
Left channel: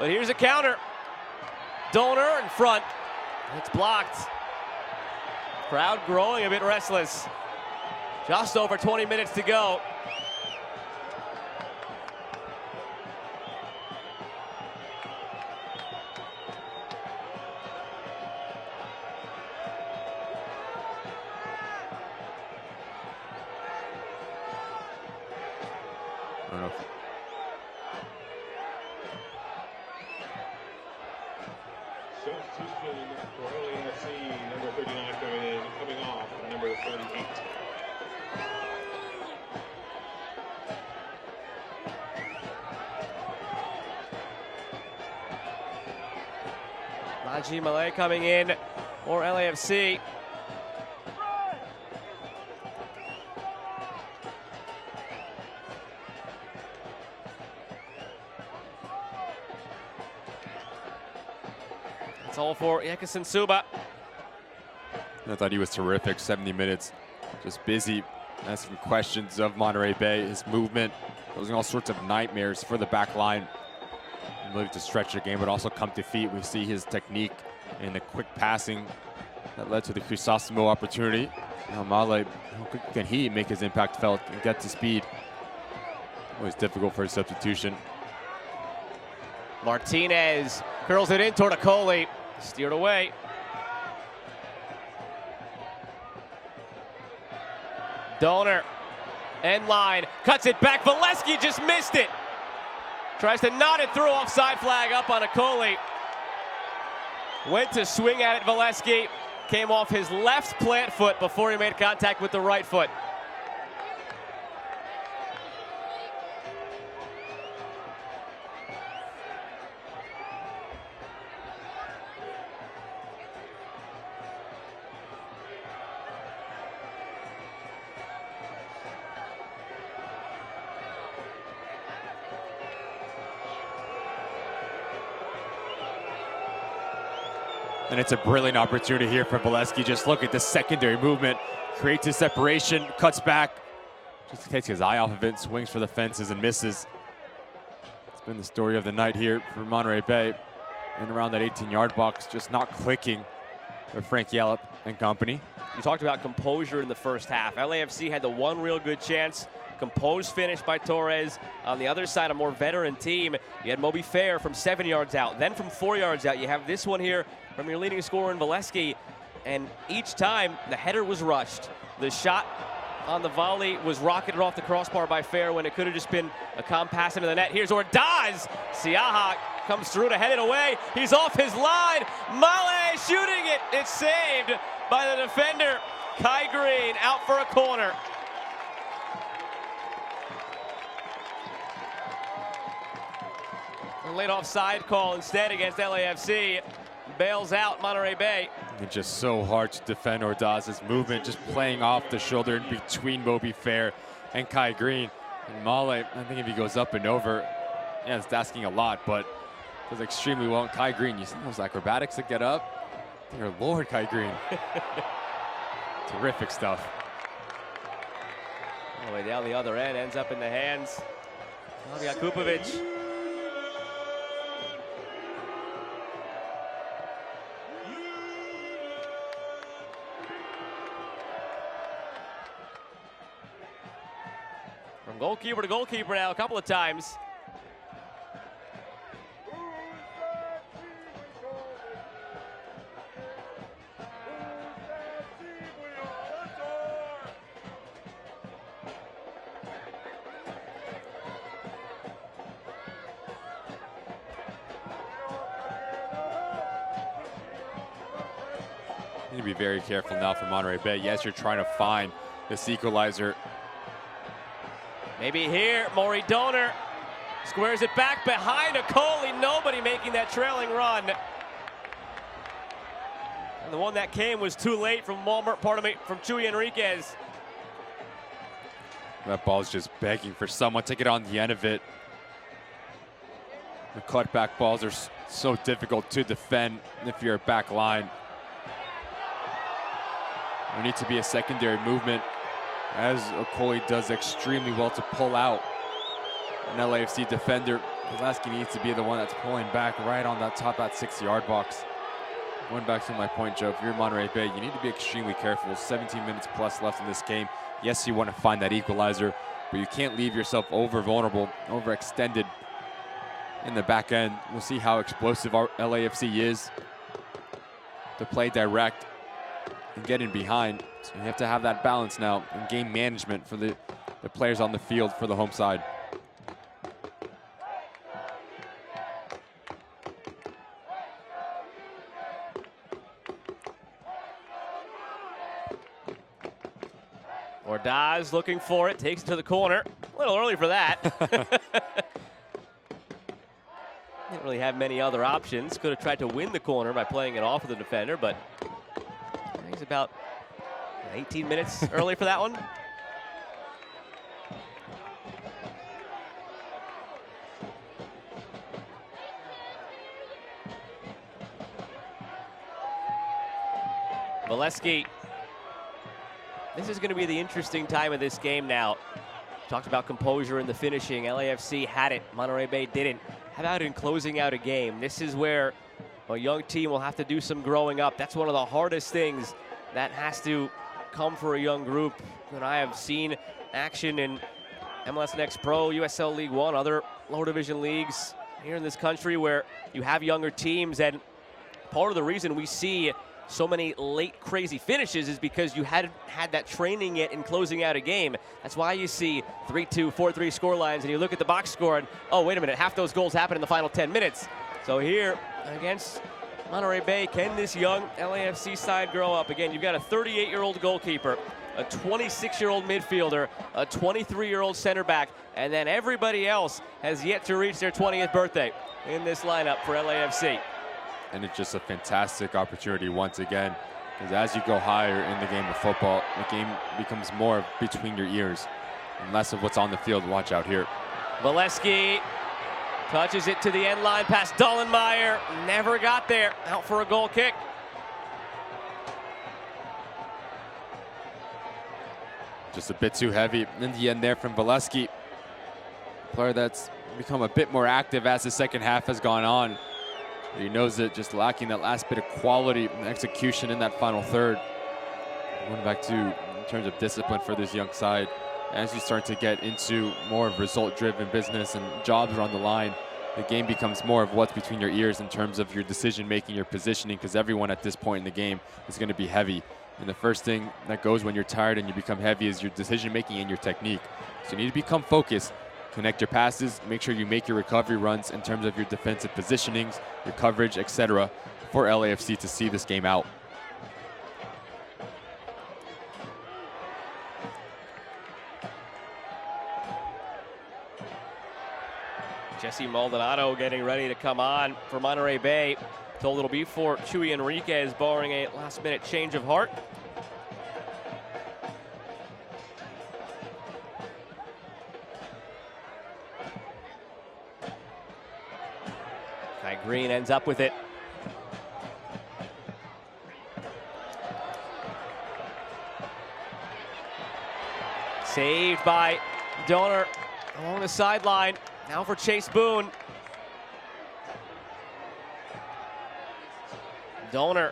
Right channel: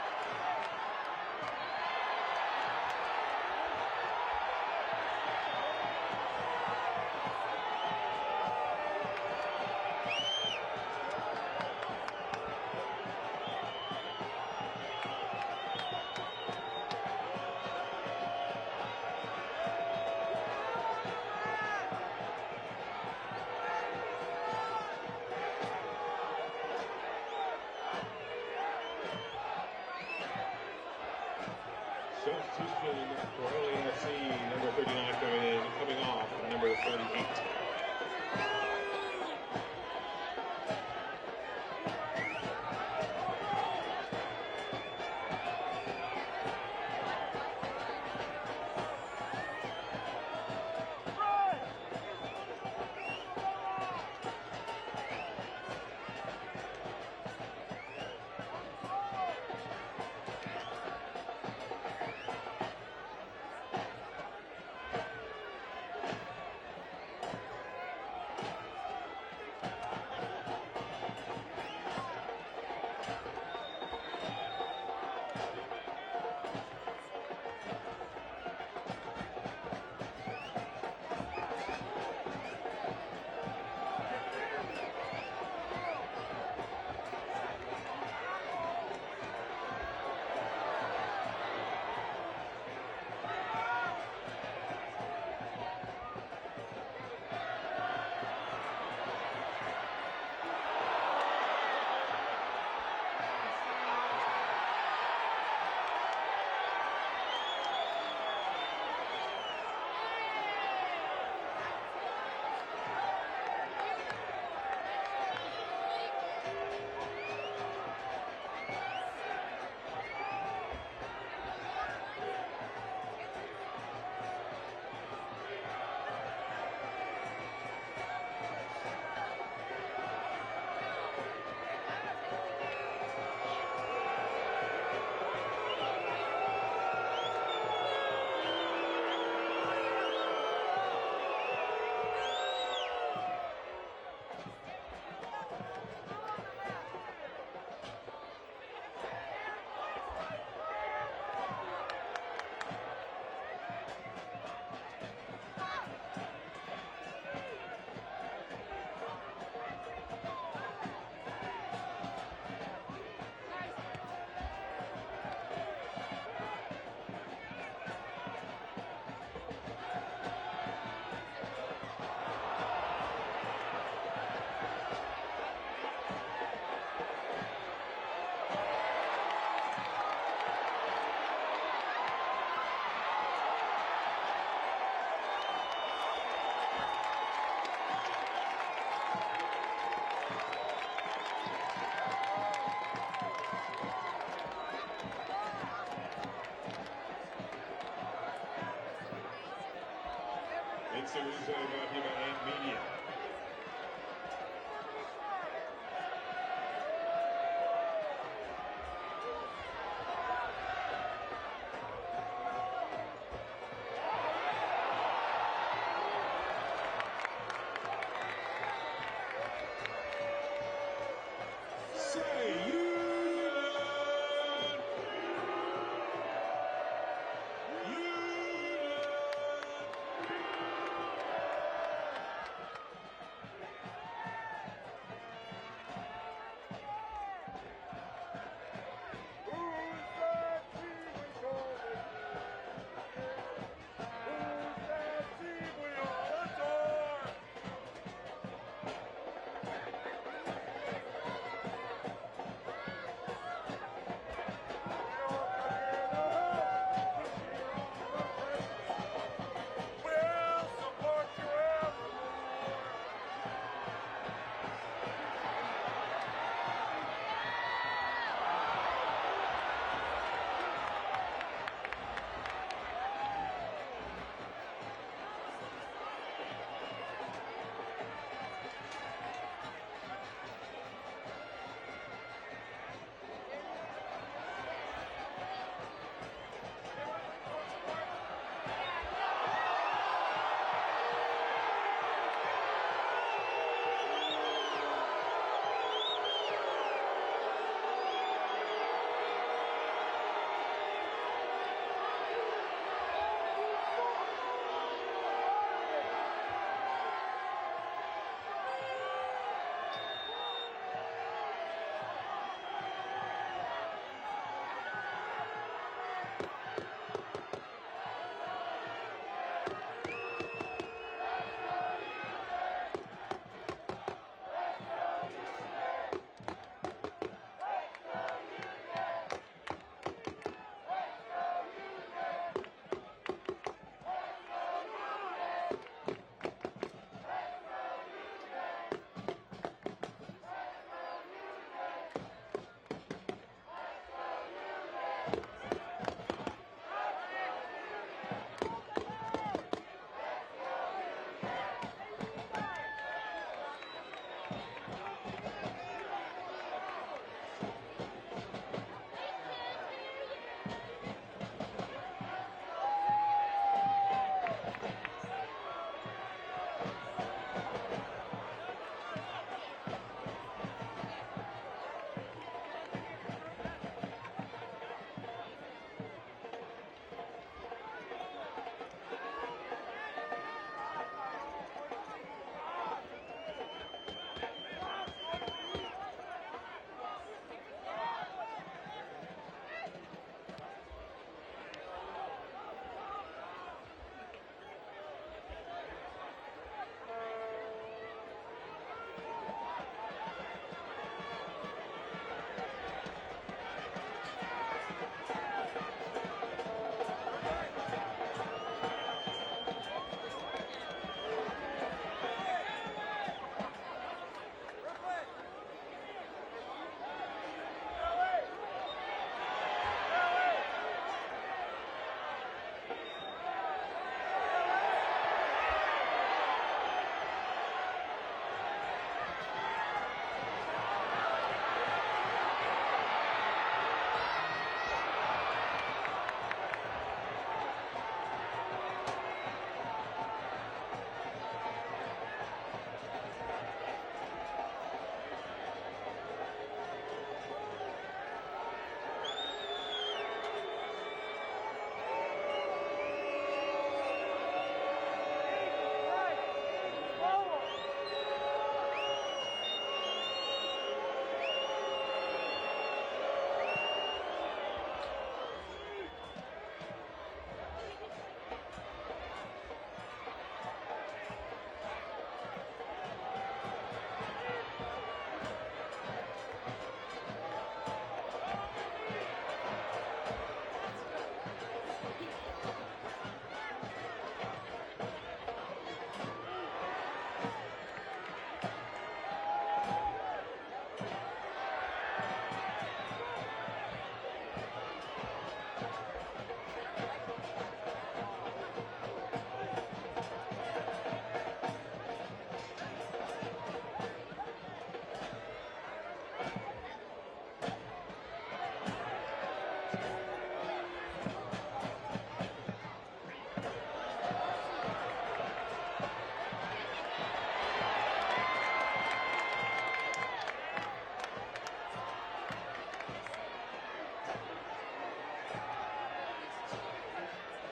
But here's a counter. Donor in front. It's blocked. Crowd growing a bit restless. Just over 20 minutes to go. for LAFC, number 39 coming off, number 38. Najee Malay coming in for LAFC. It's all for Yekison Suba. I thought he was terrific. 70 minutes, just busy, asking questions of Monterey Bay. His movement, causing all sorts of nightmares for the back line. Looking to stretch the game, but also come to feet. We see his technique and the quick passing that led to the Crisosimo opportunity. Male, can he make his impact felt and get to speed? Always difficult for a substitution. Martinez curls it in toward Akoli, steered away. Donor, end line, cuts it back. Valesky just missed it. Tries to knot it through, offside flag up on Akoli. Went to swing at it, Valesky. Came off his left plant foot before he made contact with the right foot. And it's a brilliant opportunity here for Valesky. Just look at the secondary movement. Creates a separation, cuts back. Just takes his eye off of it, swings for the fences and misses. It's been the story of the night here for Monterey Bay. And around that 18-yard box, just not clicking for Frank Yallop and company. We talked about composure in the first half. LAFC had the one real good chance. Composed finish by Torres. On the other side, a more veteran team. You had Moby Fair from 7 yards out. Then from 4 yards out, you have this one here from your leading scorer in Valesky. And each time, the header was rushed. The shot on the volley was rocketed off the crossbar by Fair when it could have just been a calm pass into the net. Here's Ordaz. Siaha comes through to head it away. He's off his line. Male shooting it. It's saved by the defender. Kai Green out for a corner. Late offside call instead against LAFC. Bails out Monterey Bay. It's just so hard to defend Ordaz's movement, just playing off the shoulder in between Moby Fair and Kai Green. And Male, I think if he goes up and over, yeah, it's asking a lot, but does extremely well. And Kai Green, you see those acrobatics that get up? Dear Lord, Kai Green. Terrific stuff. All the way down the other end, ends up in the hands. We got Kupovic. Goalkeeper to goalkeeper now a couple of times. You need to be very careful now for Monterey Bay. Yes, you're trying to find this equalizer. Maybe here, Maury Donor squares it back behind Akoli. Nobody making that trailing run. And the one that came was too late from from Chuy Enriquez. That ball's just begging for someone to get on the end of it. The cutback balls are so difficult to defend if you're a back line. There needs to be a secondary movement, as Akoli does extremely well to pull out an LAFC defender. Valesky needs to be the one that's pulling back right on that top, that 6-yard box. Going back to my point, Joe, if you're Monterey Bay, you need to be extremely careful. There's 17 minutes plus left in this game. Yes, you want to find that equalizer, but you can't leave yourself over vulnerable, overextended in the back end. We'll see how explosive our LAFC is to play direct and get in behind. So you have to have that balance now in game management for the players on the field for the home side. Diaz looking for it, takes it to the corner. A little early for that. Didn't really have many other options. Could have tried to win the corner by playing it off of the defender, but he's about 18 minutes early for that one. Valesky. This is going to be the interesting time of this game now. Talked about composure in the finishing. LAFC had it. Monterey Bay didn't. How about in closing out a game? This is where a young team will have to do some growing up. That's one of the hardest things that has to come for a young group. And I have seen action in MLS Next Pro, USL League One, other lower division leagues here in this country where you have younger teams. And part of the reason we see so many late crazy finishes is because you hadn't had that training yet in closing out a game. That's why you see 3-2, 4-3 score lines, and you look at the box score and, oh, wait a minute, half those goals happen in the final 10 minutes. So here against Monterey Bay, can this young LAFC side grow up? Again, you've got a 38-year-old goalkeeper, a 26-year-old midfielder, a 23-year-old center back, and then everybody else has yet to reach their 20th birthday in this lineup for LAFC. And it's just a fantastic opportunity once again, because as you go higher in the game of football, the game becomes more between your ears and less of what's on the field. Watch out here. Valesky touches it to the end line past Dullenmeyer. Never got there. Out for a goal kick. Just a bit too heavy in the end there from Valesky. Player that's become a bit more active as the second half has gone on. He knows it, just lacking that last bit of quality and execution in that final third. Going back to in terms of discipline for this young side. As you start to get into more result-driven business and jobs are on the line, the game becomes more of what's between your ears in terms of your decision-making, your positioning, because everyone at this point in the game is going to be heavy. And the first thing that goes when you're tired and you become heavy is your decision-making and your technique. So you need to become focused. Connect your passes, make sure you make your recovery runs in terms of your defensive positionings, your coverage, etc. for LAFC to see this game out. Jesse Maldonado getting ready to come on for Monterey Bay. Told it'll be for Chuy Enriquez, barring a last-minute change of heart. Green ends up with it. Saved by Donor along the sideline. Now for Chase Boone. Donor.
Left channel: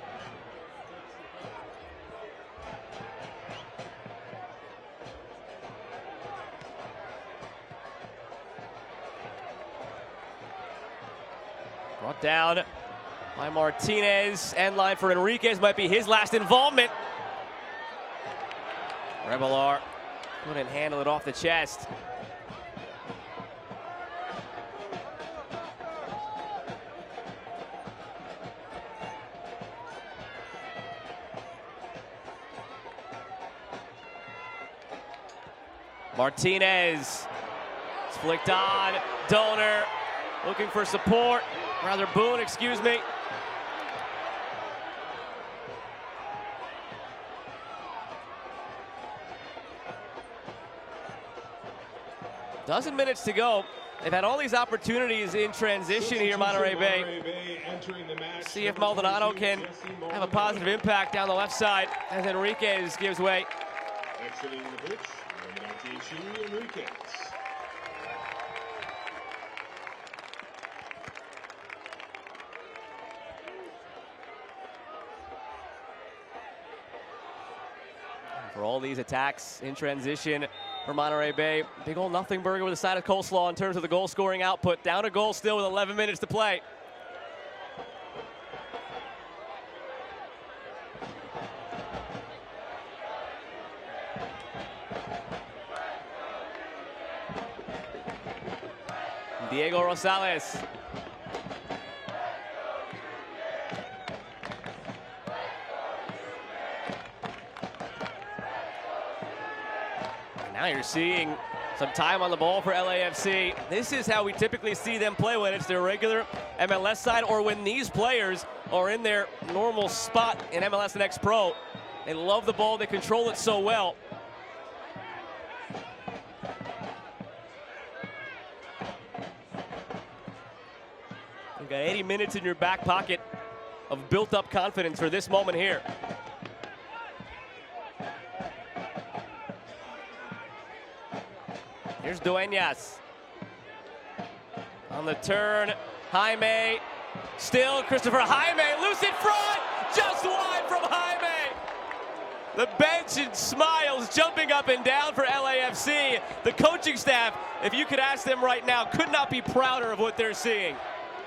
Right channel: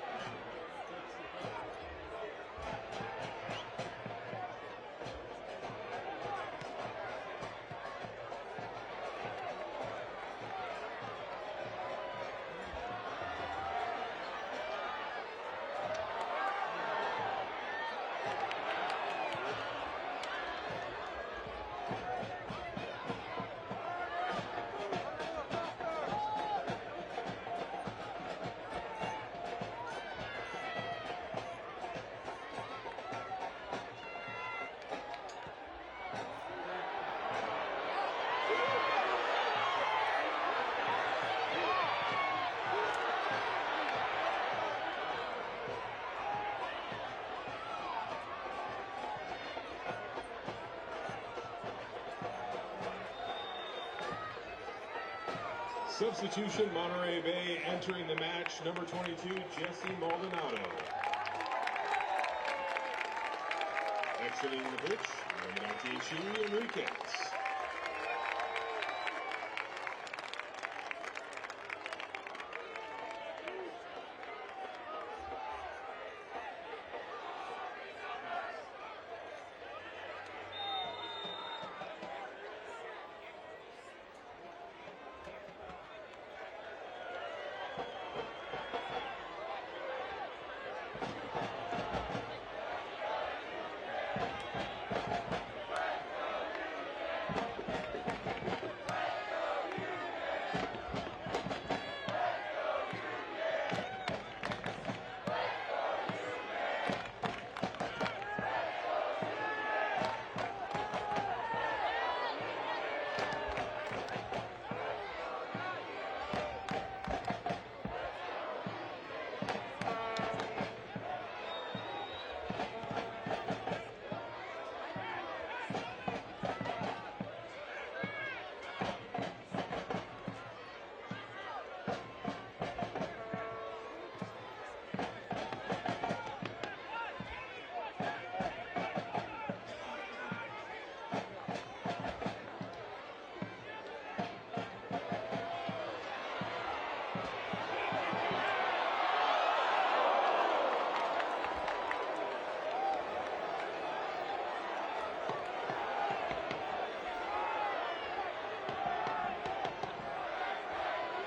Down by Martinez. End line for Enriquez. Might be his last involvement. Revelar couldn't handle it off the chest. Martinez. It's flicked on. Donor looking for support. Rather Boone, excuse me. Dozen minutes to go. They've had all these opportunities in transition here, Monterey Bay. Entering the match. See if Maldonado can have a positive impact down the left side as Enriquez gives way. Exiting the pitch, number 19, Chuy Enriquez. For all these attacks in transition for Monterey Bay. Big old nothing burger with a side of coleslaw in terms of the goal scoring output. Down a goal still with 11 minutes to play. Diego Rosales. Now you're seeing some time on the ball for LAFC. This is how we typically see them play when it's their regular MLS side or when these players are in their normal spot in MLS Next Pro. They love the ball, they control it so well. You've got 80 minutes in your back pocket of built-up confidence for this moment here. Here's Dueñas. On the turn, Jaime. Still Christopher Jaime, loose in front, just wide from Jaime. The bench and smiles jumping up and down for LAFC. The coaching staff, if you could ask them right now, could not be prouder of what they're seeing.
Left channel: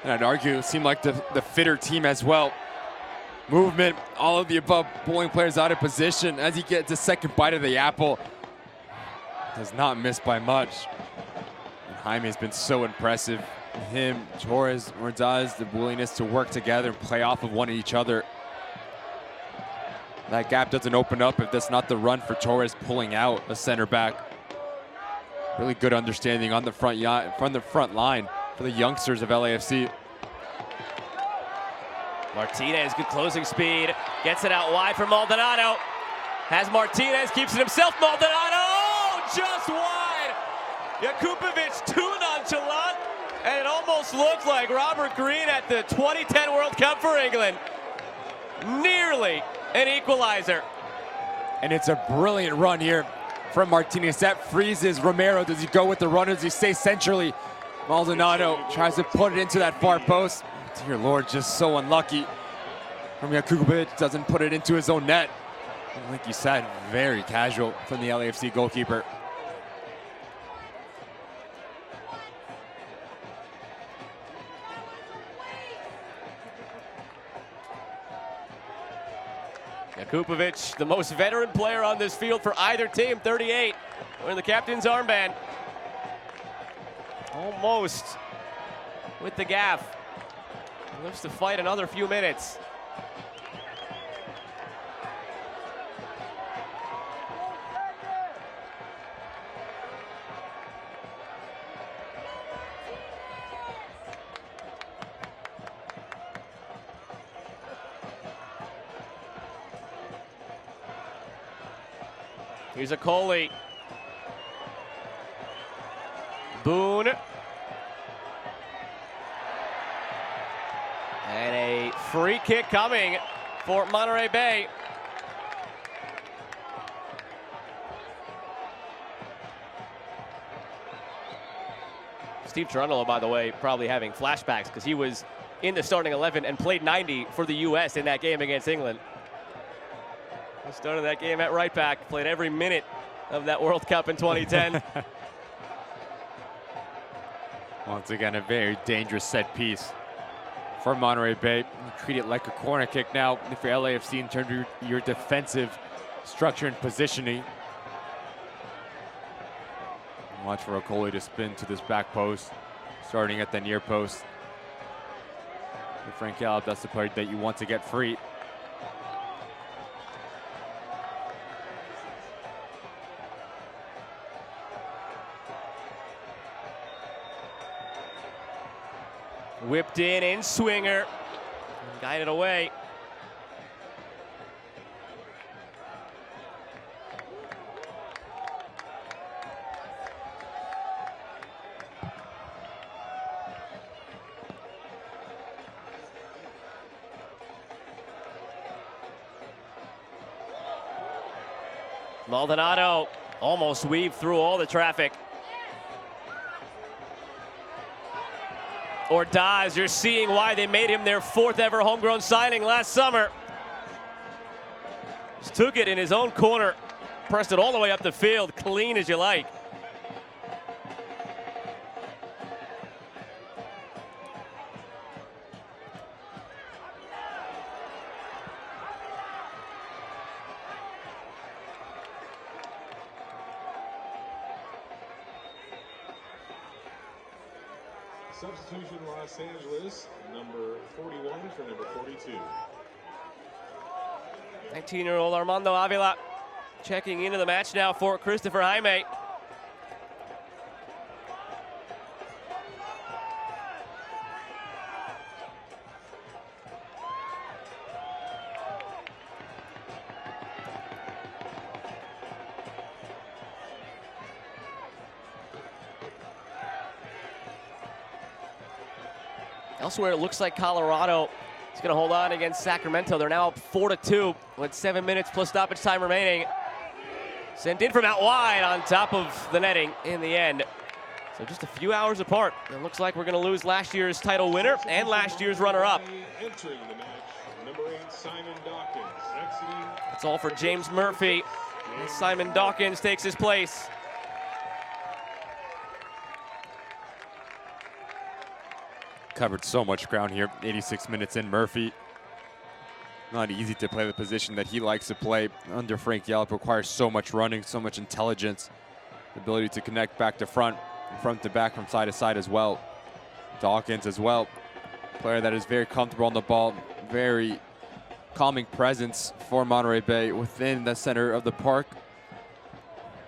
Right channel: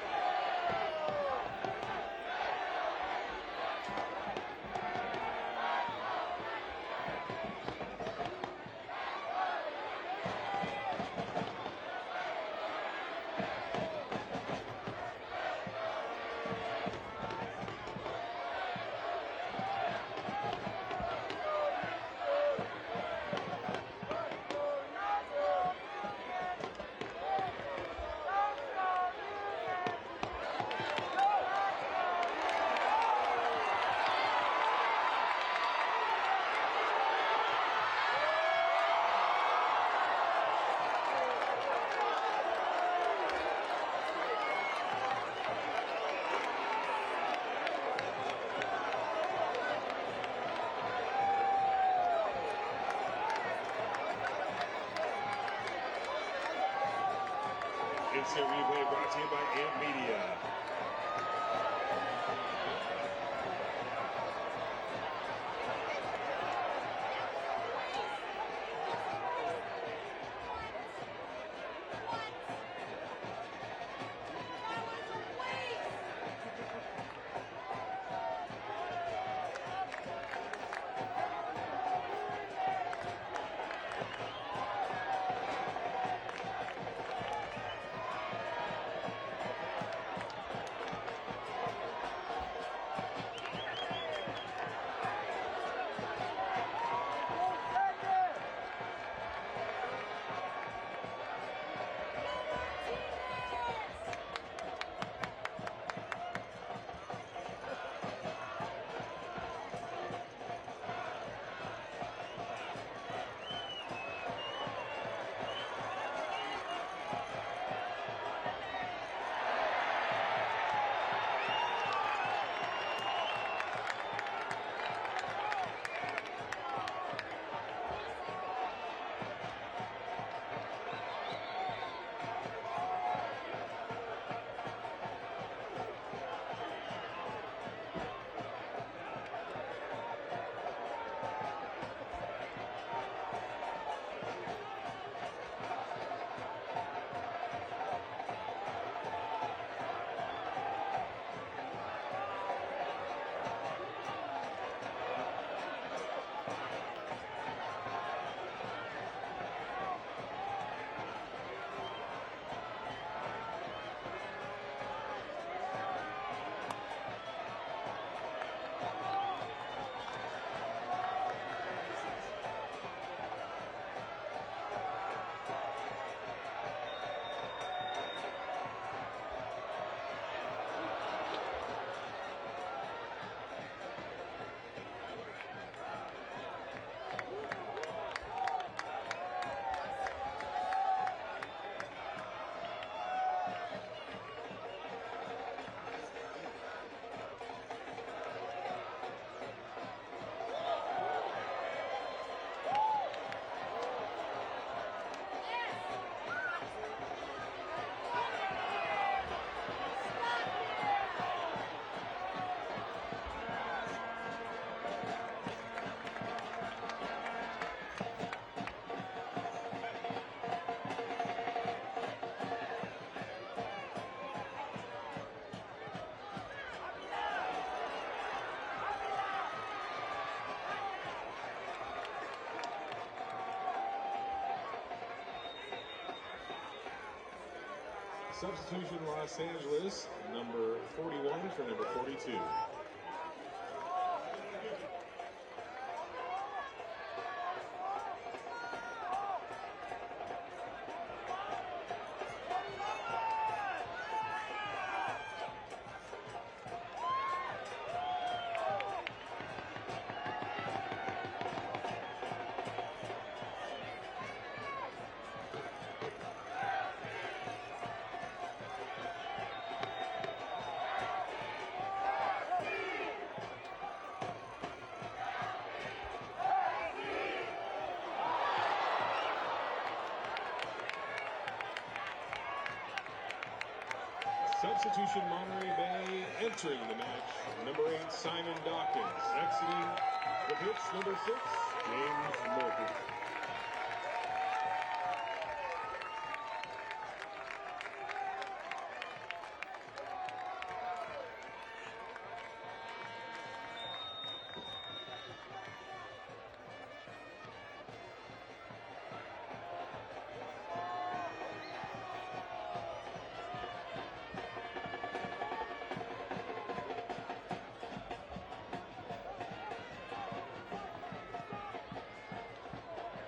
And I'd argue it seemed like the fitter team as well. Movement, all of the above, pulling players out of position as he gets a second bite of the apple. Does not miss by much. Jaime's been so impressive. Him, Torres, Ordaz, the willingness to work together and play off of one of each other. That gap doesn't open up if that's not the run for Torres pulling out the center back. Really good understanding on the front line for the youngsters of LAFC. Martinez, good closing speed. Gets it out wide for Maldonado. Has Martinez, keeps it himself. Maldonado, just wide. Jakubovic too nonchalant. And it almost looked like Robert Green at the 2010 World Cup for England. Nearly an equalizer. And it's a brilliant run here from Martinez. That freezes Romero. Does he go with the runners? Does he stay centrally? Maldonado tries to put it into that far post. Dear Lord, just so unlucky. Jakubovic doesn't put it into his own net. And like you said, very casual from the LAFC goalkeeper. Jakubovic, the most veteran player on this field for either team, 38, wearing the captain's armband. Almost with the gaff. Looks to fight another few minutes. Here's a Coley. Boone. And a free kick coming for Monterey Bay. Steve Cherundolo, by the way, probably having flashbacks because he was in the starting 11 and played 90 for the U.S. in that game against England. Started that game at right back, played every minute of that World Cup in 2010. Once again, a very dangerous set piece for Monterey Bay. Treat it like a corner kick now for LAFC in terms of your defensive structure and positioning. Watch for Okoli to spin to this back post, starting at the near post. For Frankel, that's the player that you want to get free. Whipped in swinger, guided away. Maldonado almost weaved through all the traffic. Ordaz, you're seeing why they made him their 4th ever homegrown signing last summer. Just took it in his own corner, pressed it all the way up the field, clean as you like. Substitution Los Angeles, number 41 for number 42. 19-year-old Armando Avila checking into the match now for Christopher Jaime. Elsewhere, it looks like Colorado is going to hold on against Sacramento. They're now up 4-2 with 7 minutes plus stoppage time remaining. Sent in from out wide on top of the netting in the end. So just a few hours apart. It looks like we're going to lose last year's title winner and last year's runner-up. Entering the match, number 8, Simon Dawkins. Exiting. It's all for James Murphy. Simon Dawkins takes his place. Covered so much ground here, 86 minutes in. Murphy, not easy to play the position that he likes to play under Frank Yallop. Requires so much running, so much intelligence, the ability to connect back to front to back, from side to side as well. Dawkins as well, player that is very comfortable on the ball, very calming presence for Monterey Bay within the center of the park.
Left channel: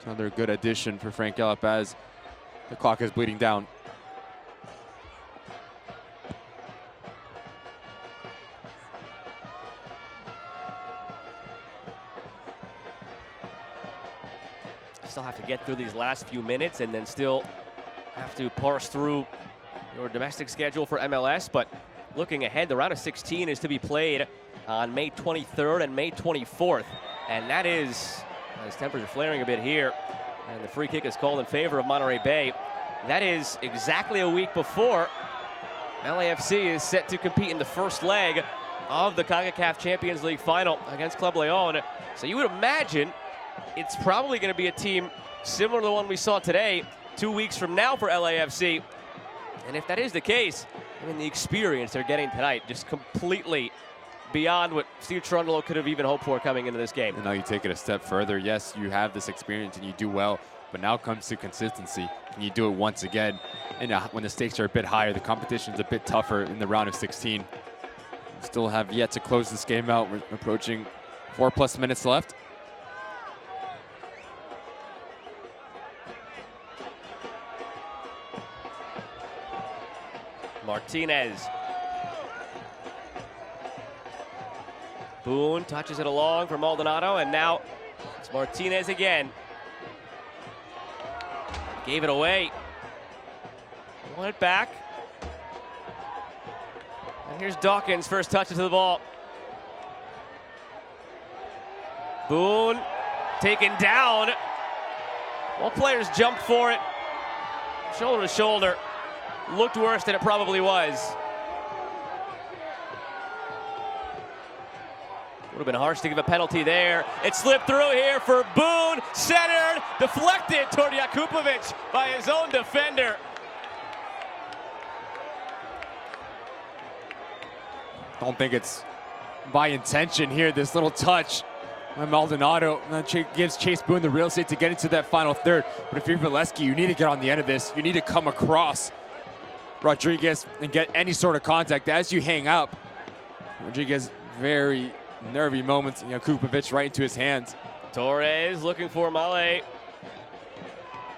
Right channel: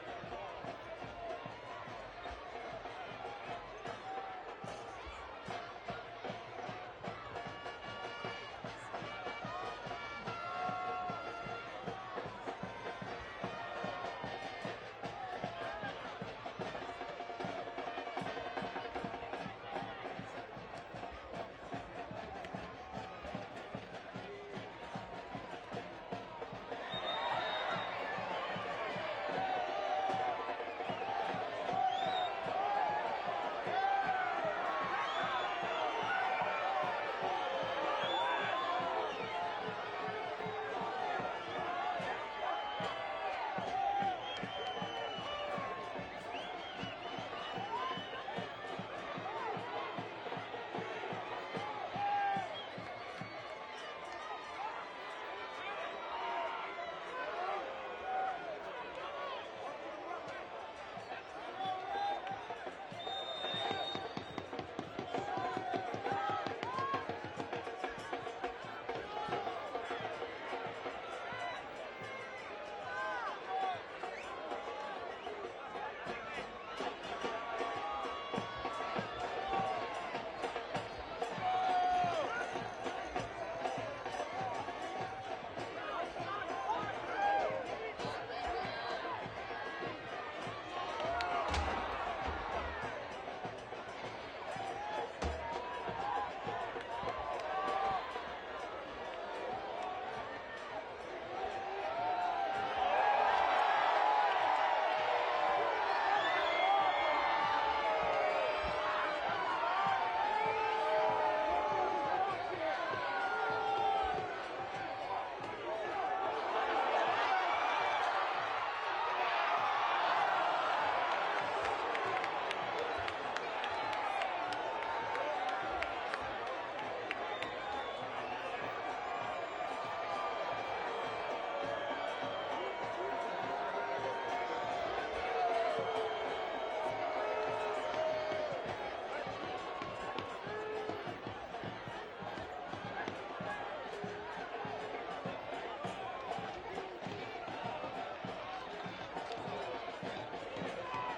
Another good addition for Frank Yallop as the clock is bleeding down. Still have to get through these last few minutes and then still have to parse through your domestic schedule for MLS. But looking ahead, the round of 16 is to be played on May 23rd and May 24th. And that is, as temperature flaring a bit here, and the free kick is called in favor of Monterey Bay. That is exactly a week before LAFC is set to compete in the first leg of the CONCACAF Champions League final against Club Leon. So you would imagine it's probably going to be a team similar to the one we saw today, 2 weeks from now for LAFC. And if that is the case, I mean, the experience they're getting tonight just completely beyond what Steve Trundle could have even hoped for coming into this game. And now you take it a step further. Yes, you have this experience and you do well, but now comes to consistency, and you do it once again. And when the stakes are a bit higher, the competition's a bit tougher in the round of 16. Still have yet to close this game out. We're approaching 4+ minutes left. Martinez. Boone touches it along for Maldonado, and now it's Martinez again. Gave it away. Pull it back. And here's Dawkins' first touches to the ball. Boone taken down. Both players jumped for it. Shoulder to shoulder. Looked worse than it probably was. Would have been harsh to give a penalty there. It slipped through here for Boone. Centered, deflected toward Jakupovic by his own defender. I don't think it's by intention here, this little touch. Maldonado gives Chase Boone the real estate to get into that final third. But if you're Valesky, you need to get on the end of this. You need to come across Rodriguez and get any sort of contact as you hang up. Rodriguez, very nervy moments. Jakupovic right into his hands. Torres looking for Male.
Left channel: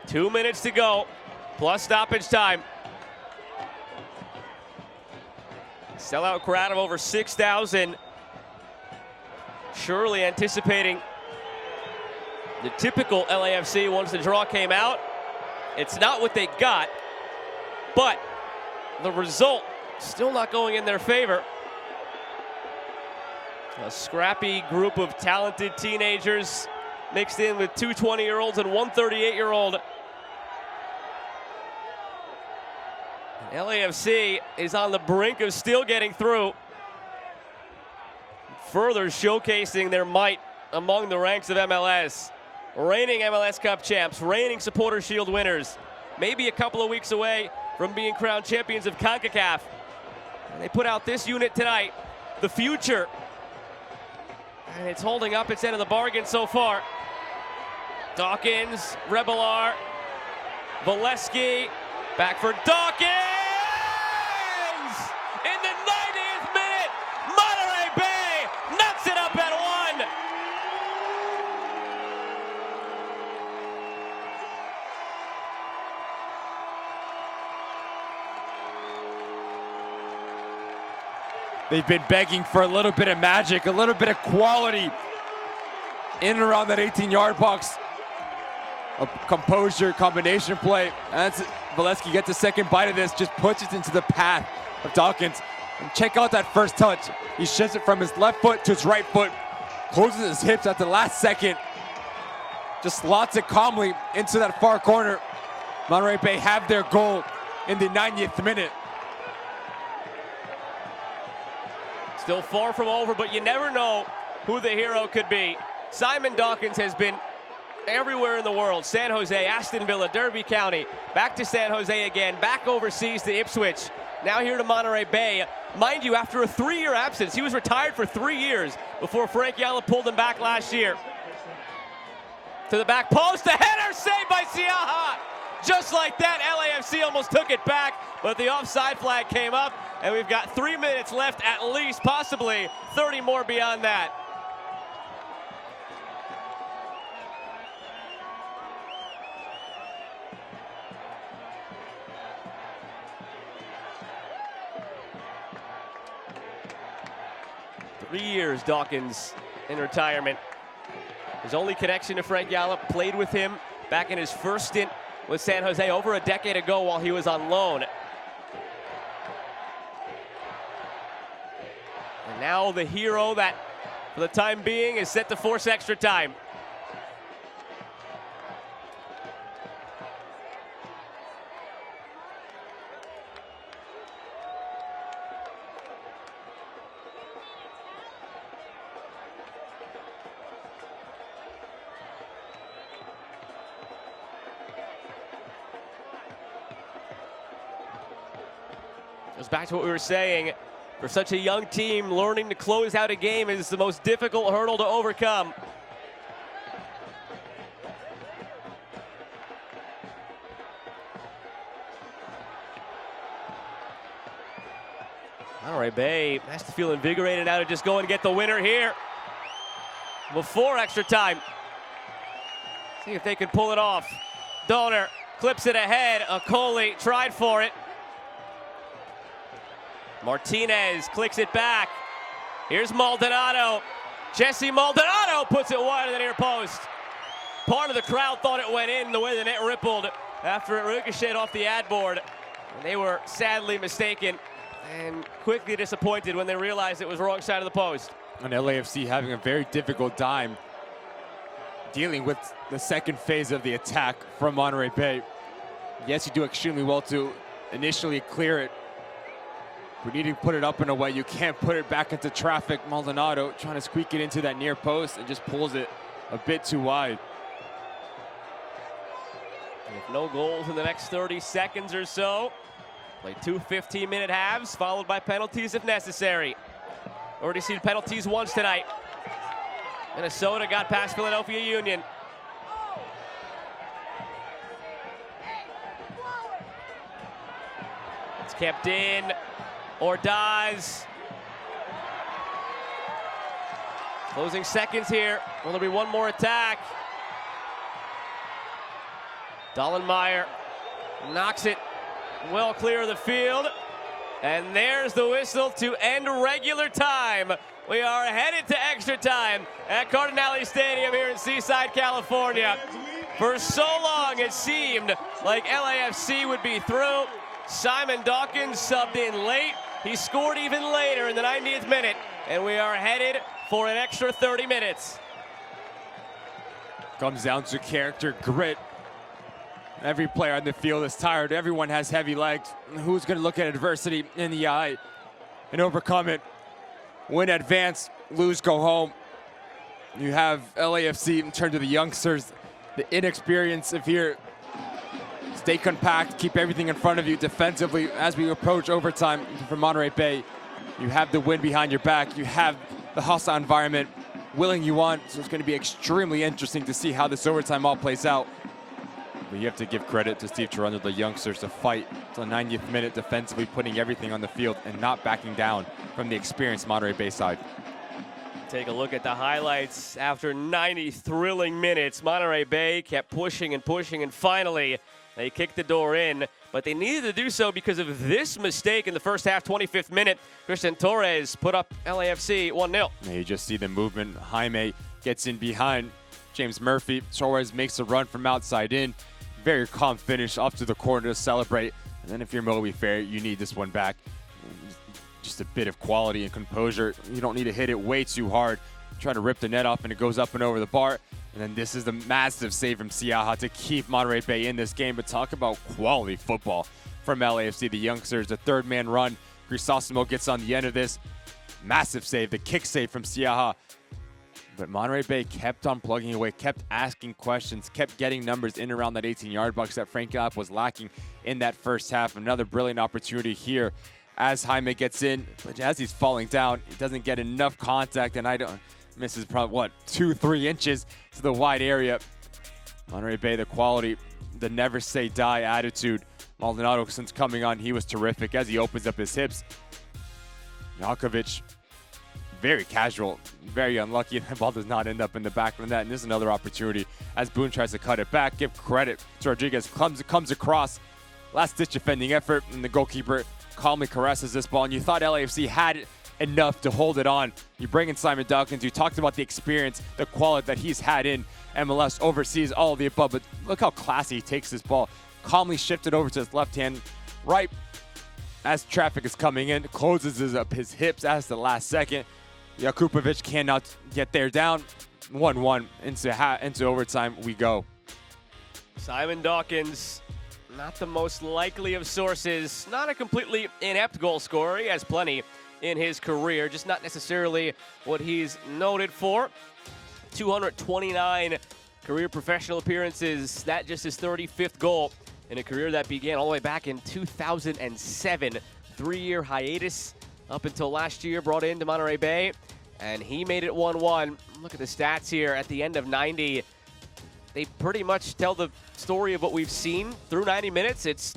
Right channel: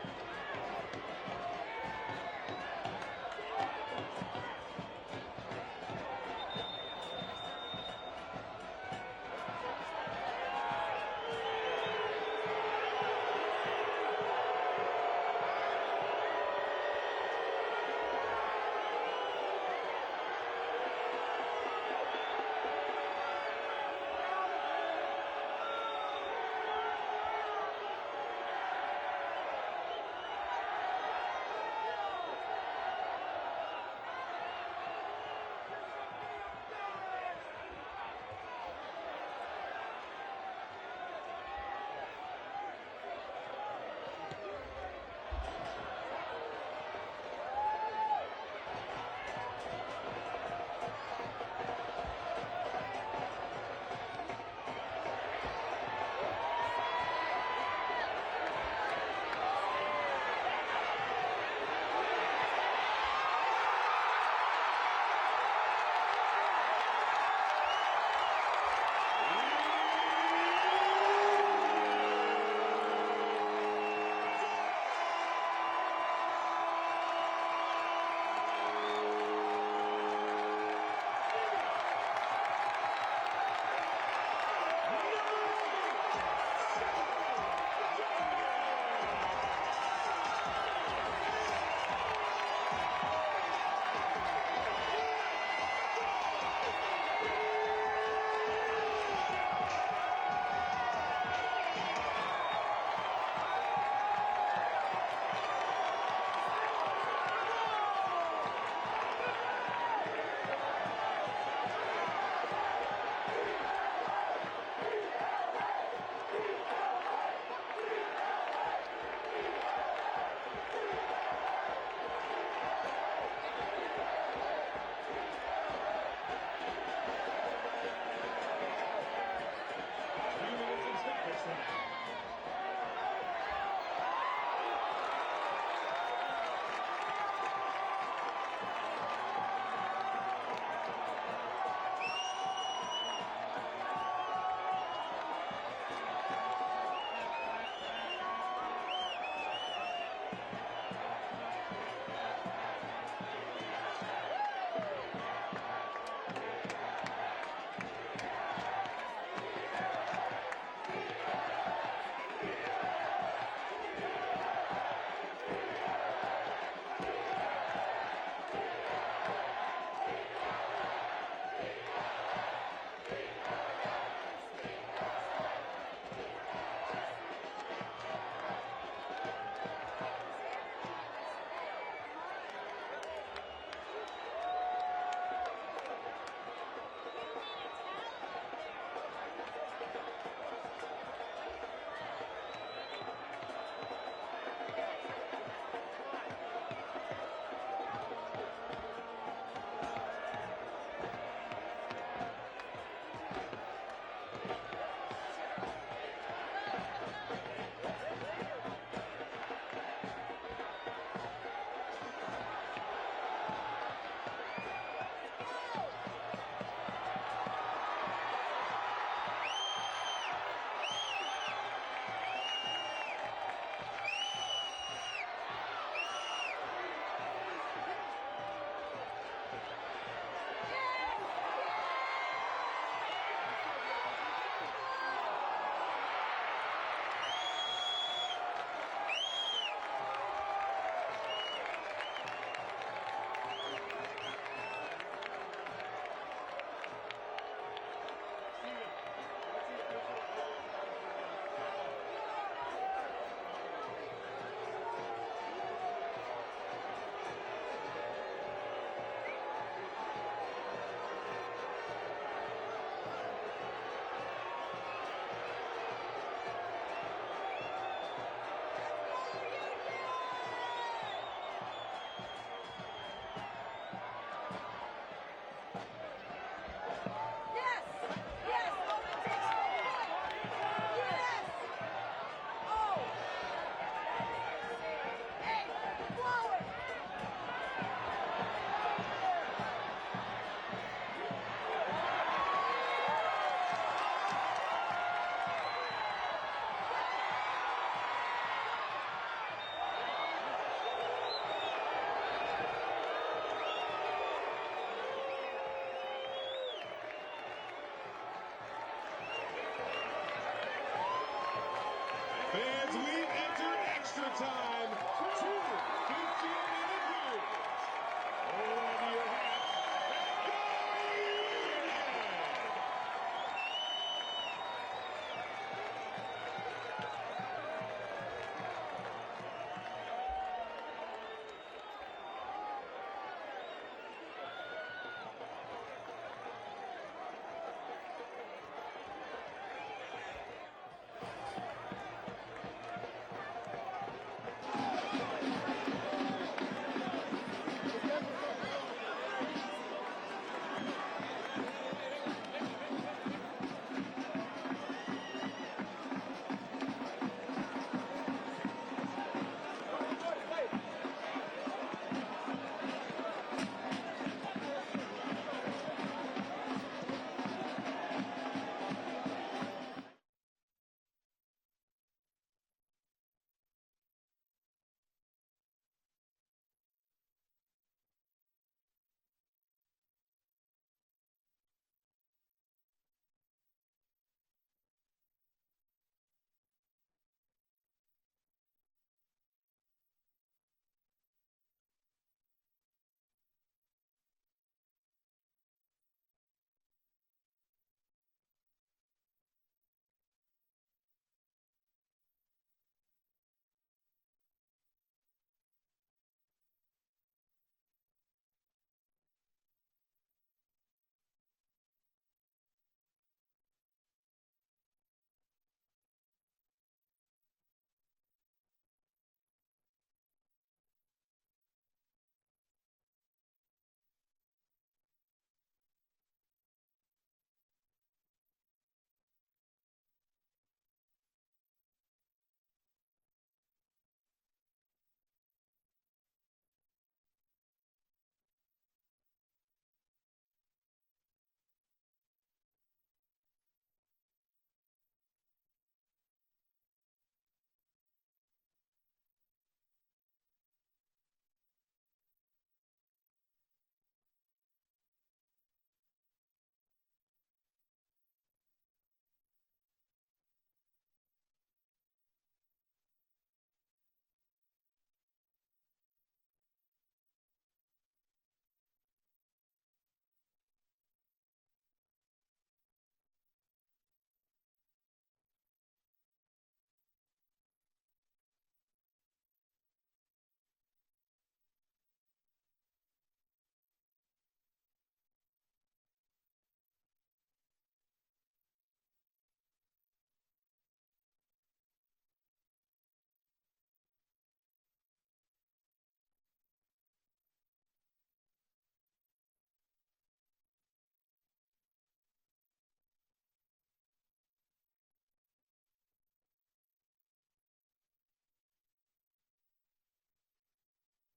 2 minutes to go, plus stoppage time. Sellout crowd of over 6,000. Surely anticipating the typical LAFC once the draw came out. It's not what they got, but the result still not going in their favor. A scrappy group of talented teenagers mixed in with 2 20-year-olds and 1 38-year-old. LAFC is on the brink of still getting through, further showcasing their might among the ranks of MLS. Reigning MLS Cup champs, reigning Supporter Shield winners, maybe a couple of weeks away from being crowned champions of CONCACAF. They put out this unit tonight, the future. And it's holding up its end of the bargain so far. Dawkins, Rebelar, Valesky, back for Dawkins! In the 90th minute, Monterey Bay knocks it up at 1. They've been begging for a little bit of magic, a little bit of quality in and around that 18-yard box. A composure combination play. As Valesky gets a second bite of this, just puts it into the path of Dawkins. And check out that first touch. He shifts it from his left foot to his right foot. Closes his hips at the last second. Just slots it calmly into that far corner. Monterey Bay have their goal in the 90th minute. Still far from over, but you never know who the hero could be. Simon Dawkins has been everywhere in the world. San Jose, Aston Villa, Derby County, back to San Jose again, back overseas to Ipswich, now here to Monterey Bay. Mind you, after a 3-year absence, he was retired for 3 years before Frank Yalla pulled him back last year. To the back post, a header saved by Siaha. Just like that, LAFC almost took it back, but the offside flag came up, and we've got 3 minutes left at least, possibly 30 more beyond that. Years Dawkins in retirement. His only connection to Frank Yalla, played with him back in his first stint with San Jose over a decade ago while he was on loan. And now the hero that, for the time being, is set to force extra time. Back to what we were saying, for such a young team, learning to close out a game is the most difficult hurdle to overcome. Monterey Bay has to feel invigorated now to just go and get the winner here before extra time. See if they can pull it off. Donner clips it ahead. Okoli tried for it. Martinez clicks it back. Here's Maldonado. Jesse Maldonado puts it wide of the near post. Part of the crowd thought it went in the way the net rippled after it ricocheted off the ad board. They were sadly mistaken and quickly disappointed when they realized it was wrong side of the post. And LAFC having a very difficult time dealing with the second phase of the attack from Monterey Bay. Yes, you do extremely well to initially clear it. We need to put it up in a way you can't put it back into traffic. Maldonado trying to squeak it into that near post and just pulls it a bit too wide. With no goals in the next 30 seconds or so. Play 2 15-minute halves, followed by penalties if necessary. Already seen penalties once tonight. Minnesota got past Philadelphia Union. It's kept in. Ordaz. Closing seconds here. Will there be one more attack? Dollenmeyer knocks it well clear of the field. And there's the whistle to end regular time. We are headed to extra time at Cardinale Stadium here in Seaside, California. For so long, it seemed like LAFC would be through. Simon Dawkins subbed in late. He scored even later in the 90th minute, and we are headed for an extra 30 minutes. Comes down to character, grit. Every player on the field is tired. Everyone has heavy legs. Who's going to look at adversity in the eye and overcome it? Win, advance, lose, go home. You have LAFC in terms of the youngsters, the inexperience of here. Stay compact, keep everything in front of you defensively as we approach overtime from Monterey Bay. You have the win behind your back. You have the hostile environment willing you on. So it's going to be extremely interesting to see how this overtime all plays out. But you have to give credit to Steve Toronto, the youngsters, to fight till the 90th minute defensively, putting everything on the field and not backing down from the experienced Monterey Bay side. Take a look at the highlights. After 90 thrilling minutes, Monterey Bay kept pushing and pushing, and finally they kicked the door in, but they needed to do so because of this mistake in the first half, 25th minute. Christian Torres put up LAFC 1-0. You just see the movement. Jaime gets in behind James Murphy. Torres makes a run from outside in. Very calm finish up to the corner to celebrate. And then if you're Moby Fair, you need this one back. Just a bit of quality and composure. You don't need to hit it way too hard. Trying to rip the net off, and it goes up and over the bar. And then this is the massive save from Siaha to keep Monterey Bay in this game. But talk about quality football from LAFC. The youngsters, the third man run. Crisosimo gets on the end of this. Massive save, the kick save from Siaha. But Monterey Bay kept on plugging away, kept asking questions, kept getting numbers in around that 18-yard box that Frank Gallup was lacking in that first half. Another brilliant opportunity here as Jaime gets in. But as he's falling down, he doesn't get enough contact, and misses probably, what, 2-3 inches to the wide area. Monterey Bay, the quality, the never say die attitude. Maldonado, since coming on, he was terrific as he opens up his hips. Jakovic, very casual, very unlucky. The ball does not end up in the back of the net. And this is another opportunity as Boone tries to cut it back. Give credit to Rodriguez. Comes across. Last-ditch defending effort, and the goalkeeper calmly caresses this ball. And you thought LAFC had enough to hold it on. You bring in Simon Dawkins. You talked about the experience, the quality that he's had in MLS, overseas, all of the above. But look how classy he takes this ball. Calmly shifted over to his left hand, right as traffic is coming in. Closes up his hips as the last second. Jakupovic cannot get there. Down 1-1 into overtime we go. Simon Dawkins, not the most likely of sources. Not a completely inept goal scorer. He has plenty in his career, just not necessarily what he's noted for. 229 career professional appearances. That just his 35th goal in a career that began all the way back in 2007. 3-year hiatus up until last year, brought into Monterey Bay, and he made it 1-1. Look at the stats here at the end of 90. They pretty much tell the story of what we've seen through 90 minutes. It's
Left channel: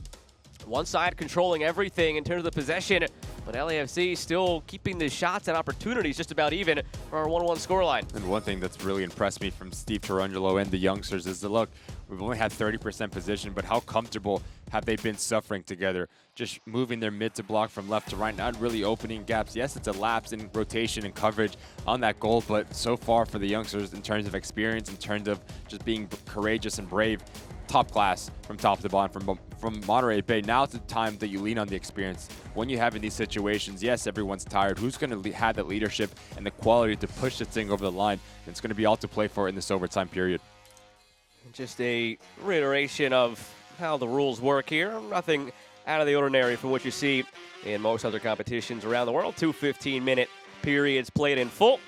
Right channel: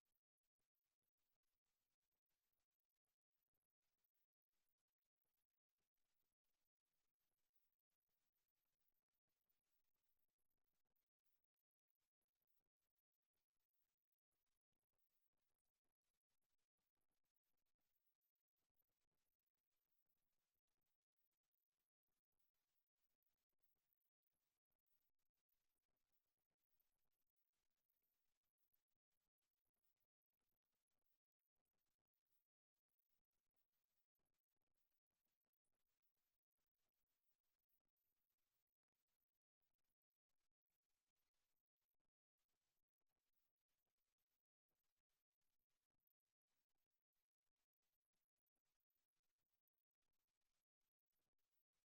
one side controlling everything in terms of the possession, but LAFC still keeping the shots and opportunities just about even for our 1-1 scoreline. And one thing that's really impressed me from Steve Tarangelo and the youngsters is the look. We've only had 30% position, but how comfortable have they been suffering together? Just moving their mid to block from left to right, not really opening gaps. Yes, it's a lapse in rotation and coverage on that goal, but so far for the youngsters in terms of experience, in terms of just being courageous and brave, top class from top to bottom from Monterey Bay. Now it's the time that you lean on the experience. When you have in these situations, yes, everyone's tired. Who's going to have that leadership and the quality to push this thing over the line? And it's going to be all to play for in this overtime period. Just a reiteration of how the rules work here. Nothing out of the ordinary from what you see in most other competitions around the world. 2 15-minute periods played in full.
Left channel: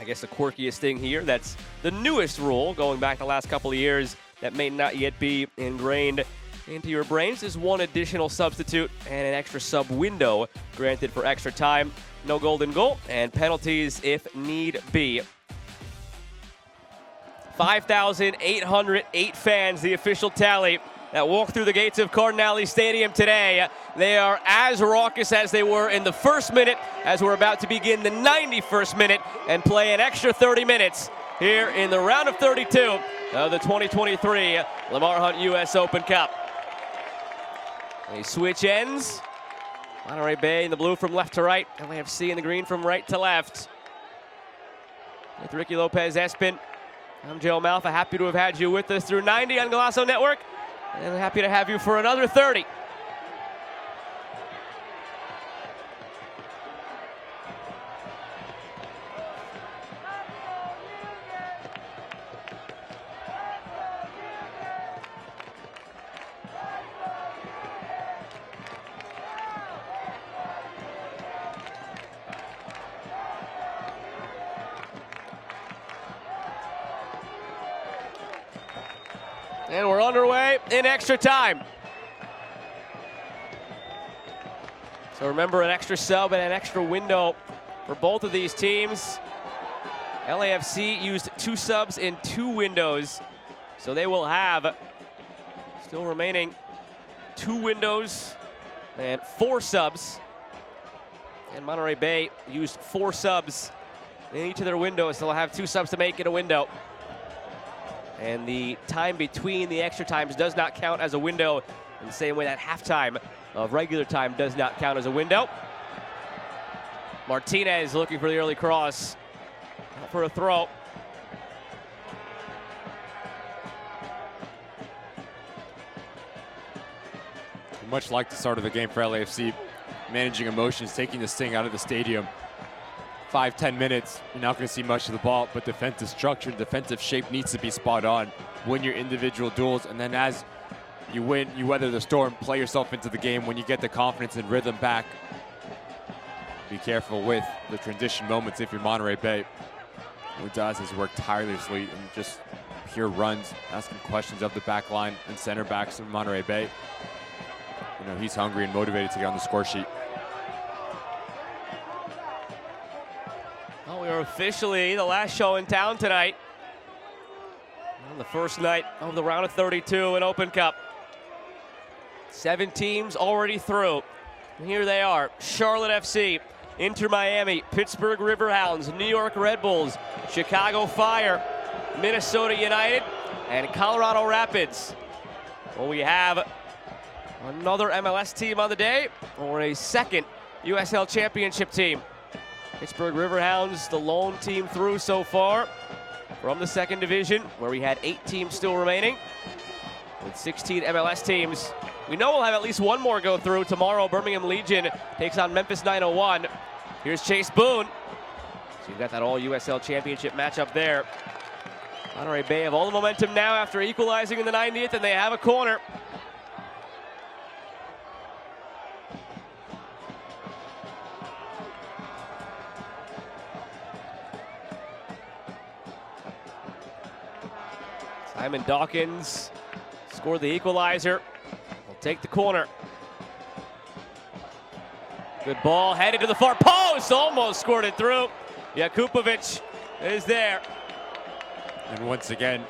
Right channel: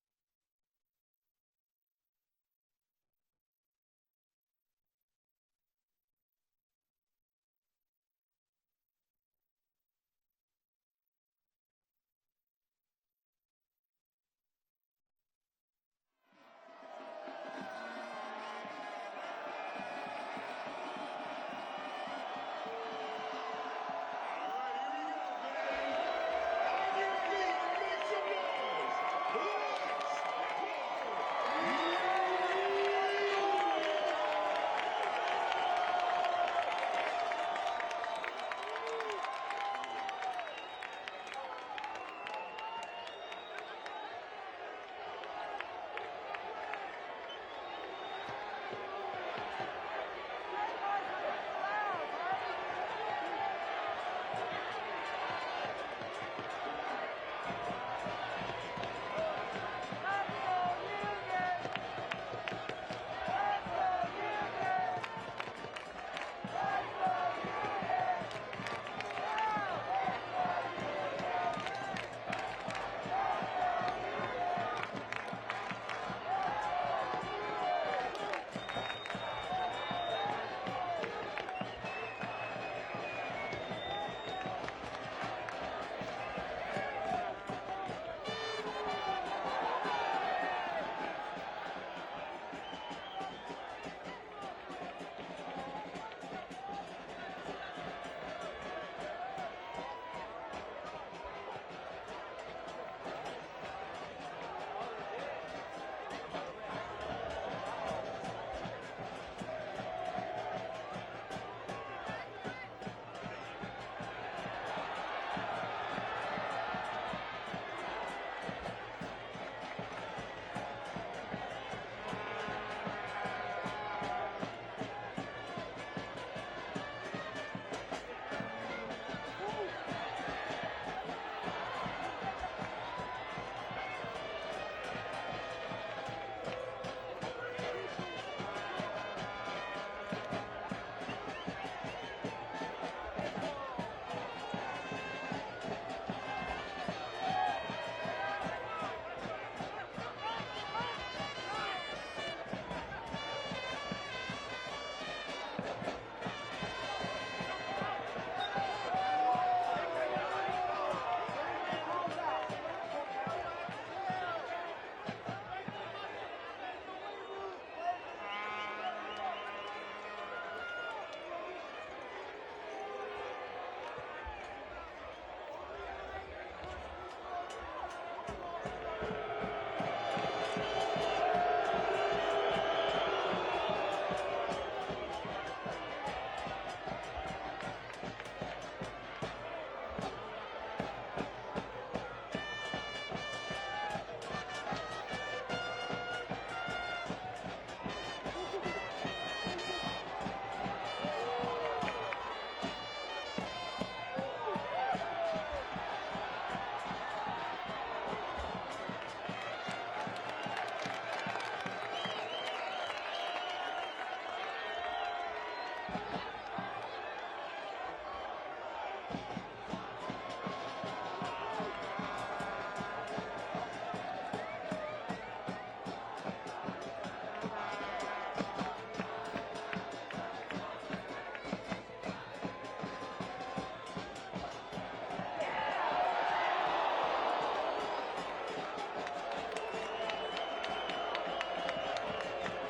I guess the quirkiest thing here, that's the newest rule going back the last couple of years that may not yet be ingrained into your brains, is one additional substitute and an extra sub window granted for extra time. No golden goal and penalties if need be. 5,808 fans, the official tally, that walked through the gates of Cardinale Stadium today. They are as raucous as they were in the first minute, as we're about to begin the 91st minute and play an extra 30 minutes here in the round of 32 of the 2023 Lamar Hunt U.S. Open Cup. A switch ends. Monterey Bay in the blue from left to right. LAFC in the green from right to left. With Ricky Lopez-Espin, I'm Joe Malfa. Happy to have had you with us through 90 on Golazo Network. And I'm happy to have you for another 30. And we're underway in extra time. So remember, an extra sub and an extra window for both of these teams. LAFC used 2 subs in 2 windows. So they will have still remaining 2 windows and 4 subs. And Monterey Bay used 4 subs in each of their windows. So they'll have 2 subs to make in a window. And the time between the extra times does not count as a window in the same way that halftime of regular time does not count as a window. Martinez looking for the early cross for a throw. much like the start of the game for LAFC, managing emotions, taking the sting out of the stadium. 5-10 minutes, you're not going to see much of the ball, but defensive structure, defensive shape needs to be spot on. Win your individual duels, and then as you win, you weather the storm, play yourself into the game. When you get the confidence and rhythm back, be careful with the transition moments if you're Monterey Bay. Udaz has worked tirelessly and just hear runs, asking questions of the back line and center backs in Monterey Bay. You know, he's hungry and motivated to get on the score sheet. Well, we are officially the last show in town tonight. On the first night of the round of 32 in Open Cup. 7 teams already through. And here they are: Charlotte FC, Inter Miami, Pittsburgh Riverhounds, New York Red Bulls, Chicago Fire, Minnesota United, and Colorado Rapids. Well, we have another MLS team on the day, or a second USL Championship team. Pittsburgh Riverhounds, the lone team through so far from the second division, where we had 8 teams still remaining, with 16 MLS teams. We know we'll have at least one more go through. Tomorrow, Birmingham Legion takes on Memphis 901. Here's Chase Boone. So you got that all USL Championship matchup there. Monterey Bay have all the momentum now after equalizing in the 90th, and they have a corner. Simon Dawkins scored the equalizer. Take the corner. Good ball, headed to the far post, almost scored it through. Jakupovic is there. And once again,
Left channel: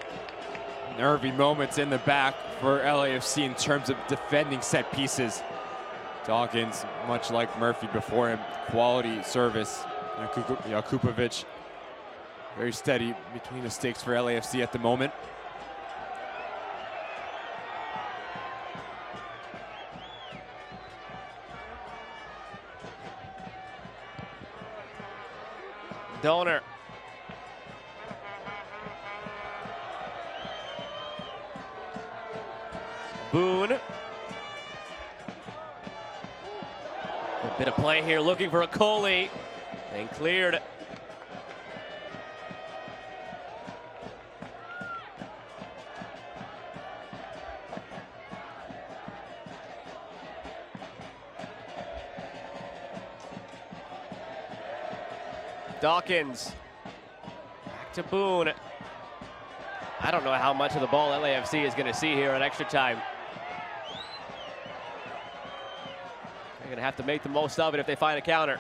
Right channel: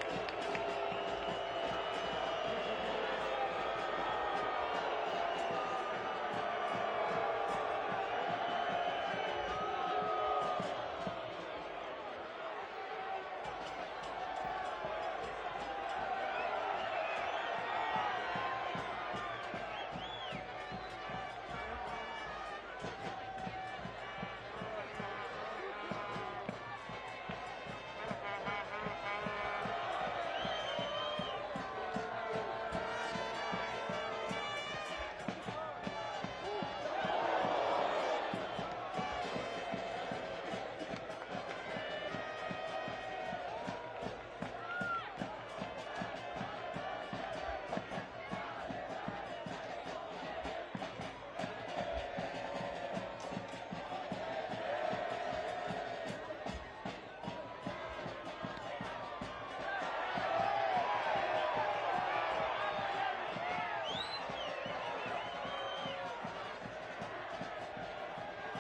nervy moments in the back for LAFC in terms of defending set pieces. Dawkins, much like Murphy before him, quality service. Jakupovic, very steady between the sticks for LAFC at the moment. Donor. Boone. Bit of play here, looking for a Coley, and cleared. Dawkins to Boone. I don't know how much of the ball LAFC is going to see here in extra time. They're going to have to make the most of it if they find a counter.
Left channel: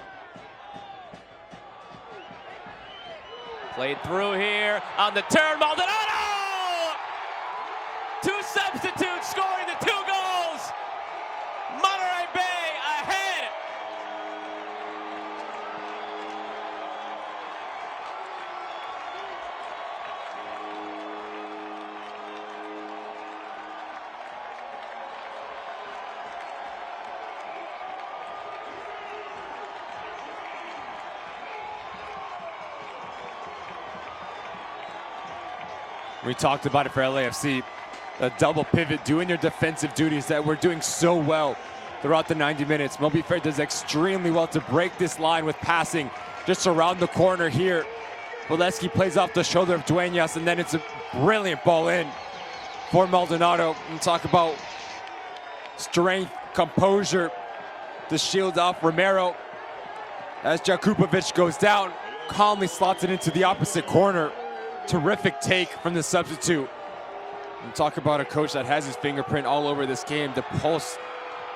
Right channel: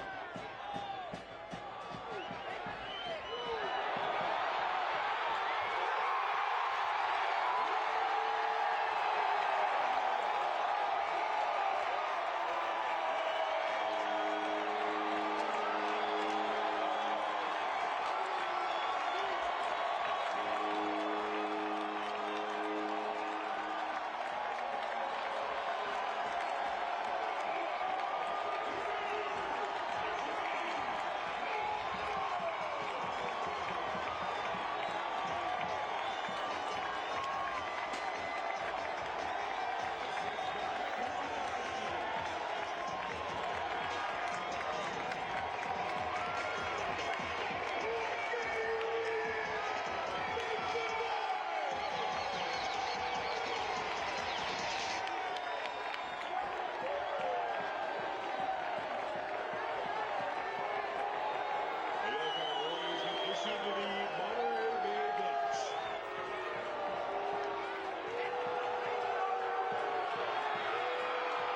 Played through here on the turn. Maldonado! 2 substitutes scoring the 2 goals. Monterey Bay ahead. We talked about it for LAFC, a double pivot, doing your defensive duties that we're doing so well throughout the 90 minutes. Moby Fair does extremely well to break this line with passing just around the corner here. Bolesky plays off the shoulder of Duenas, and then it's a brilliant ball in for Maldonado. And talk about strength, composure to shield off Romero. As Jakupovic goes down, calmly slots it into the opposite corner. Terrific take from the substitute. And talk about a coach that has his fingerprint all over this game to pulse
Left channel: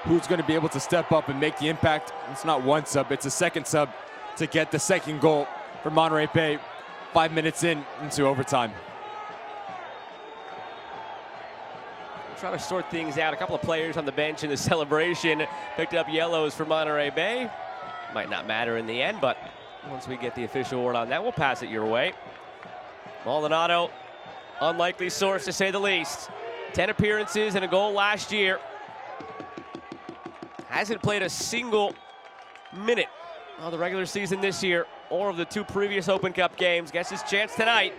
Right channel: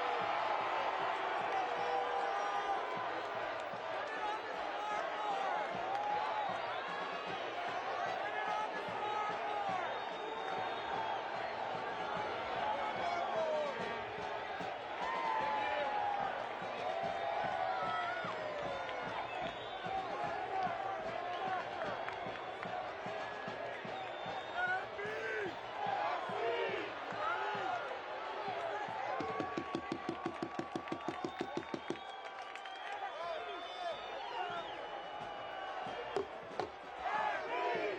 who's going to be able to step up and make the impact. It's not one sub, it's a second sub to get the second goal for Monterey Bay 5 minutes into overtime. Trying to sort things out. A couple of players on the bench in the celebration picked up yellows for Monterey Bay. Might not matter in the end, but once we get the official word on that, we'll pass it your way. Maldonado, unlikely source to say the least. 10 appearances and a goal last year. Hasn't played a single minute of the regular season this year or of the 2 previous Open Cup games. Gets his chance tonight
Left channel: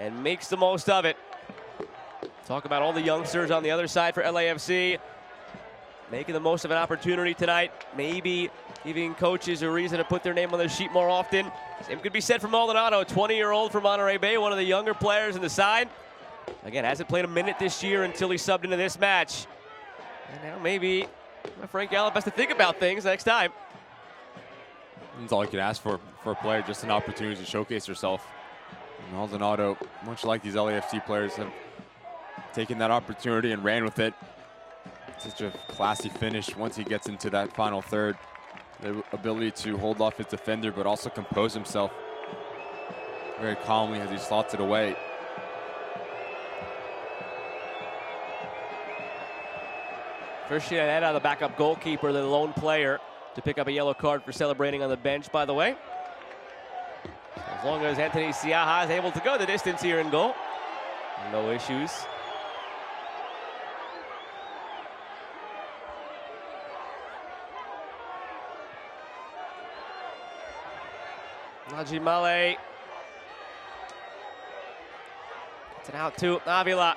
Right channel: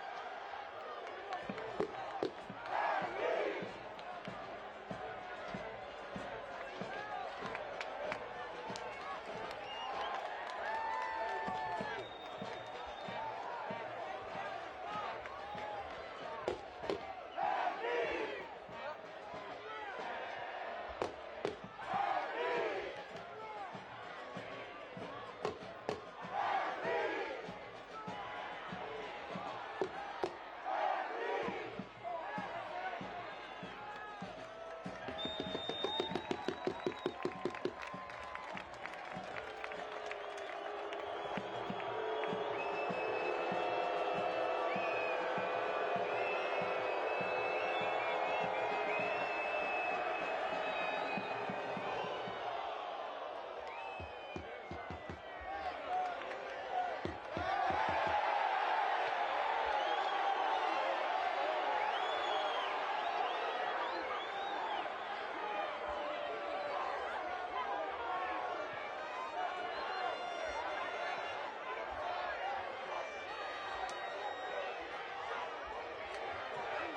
and makes the most of it. Talk about all the youngsters on the other side for LAFC. making the most of an opportunity tonight. Maybe giving coaches a reason to put their name on their sheet more often. Same could be said for Maldonado, 20-year-old from Monterey Bay, one of the younger players in the side. Again, hasn't played a minute this year until he subbed into this match. And now maybe Frank Gallup has to think about things next time. That's all you can ask for a player, just an opportunity to showcase herself. Maldonado, much like these LAFC players, have taken that opportunity and ran with it. Such a classy finish once he gets into that final third. The ability to hold off his defender, but also compose himself very calmly as he slots it away. Christian Herrera, the backup goalkeeper, the lone player to pick up a yellow card for celebrating on the bench, by the way. As long as Anthony Siaha is able to go the distance here in goal, no issues. Najimale. It's an out to Avila.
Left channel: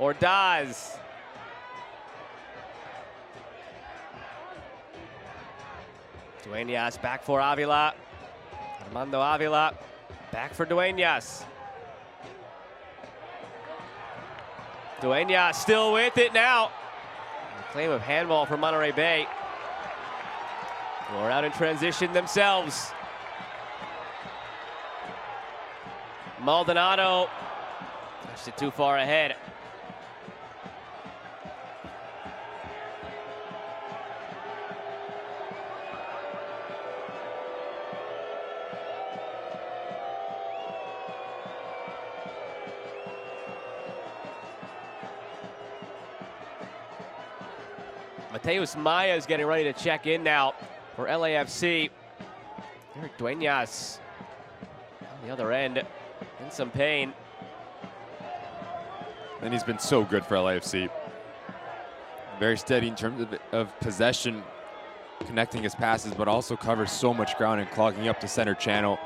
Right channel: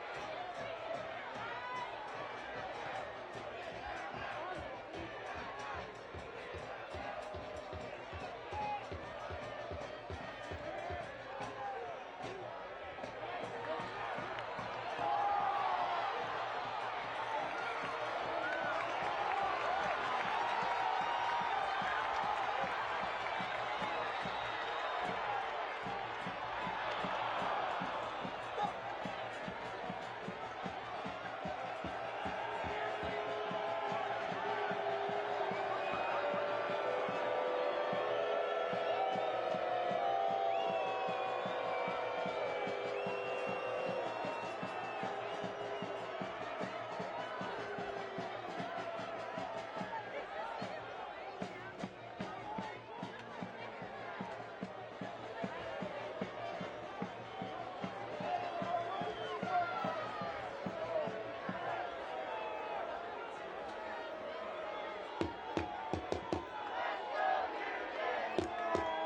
Ordaz. Dueñas back for Avila. Armando Avila back for Dueñas. Dueñas still with it now. Claim of handball for Monterey Bay. We're out in transition themselves. Maldonado pushed it too far ahead. Mateus Maya is getting ready to check in now for LAFC. Dueñas on the other end in some pain. And he's been so good for LAFC. Very steady in terms of possession, connecting his passes, but also covers so much ground and clogging up the center channel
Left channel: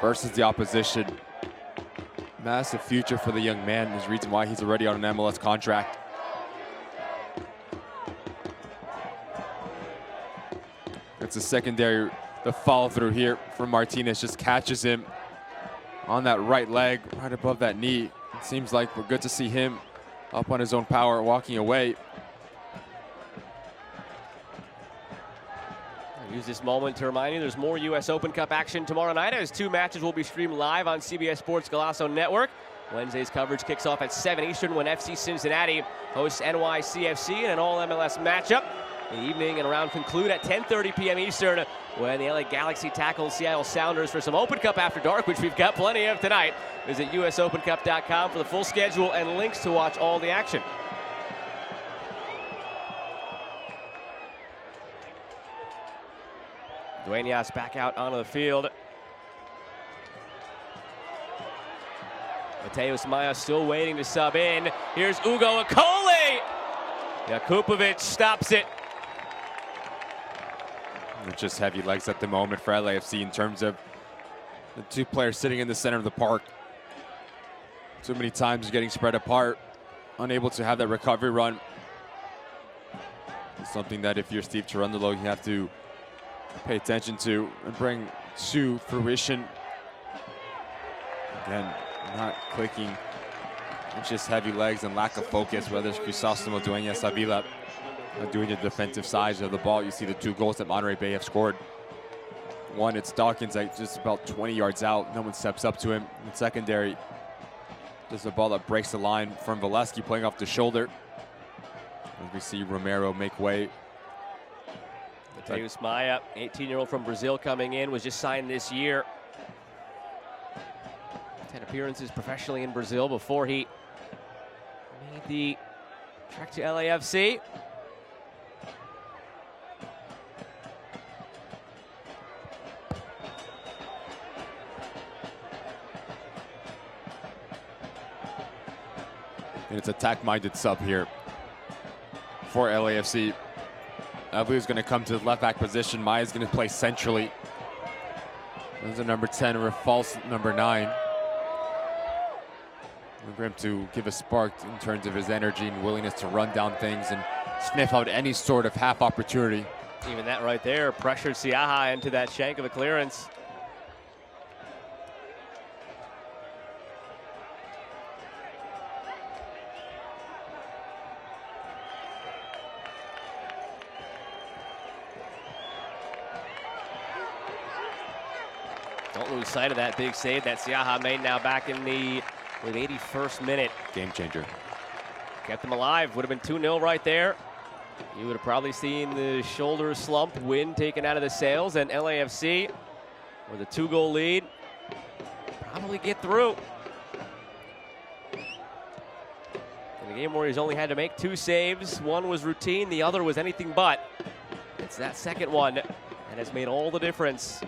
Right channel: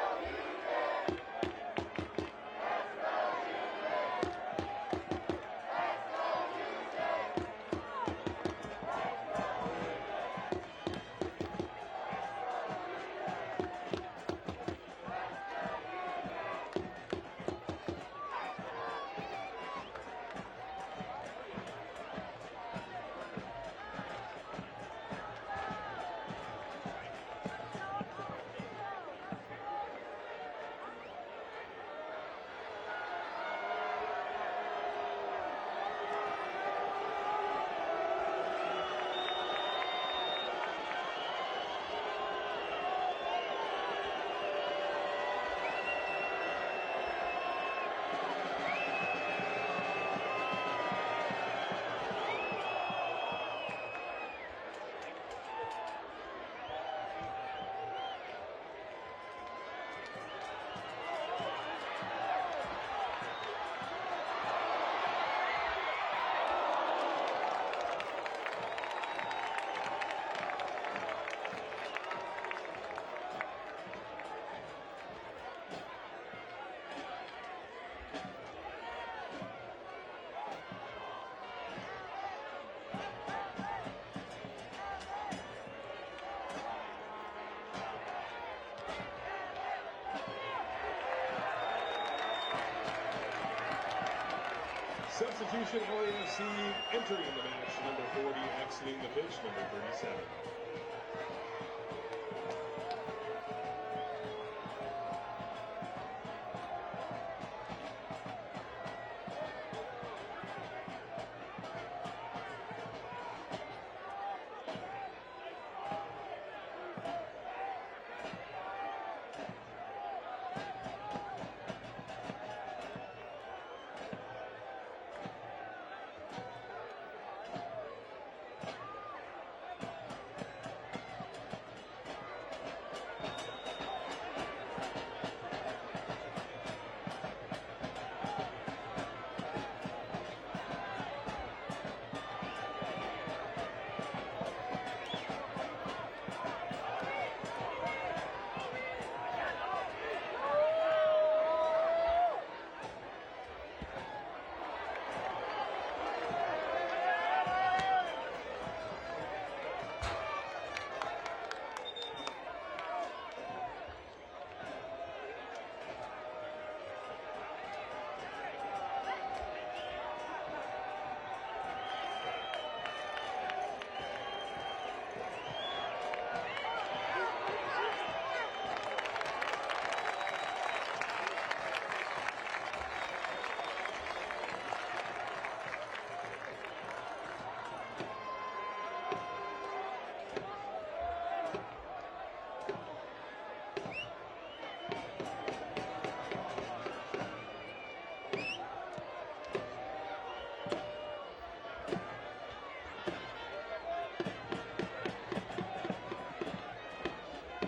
versus the opposition. Massive future for the young man. There's a reason why he's already on an MLS contract. It's a secondary, the follow through here for Martinez, just catches him on that right leg, right above that knee. It seems like we're good to see him up on his own power, walking away. Use this moment to remind you there's more U.S. Open Cup action tomorrow night as 2 matches will be streamed live on CBS Sports Golazo Network. Wednesday's coverage kicks off at 7 Eastern when FC Cincinnati hosts NYCFC in an all-MLS matchup. The evening and round conclude at 10:30 p.m. Eastern when the LA Galaxy tackles Seattle Sounders for some Open Cup After Dark, which we've got plenty of tonight. Visit usopencup.com for the full schedule and links to watch all the action. Dueñas back out onto the field. Mateus Maya still waiting to sub in. Here's Ugo Akole. Jakupovic stops it. Just heavy legs at the moment for LAFC in terms of the 2 players sitting in the center of the park. Too many times getting spread apart, unable to have that recovery run. Something that if you're Steve Cherundolo, you have to pay attention to and bring to fruition. Again, not clicking, just heavy legs and lack of focus, whether it's Crisóstomo, Dueñas, Avila, doing the defensive sides of the ball. You see the 2 goals that Monterey Bay have scored. One, it's Dawkins like just about 20 yards out. No one steps up to him. In secondary, there's a ball that breaks the line from Valesky playing off the shoulder. And we see Romero make way. Mateus Maya, 18-year-old from Brazil coming in, was just signed this year. 10 appearances professionally in Brazil before he made the trek to LAFC. And it's attack-minded sub here for LAFC. Abu's going to come to the left back position. Maya's going to play centrally. There's a number 10 or a false number 9. for him to give a spark in terms of his energy and willingness to run down things and sniff out any sort of half opportunity. Even that right there pressured Siaha into that shank of a clearance. Don't lose sight of that big save that Siaha made now back in the 81st minute. Game changer. Kept them alive. Would have been 2-0 right there. You would have probably seen the shoulder slump, wind taken out of the sails, and LAFC with a 2-goal lead probably get through. In a game where he's only had to make 2 saves, one was routine, the other was anything but. It's that second one that has made all the difference.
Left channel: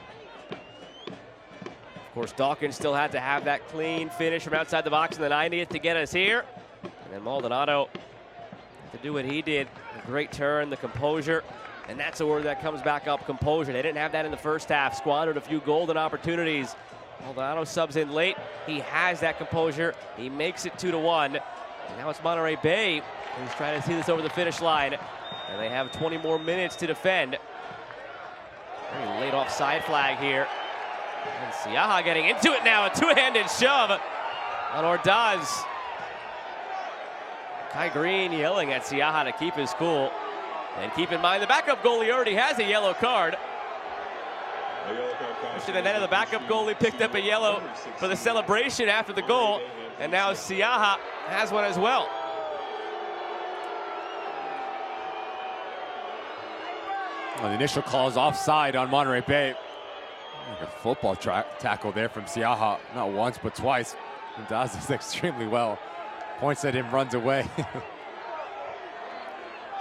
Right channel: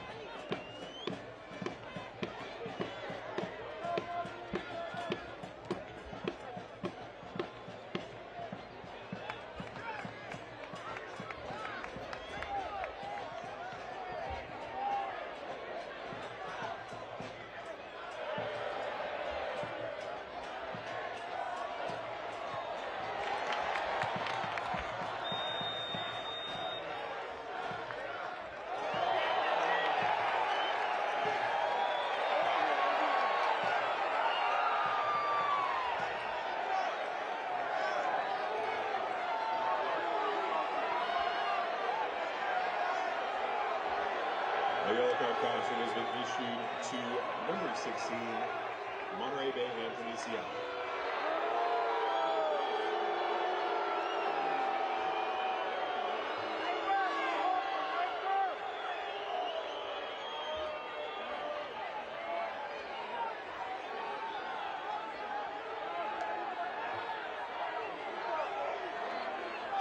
Of course, Dawkins still had to have that clean finish from outside the box in the 90th to get us here. And Maldonado to do what he did. A great turn, the composure. And that's a word that comes back up, composure. They didn't have that in the first half. Squandered a few golden opportunities. Maldonado subs in late. He has that composure. He makes it 2-1. And now it's Monterey Bay who's trying to see this over the finish line. And they have 20 more minutes to defend. Laid off side flag here. And Siaha getting into it now, a two-handed shove on Ordaz. Kai Green yelling at Siaha to keep his cool. And keep in mind, the backup goalie already has a yellow card. And then the backup goalie picked up a yellow for the celebration after the goal. And now Siaha has one as well. Well, the initial call is offside on Monterey Bay. A football tackle there from Siaha, not once but twice. He does this extremely well. Points at him, runs away.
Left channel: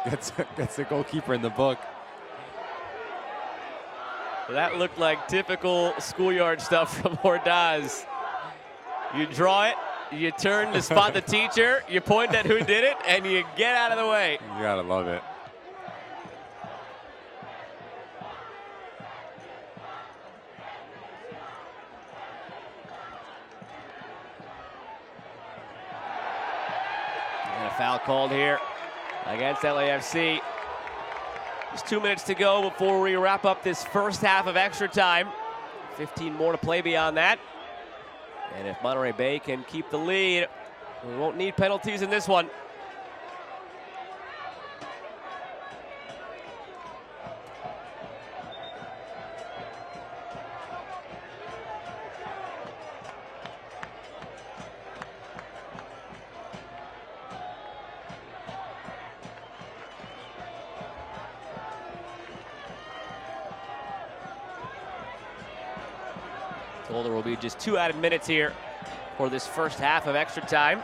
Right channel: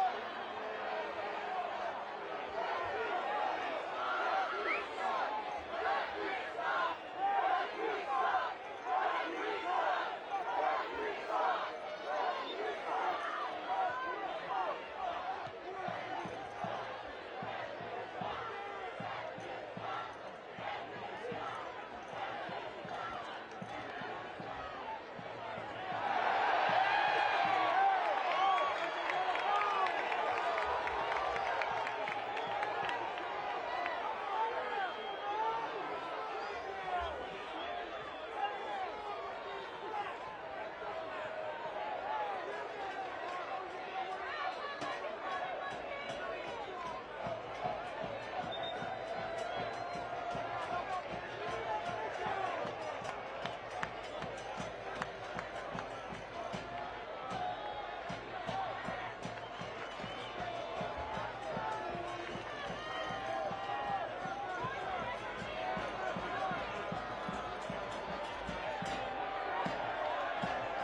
Gets the goalkeeper in the book. That looked like typical schoolyard stuff from Ordaz. You draw it, you turn to spot the teacher, you point at who did it, and you get out of the way. You gotta love it. Foul called here against LAFC. Just 2 minutes to go before we wrap up this first half of extra time. 15 more to play beyond that. And if Monterey Bay can keep the lead, we won't need penalties in this one. There will be just 2 added minutes here for this first half of extra time.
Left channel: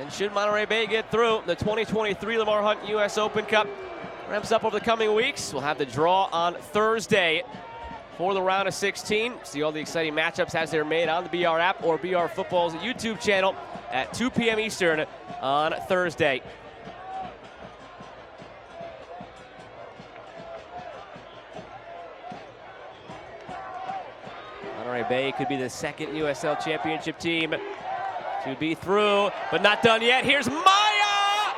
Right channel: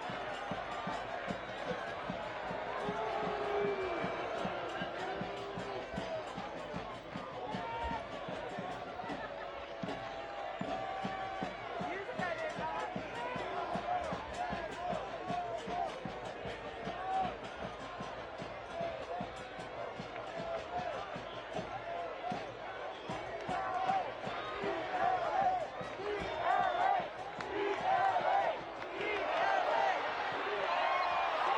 And should Monterey Bay get through, the 2023 Lamar Hunt U.S. Open Cup ramps up over the coming weeks. We'll have the draw on Thursday for the round of 16. See all the exciting matchups as they're made on the BR app or BR Football's YouTube channel at 2 p.m. Eastern on Thursday. Bay could be the second USL Championship team to be through, but not done yet. Here's Maya!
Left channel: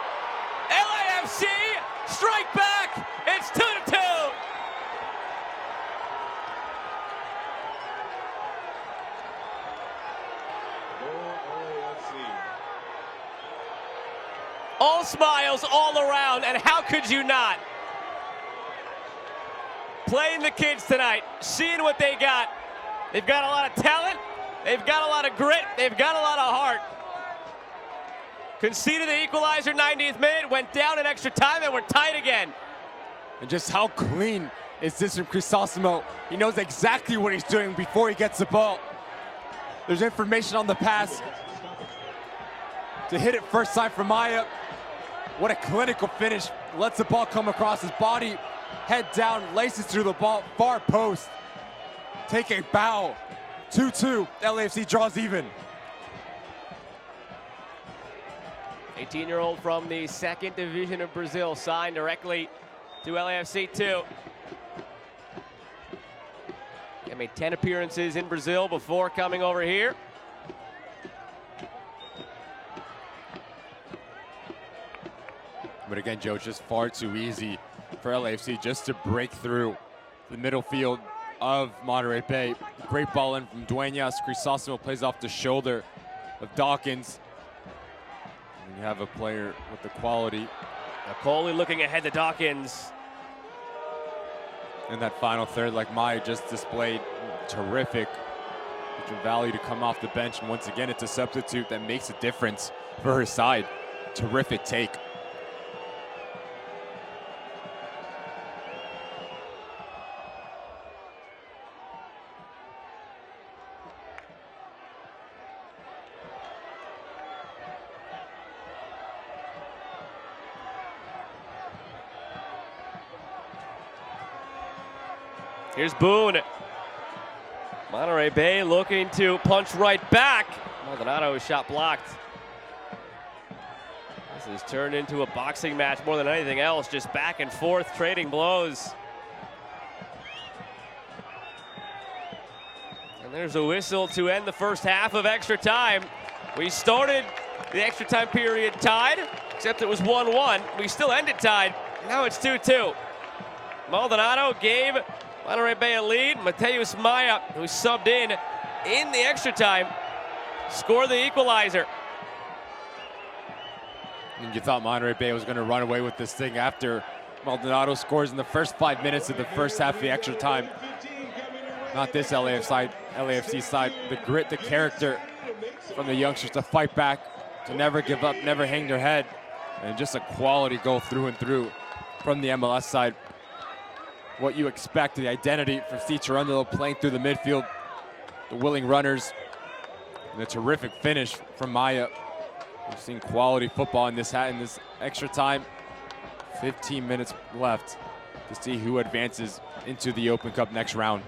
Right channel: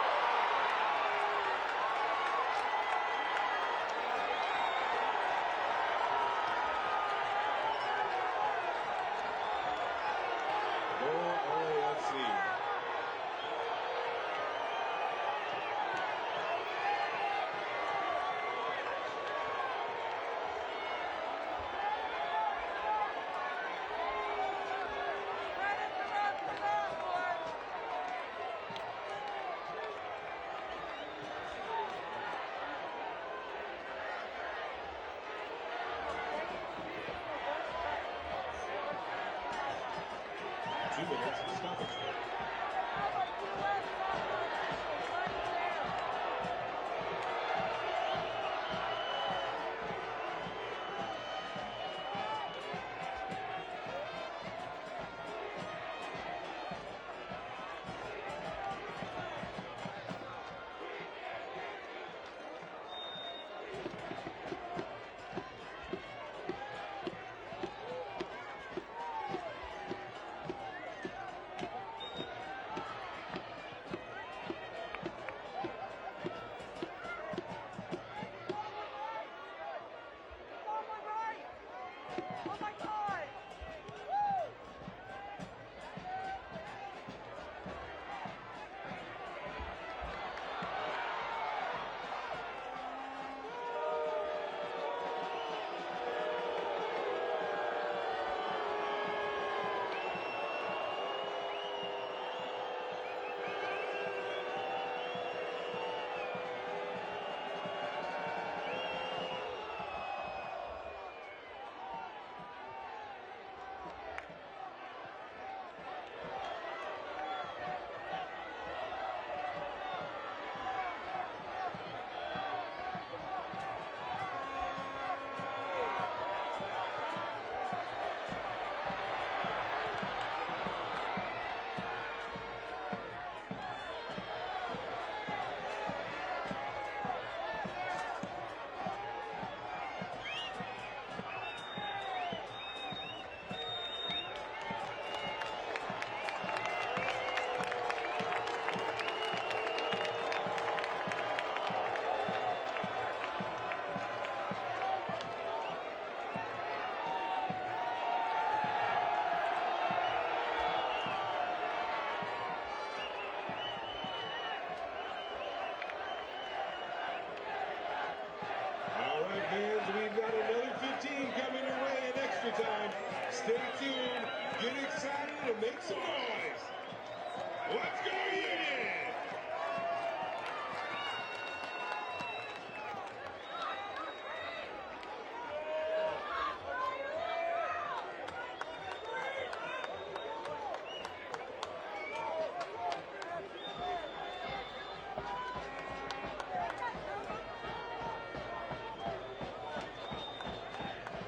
LAFC strike back! It's 2-2! All smiles all around, and how could you not? Playing the kids tonight, seeing what they got. They've got a lot of talent, they've got a lot of grit, they've got a lot of heart. Conceded the equalizer 90th minute, went down in extra time, and we're tied again. And just how clean is this from Crisosimo? He knows exactly what he's doing before he gets the ball. There's information on the pass. To hit it first time for Maya. What a clinical finish. Lets the ball come across his body, head down, laces through the ball, far post. Take a bow. 2-2. LAFC draws even. 18-year-old from the second division of Brazil signed directly to LAFC 2. He made 10 appearances in Brazil before coming over here. But again, Joe, it's just far too easy for LAFC just to break through the middle field of Monterey Bay. Great ball in from Dueñas. Crisóstomo plays off the shoulder of Dawkins. And you have a player with the quality. Coley looking ahead to Dawkins. In that final third, like Maya just displayed, terrific value to come off the bench. And once again, it's a substitute that makes a difference for her side. Terrific take. Here's Boone. Monterey Bay looking to punch right back. Maldonado's shot blocked. This has turned into a boxing match more than anything else, just back and forth, trading blows. And there's a whistle to end the first half of extra time. We started the extra time period tied, except it was 1-1. We still ended tied. Now it's 2-2. Maldonado gave Monterey Bay a lead. Mateus Maya, who subbed in the extra time, scored the equalizer. And you thought Monterey Bay was going to run away with this thing after Maldonado scores in the first 5 minutes of the first half of the extra time. Not this LAFC side. The grit, the character from the youngsters to fight back, to never give up, never hang their head. And just a quality goal through and through from the MLS side. What you expect, the identity from Steve Cherundolo playing through the midfield, the willing runners, and a terrific finish from Maya. We've seen quality football in this extra time. 15 minutes left to see who advances into the Open Cup next round.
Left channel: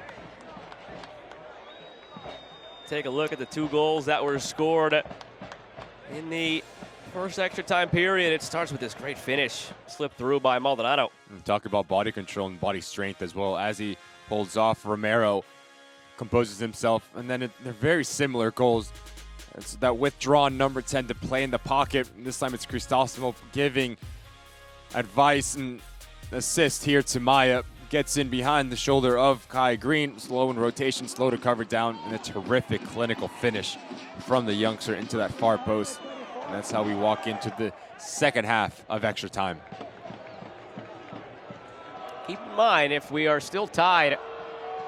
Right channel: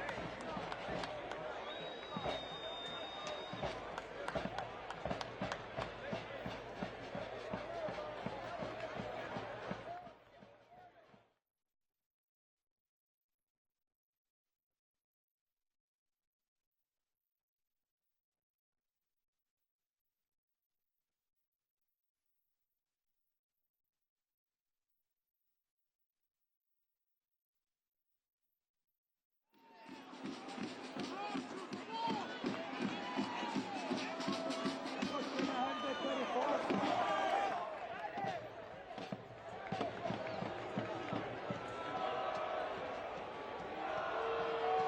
Take a look at the 2 goals that were scored in the first extra time period. It starts with this great finish, slipped through by Maldonado. Talk about body control and body strength as well. As he holds off, Romero composes himself, and then they're very similar goals. It's that withdrawn number 10 to play in the pocket. This time it's Crisóstomo giving advice and assist here to Maya. Gets in behind the shoulder of Kai Green. Slow in rotation, slow to cover down, and a terrific clinical finish from the youngster into that far post. And that's how we walk into the second half of extra time. Keep in mind, if we are still tied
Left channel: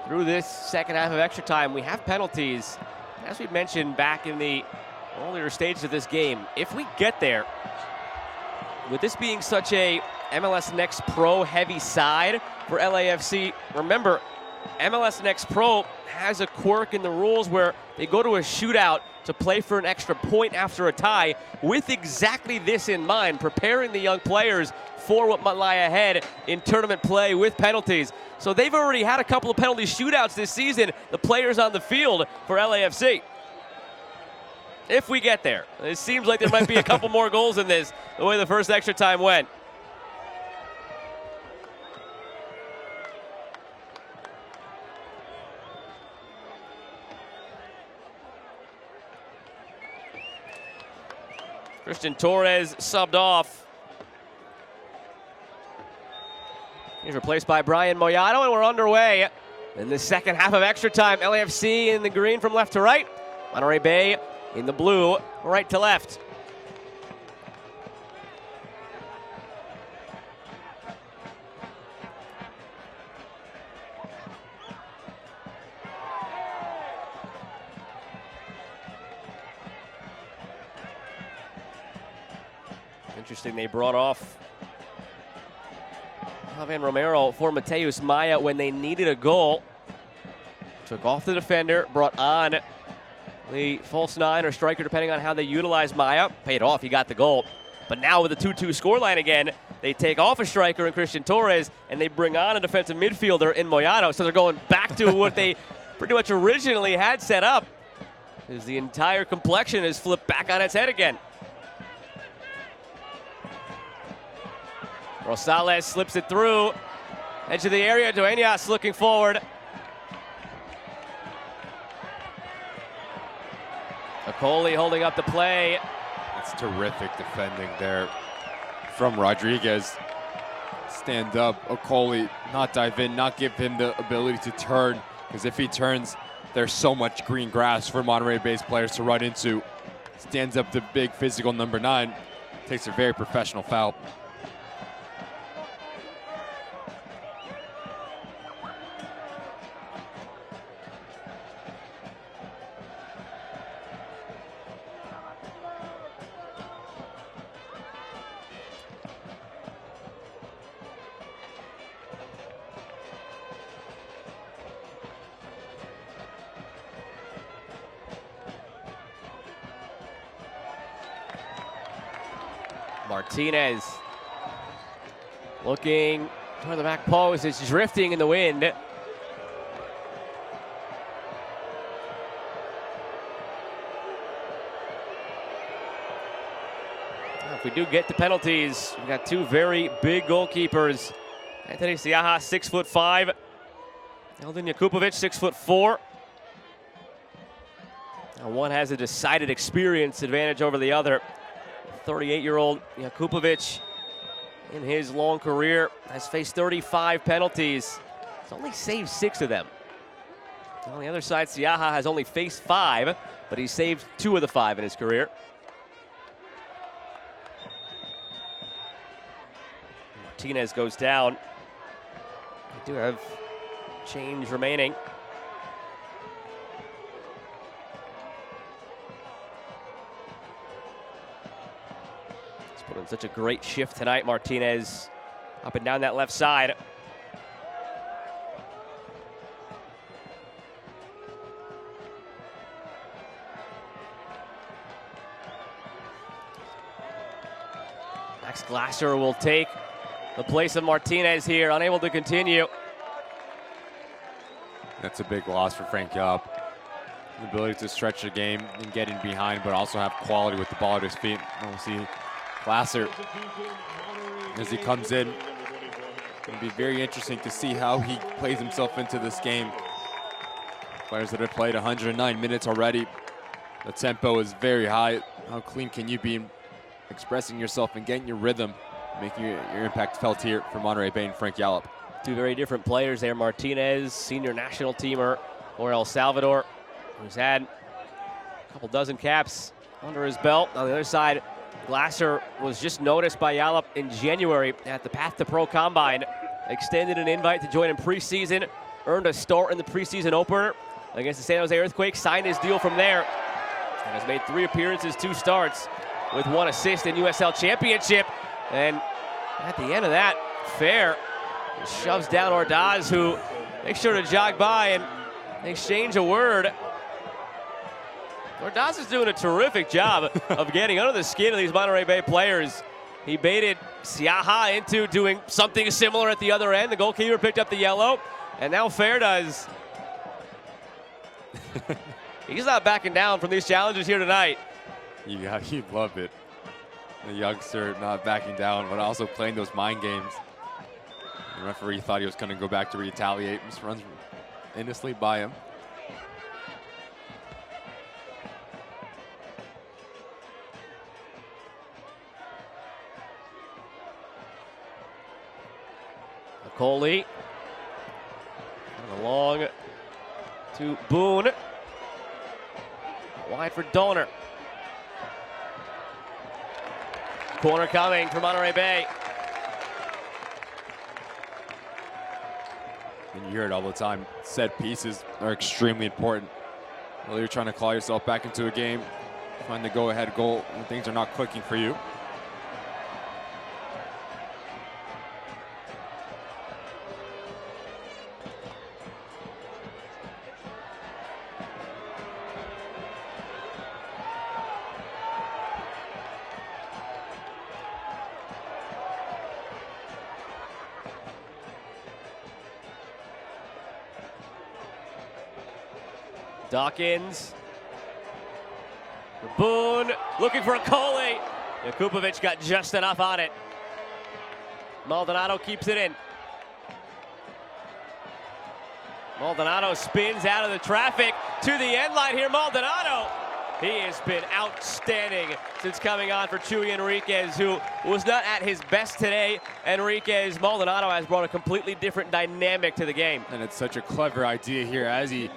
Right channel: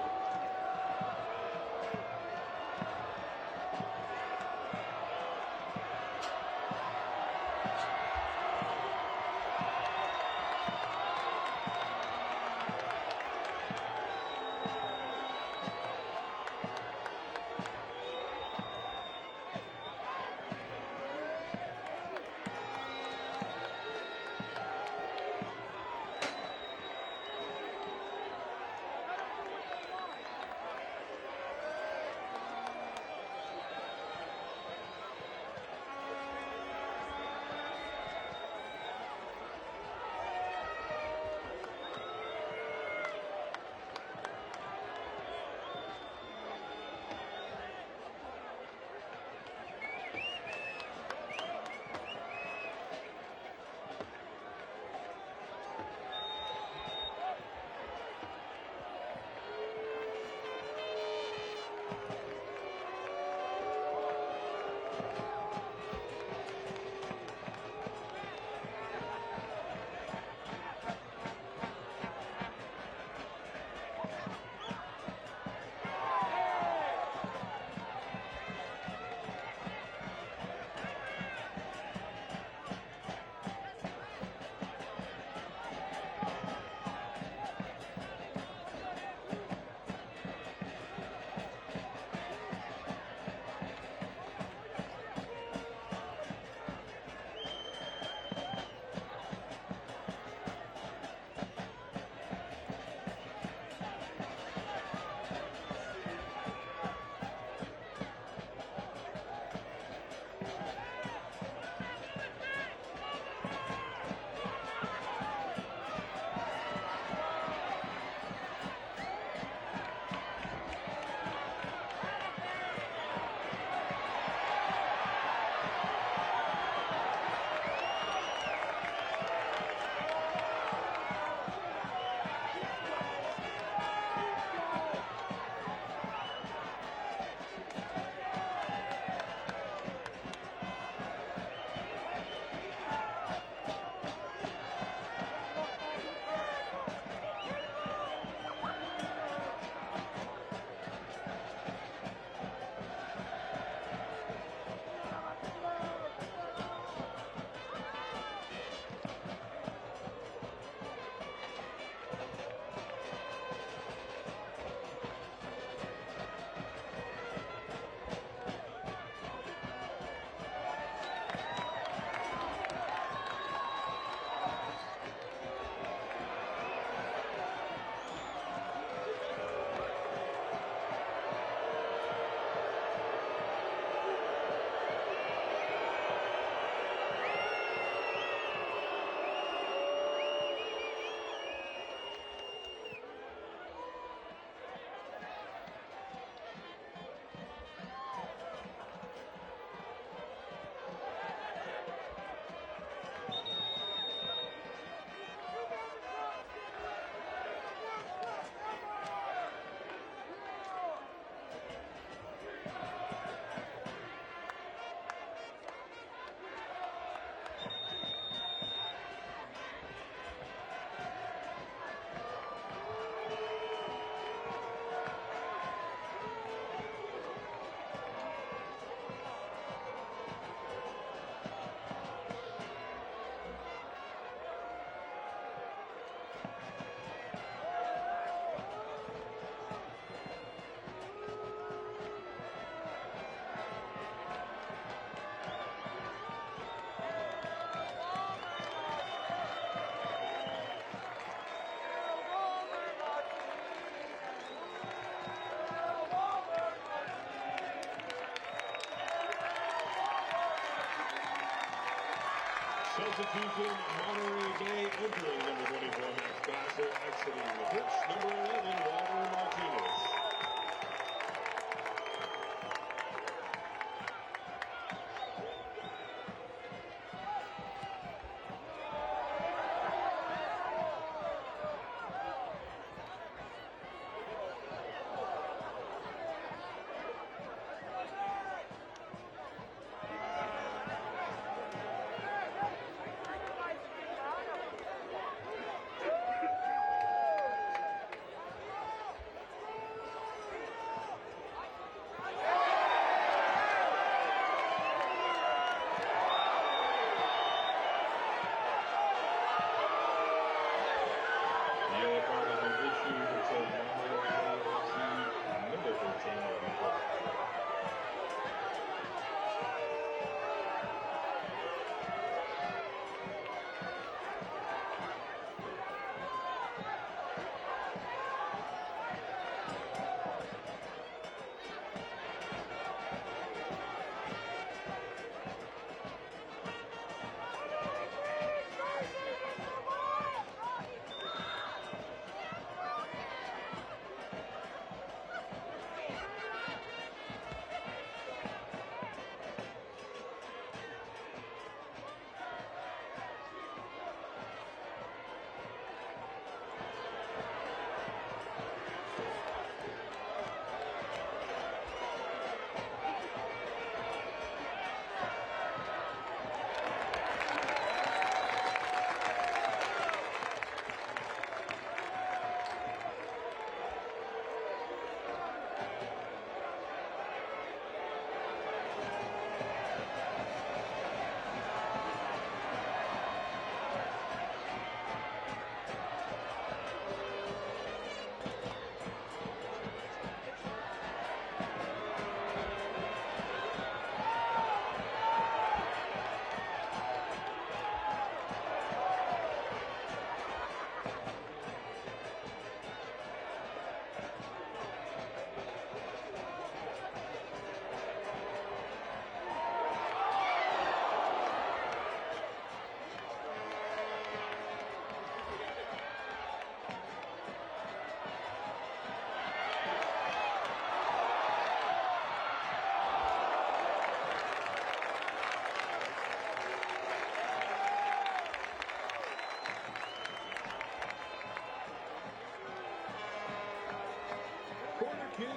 through this second half of extra time, we have penalties. As we mentioned back in the earlier stages of this game, if we get there, with this being such a MLS Next Pro heavy side for LAFC, remember, MLS Next Pro has a quirk in the rules where they go to a shootout to play for an extra point after a tie, with exactly this in mind, preparing the young players for what might lie ahead in tournament play with penalties. So they've already had a couple of penalty shootouts this season, the players on the field for LAFC. If we get there, it seems like there might be a couple more goals in this, the way the first extra time went. Christian Torres subbed off. He's replaced by Brian Moyano, and we're underway in the second half of extra time. LAFC in the green from left to right. Monterey Bay in the blue, right to left. Interesting, they brought off Javier Romero for Mateus Maya when they needed a goal. Took off the defender, brought on the false 9 or striker, depending on how they utilize Maya. Paid off, he got the goal. But now with the 2-2 scoreline again, they take off a striker in Christian Torres, and they bring on a defensive midfielder in Moyano. So they're going back to what they pretty much originally had set up, as the entire complexion is flipped back on its head again. Rosales slips it through, edge of the area. Dueñas looking forward. Coley holding up the play. It's terrific defending there from Rodriguez. Stand up, Okoli, not dive in, not give him the ability to turn, because if he turns, there's so much green grass for Monterey Bay's players to run into. Stands up the big physical number 9, takes a very professional foul. Martinez looking for the back post. It's drifting in the wind. If we do get the penalties, we got two very big goalkeepers. Anthony Siaha, 6'5". Eldin Jakupovic, 6'4". One has a decided experience advantage over the other. 38-year-old Jakupovic, in his long career, has faced 35 penalties. He's only saved 6 of them. On the other side, Siaha has only faced 5, but he's saved 2 of the 5 in his career. Martinez goes down. We do have change remaining. Such a great shift tonight, Martinez, up and down that left side. Max Glasser will take the place of Martinez here, unable to continue. That's a big loss for Frank Yallop. The ability to stretch the game and getting behind, but also have quality with the ball at his feet. And we'll see Glasser, as he comes in, it'll be very interesting to see how he plays himself into this game. Players that have played 109 minutes already. The tempo is very high. How clean can you be expressing yourself and getting your rhythm, making your impact felt here for Monterey Bay and Frank Yallop? Two very different players there. Martinez, senior national teamer for El Salvador, who's had a couple dozen caps under his belt. On the other side, Glasser was just noticed by Yallop in January at the Path to Pro Combine. Extended an invite to join in preseason, earned a start in the preseason opener against the San Jose Earthquake, signed his deal from there. And has made 3 appearances, 2 starts, with 1 assist in USL Championship. And at the end of that, Fair shoves down Ordaz, who makes sure to jog by and exchange a word. Ordaz is doing a terrific job of getting under the skin of these Monterey Bay players. He baited Siaha into doing something similar at the other end. The goalkeeper picked up the yellow, and now Fair does. He's not backing down from these challenges here tonight. Yeah, he'd love it. The youngster not backing down, but also playing those mind games. The referee thought he was going to go back to retaliate, just runs endlessly by him. Coley along to Boone. Wide for Donor. Corner coming for Monterey Bay. And you hear it all the time. Set pieces are extremely important. Whether you're trying to claw yourself back into a game, trying to go ahead goal, and things are not clicking for you. Dawkins. Boone looking for a Coley. Jakupovic got just enough on it. Maldonado keeps it in. Maldonado spins out of the traffic to the end line here. Maldonado He has been outstanding since coming on for Chuy Enriquez, who was not at his best today. Enriquez Maldonado has brought a completely different dynamic to the game. And it's such a clever idea here as he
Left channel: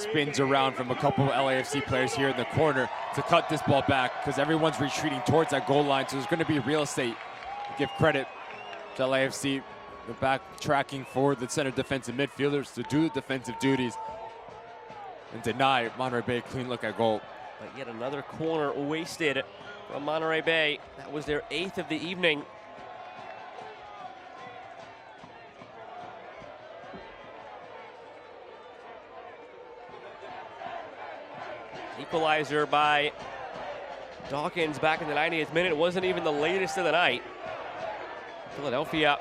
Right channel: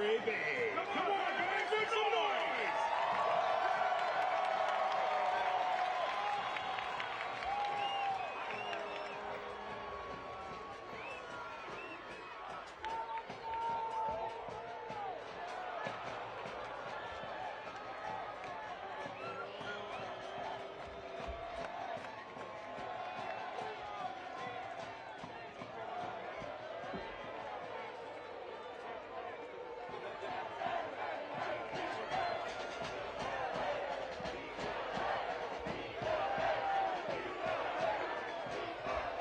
spins around from a couple of LAFC players here in the corner to cut this ball back, because everyone's retreating towards that goal line, so there's going to be real estate. Give credit to LAFC. They're back tracking for the center defensive midfielders to do the defensive duties and deny Monterey Bay a clean look at goal. And yet another corner wasted from Monterey Bay. That was their 8th of the evening. Equalizer by Dawkins back in the 90th minute. It wasn't even the latest of the night. Philadelphia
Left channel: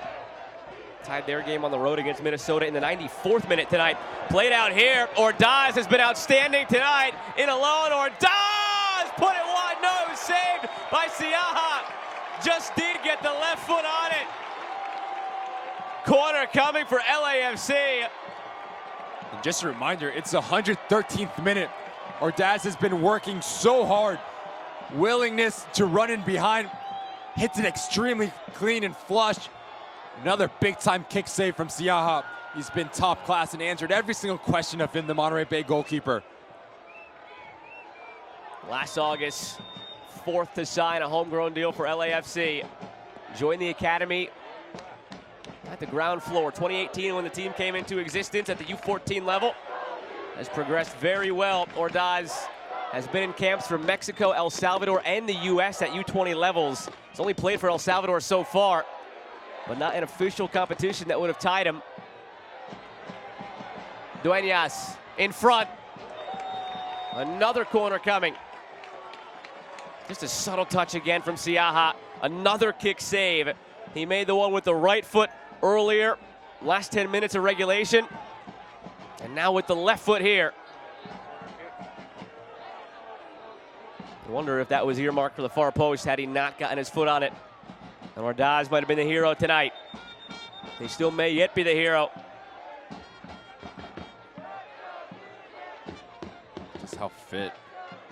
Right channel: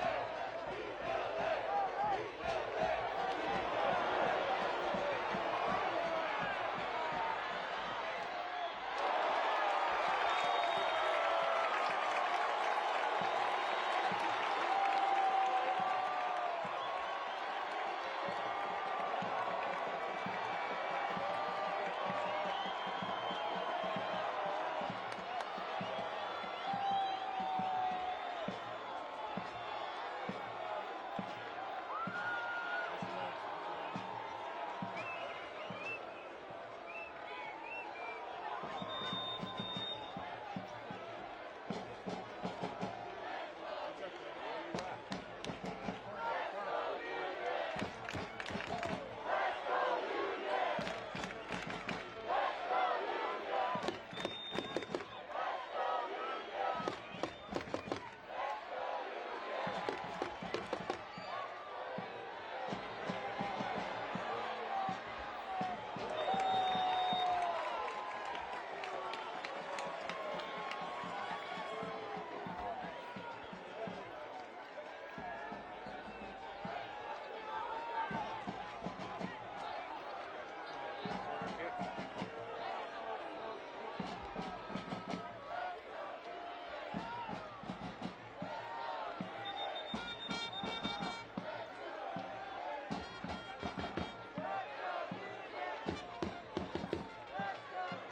tied their game on the road against Minnesota in the 94th minute tonight. Played out here. Ordaz has been outstanding tonight. In alone, Ordaz put it wide. No, saved by Siaha. Just did get the left foot on it. Corner coming for LAFC. And just a reminder, it's the 113th minute. Ordaz has been working so hard. Willingness to run in behind. Hits it extremely clean and flush. Another big-time kick save from Siaha. He's been top class and answered every single question of him, the Monterey Bay goalkeeper. Last August, 4th to sign a homegrown deal for LAFC. Joined the academy at the ground floor. 2018 when the team came into existence at the U14 level. Has progressed very well. Ordaz has been in camps from Mexico, El Salvador, and the U.S. at U20 levels. He's only played for El Salvador so far, but not an official competition that would have tied him. Dueñas in front. Another corner coming. Just a subtle touch again from Siaha. Another kick save. He made the one with the right foot earlier. Last 10 minutes of regulation. And now with the left foot here. I wonder if that was earmarked for the far post had he not gotten his foot on it. And Ordaz might have been the hero tonight. He still may yet be the hero. Just how fit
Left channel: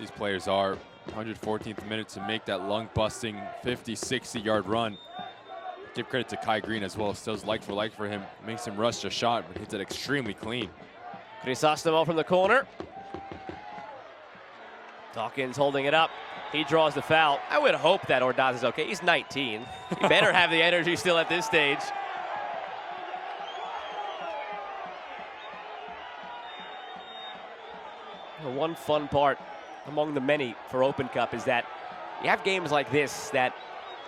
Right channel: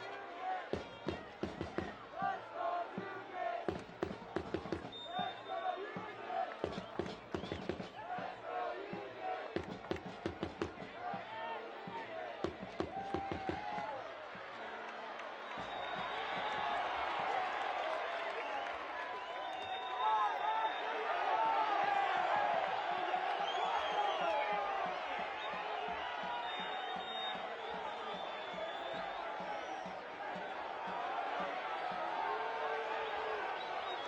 these players are. 114th minute to make that lung-busting 50, 60-yard run. Give credit to Kai Green as well. Still like for like for him. Makes him rush a shot, but hits it extremely clean. Crisostomo from the corner. Dawkins holding it up. He draws the foul. I would hope that Ordaz is okay. He's 19. He better have the energy still at this stage. The one fun part among the many for Open Cup is that you have games like this that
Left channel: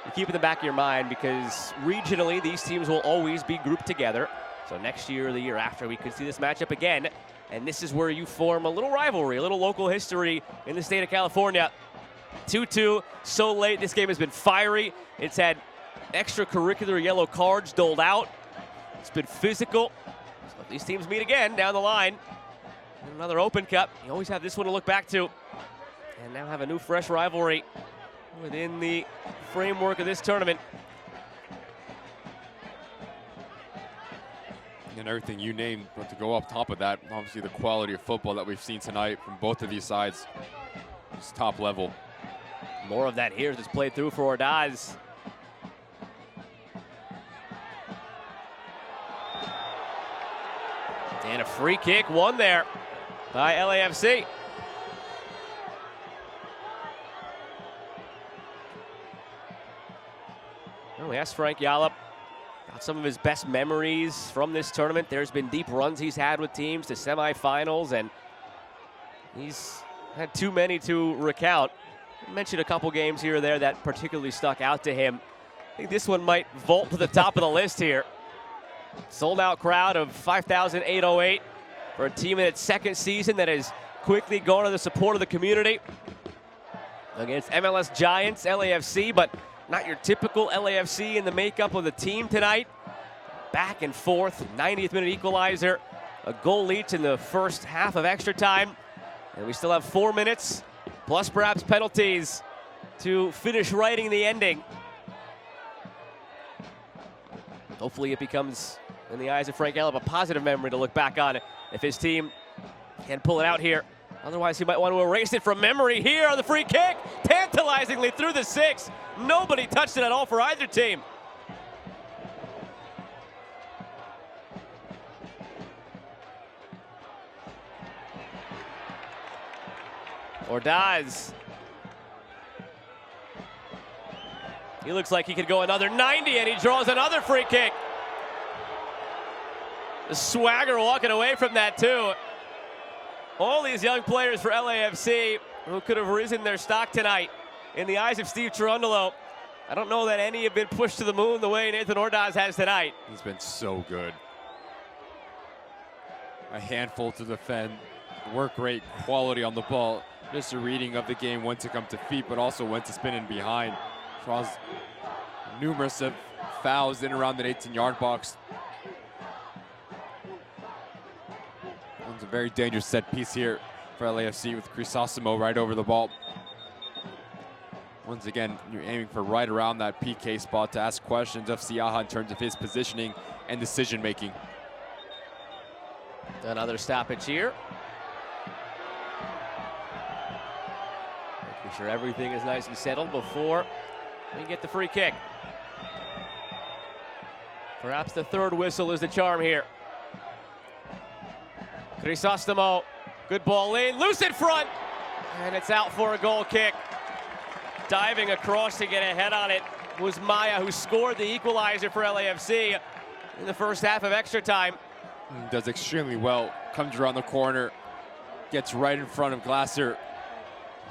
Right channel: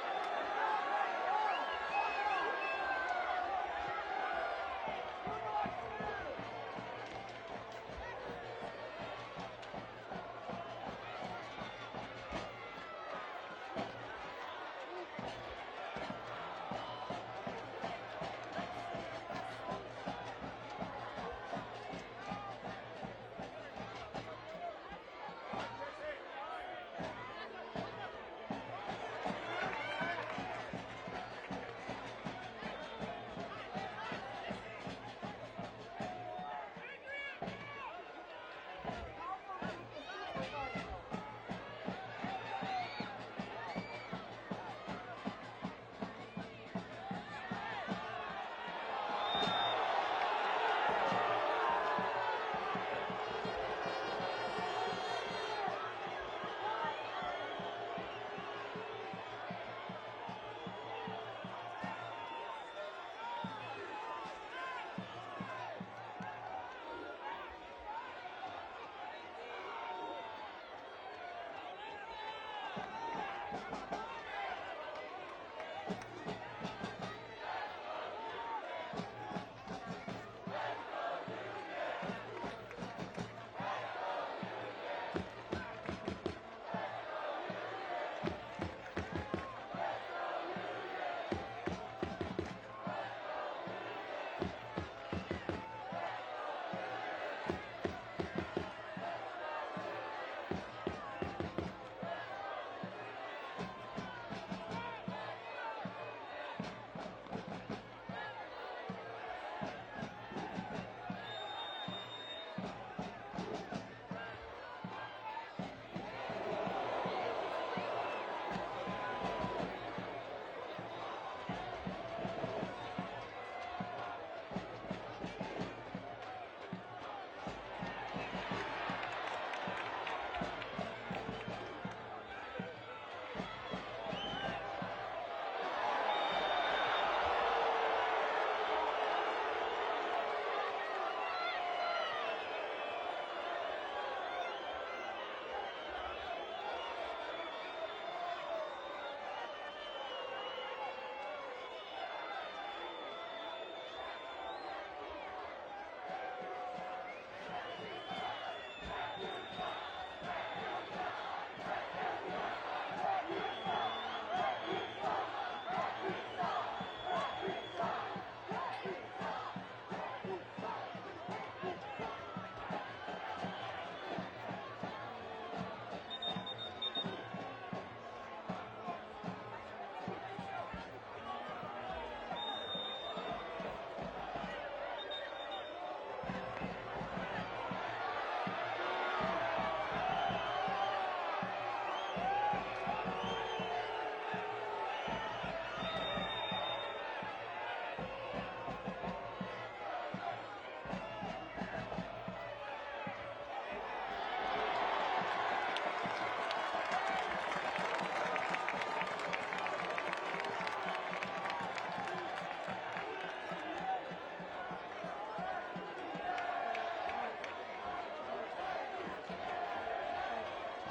you keep in the back of your mind, because regionally these teams will always be grouped together. So next year or the year after, we could see this matchup again. And this is where you form a little rivalry, a little local history in the state of California. 2-2, so late. This game has been fiery. It's had extracurricular yellow cards doled out. It's been physical. These teams meet again down the line. Another Open Cup. You always have this one to look back to. And now have a new fresh rivalry within the framework of this tournament. And everything you named, but to go up top of that, obviously the quality of football that we've seen tonight from both of these sides is top level. More of that here, just played through for Ordaz. And a free kick won there by LAFC. Well, we asked Frank Yallop some of his best memories from this tournament. There's been deep runs he's had with teams to semifinals, and he's had too many to recount. I mentioned a couple games here or there that particularly stuck out to him. I think this one might vault to the top of the list here. Sold out crowd of 5,808 for a team in its second season that has quickly gone to the support of the community against MLS Giants, LAFC, but not your typical LAFC in the makeup of the team tonight. Back and forth, 90th minute equalizer, a goal each in the first half of extra time. And we still have 4 minutes, plus perhaps penalties, to finish writing the ending. Hopefully it becomes, in the eyes of Frank Yallop, a positive memory to look back on if his team can pull it out here Otherwise, he might want to erase it from memory here on the free kick. Tantalizingly through the 6. Nobody touched it at all for either team. Ordaz. He looks like he could go another 90, and he draws another free kick. The swagger walking away from that, too. All these young players for LAFC who could have risen their stock tonight in the eyes of Steve Cherundolo. I don't know that any have been pushed to the moon the way Nathan Ordaz has tonight. He's been so good. A handful to defend, work rate, quality on the ball. Just a reading of the game, when to come to feet, but also when to spin in behind. Draws numerous of fouls in around the 18-yard box. It's a very dangerous set piece here for LAFC with Crisosimo right over the ball. Once again, you're aiming for right around that PK spot to ask questions of Siaha in terms of his positioning and decision-making. Another stoppage here. Make sure everything is nice and settled before we get the free kick. Perhaps the third whistle is the charm here. Crisosimo, good ball in, loose in front, and it's out for a goal kick. Diving across to get a head on it was Maya, who scored the equalizer for LAFC in the first half of extra time. He does extremely well, comes around the corner, gets right in front of Glasser,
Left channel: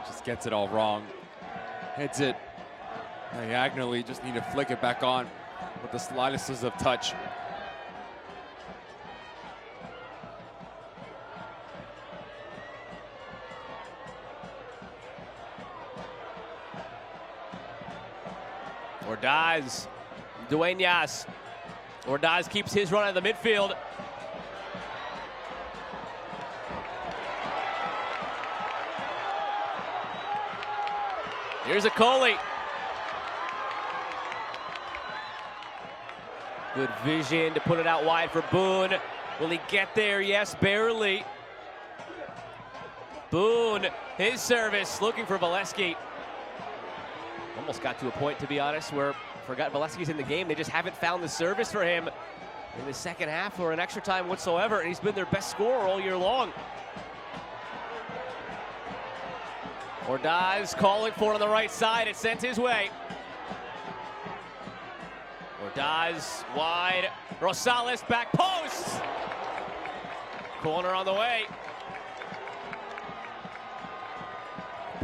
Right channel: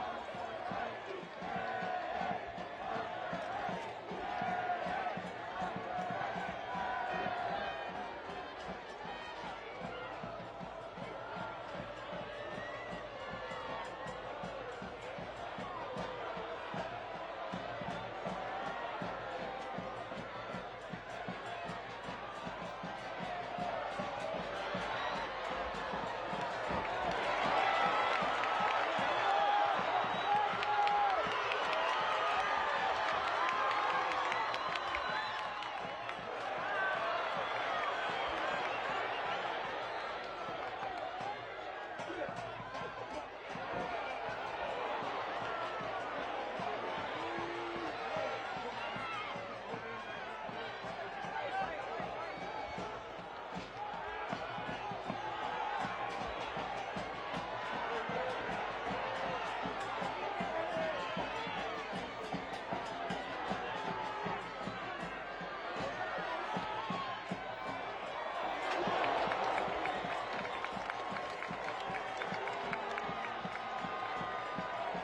just gets it all wrong. Hits it diagonally, just need to flick it back on with the slightest of touch. Ordaz, Dueñas. Ordaz keeps his run in the midfield. Here's a Coley. Good vision to put it out wide for Boone. Will he get there? Yes, barely. Boone, his service, looking for Valesky. Almost got to a point, to be honest, where forgot Valesky's in the game. They just haven't found the service for him in the second half or an extra time whatsoever, and he's been their best scorer all year long. Ordaz calling for it on the right side. It's sent his way. Ordaz wide. Rosales back post. Corner on the way.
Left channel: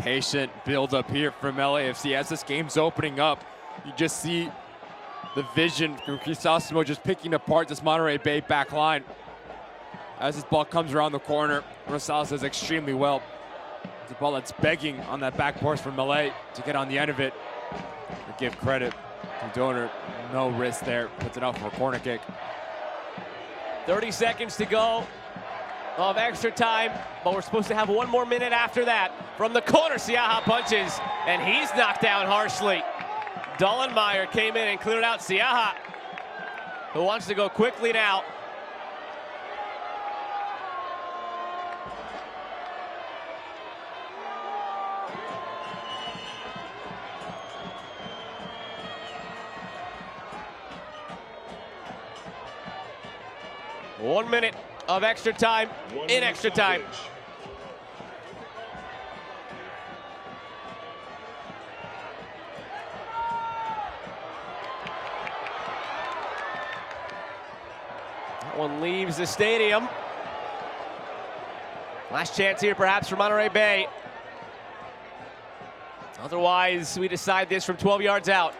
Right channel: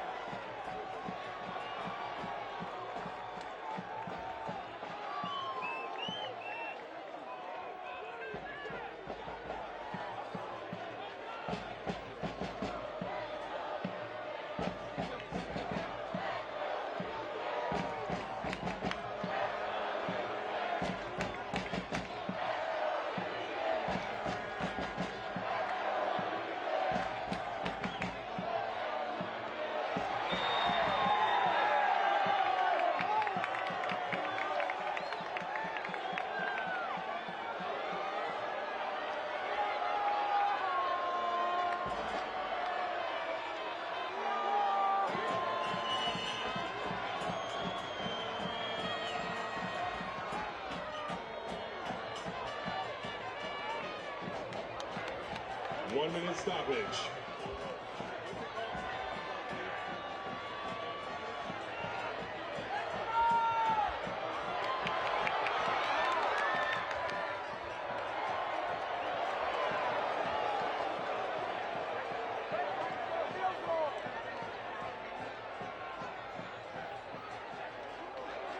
Patient build up here from LAFC as this game's opening up. You just see the vision from Crisosimo just picking apart this Monterey Bay back line. As this ball comes around the corner, Rosales does extremely well. The ball that's begging on that back post from Malay to get on the end of it. I give credit to Donor, no risk there, puts it out for a corner kick. 30 seconds to go of extra time, but we're supposed to have one more minute after that. From the corner, Siaha punches, and he's knocked down harshly. Dollenmeyer came in and cleared out Siaha, who wants to go quickly now. One minute of extra time in extra time. That one leaves the stadium. Last chance here perhaps for Monterey Bay. Otherwise, we decide this from 12 yards out.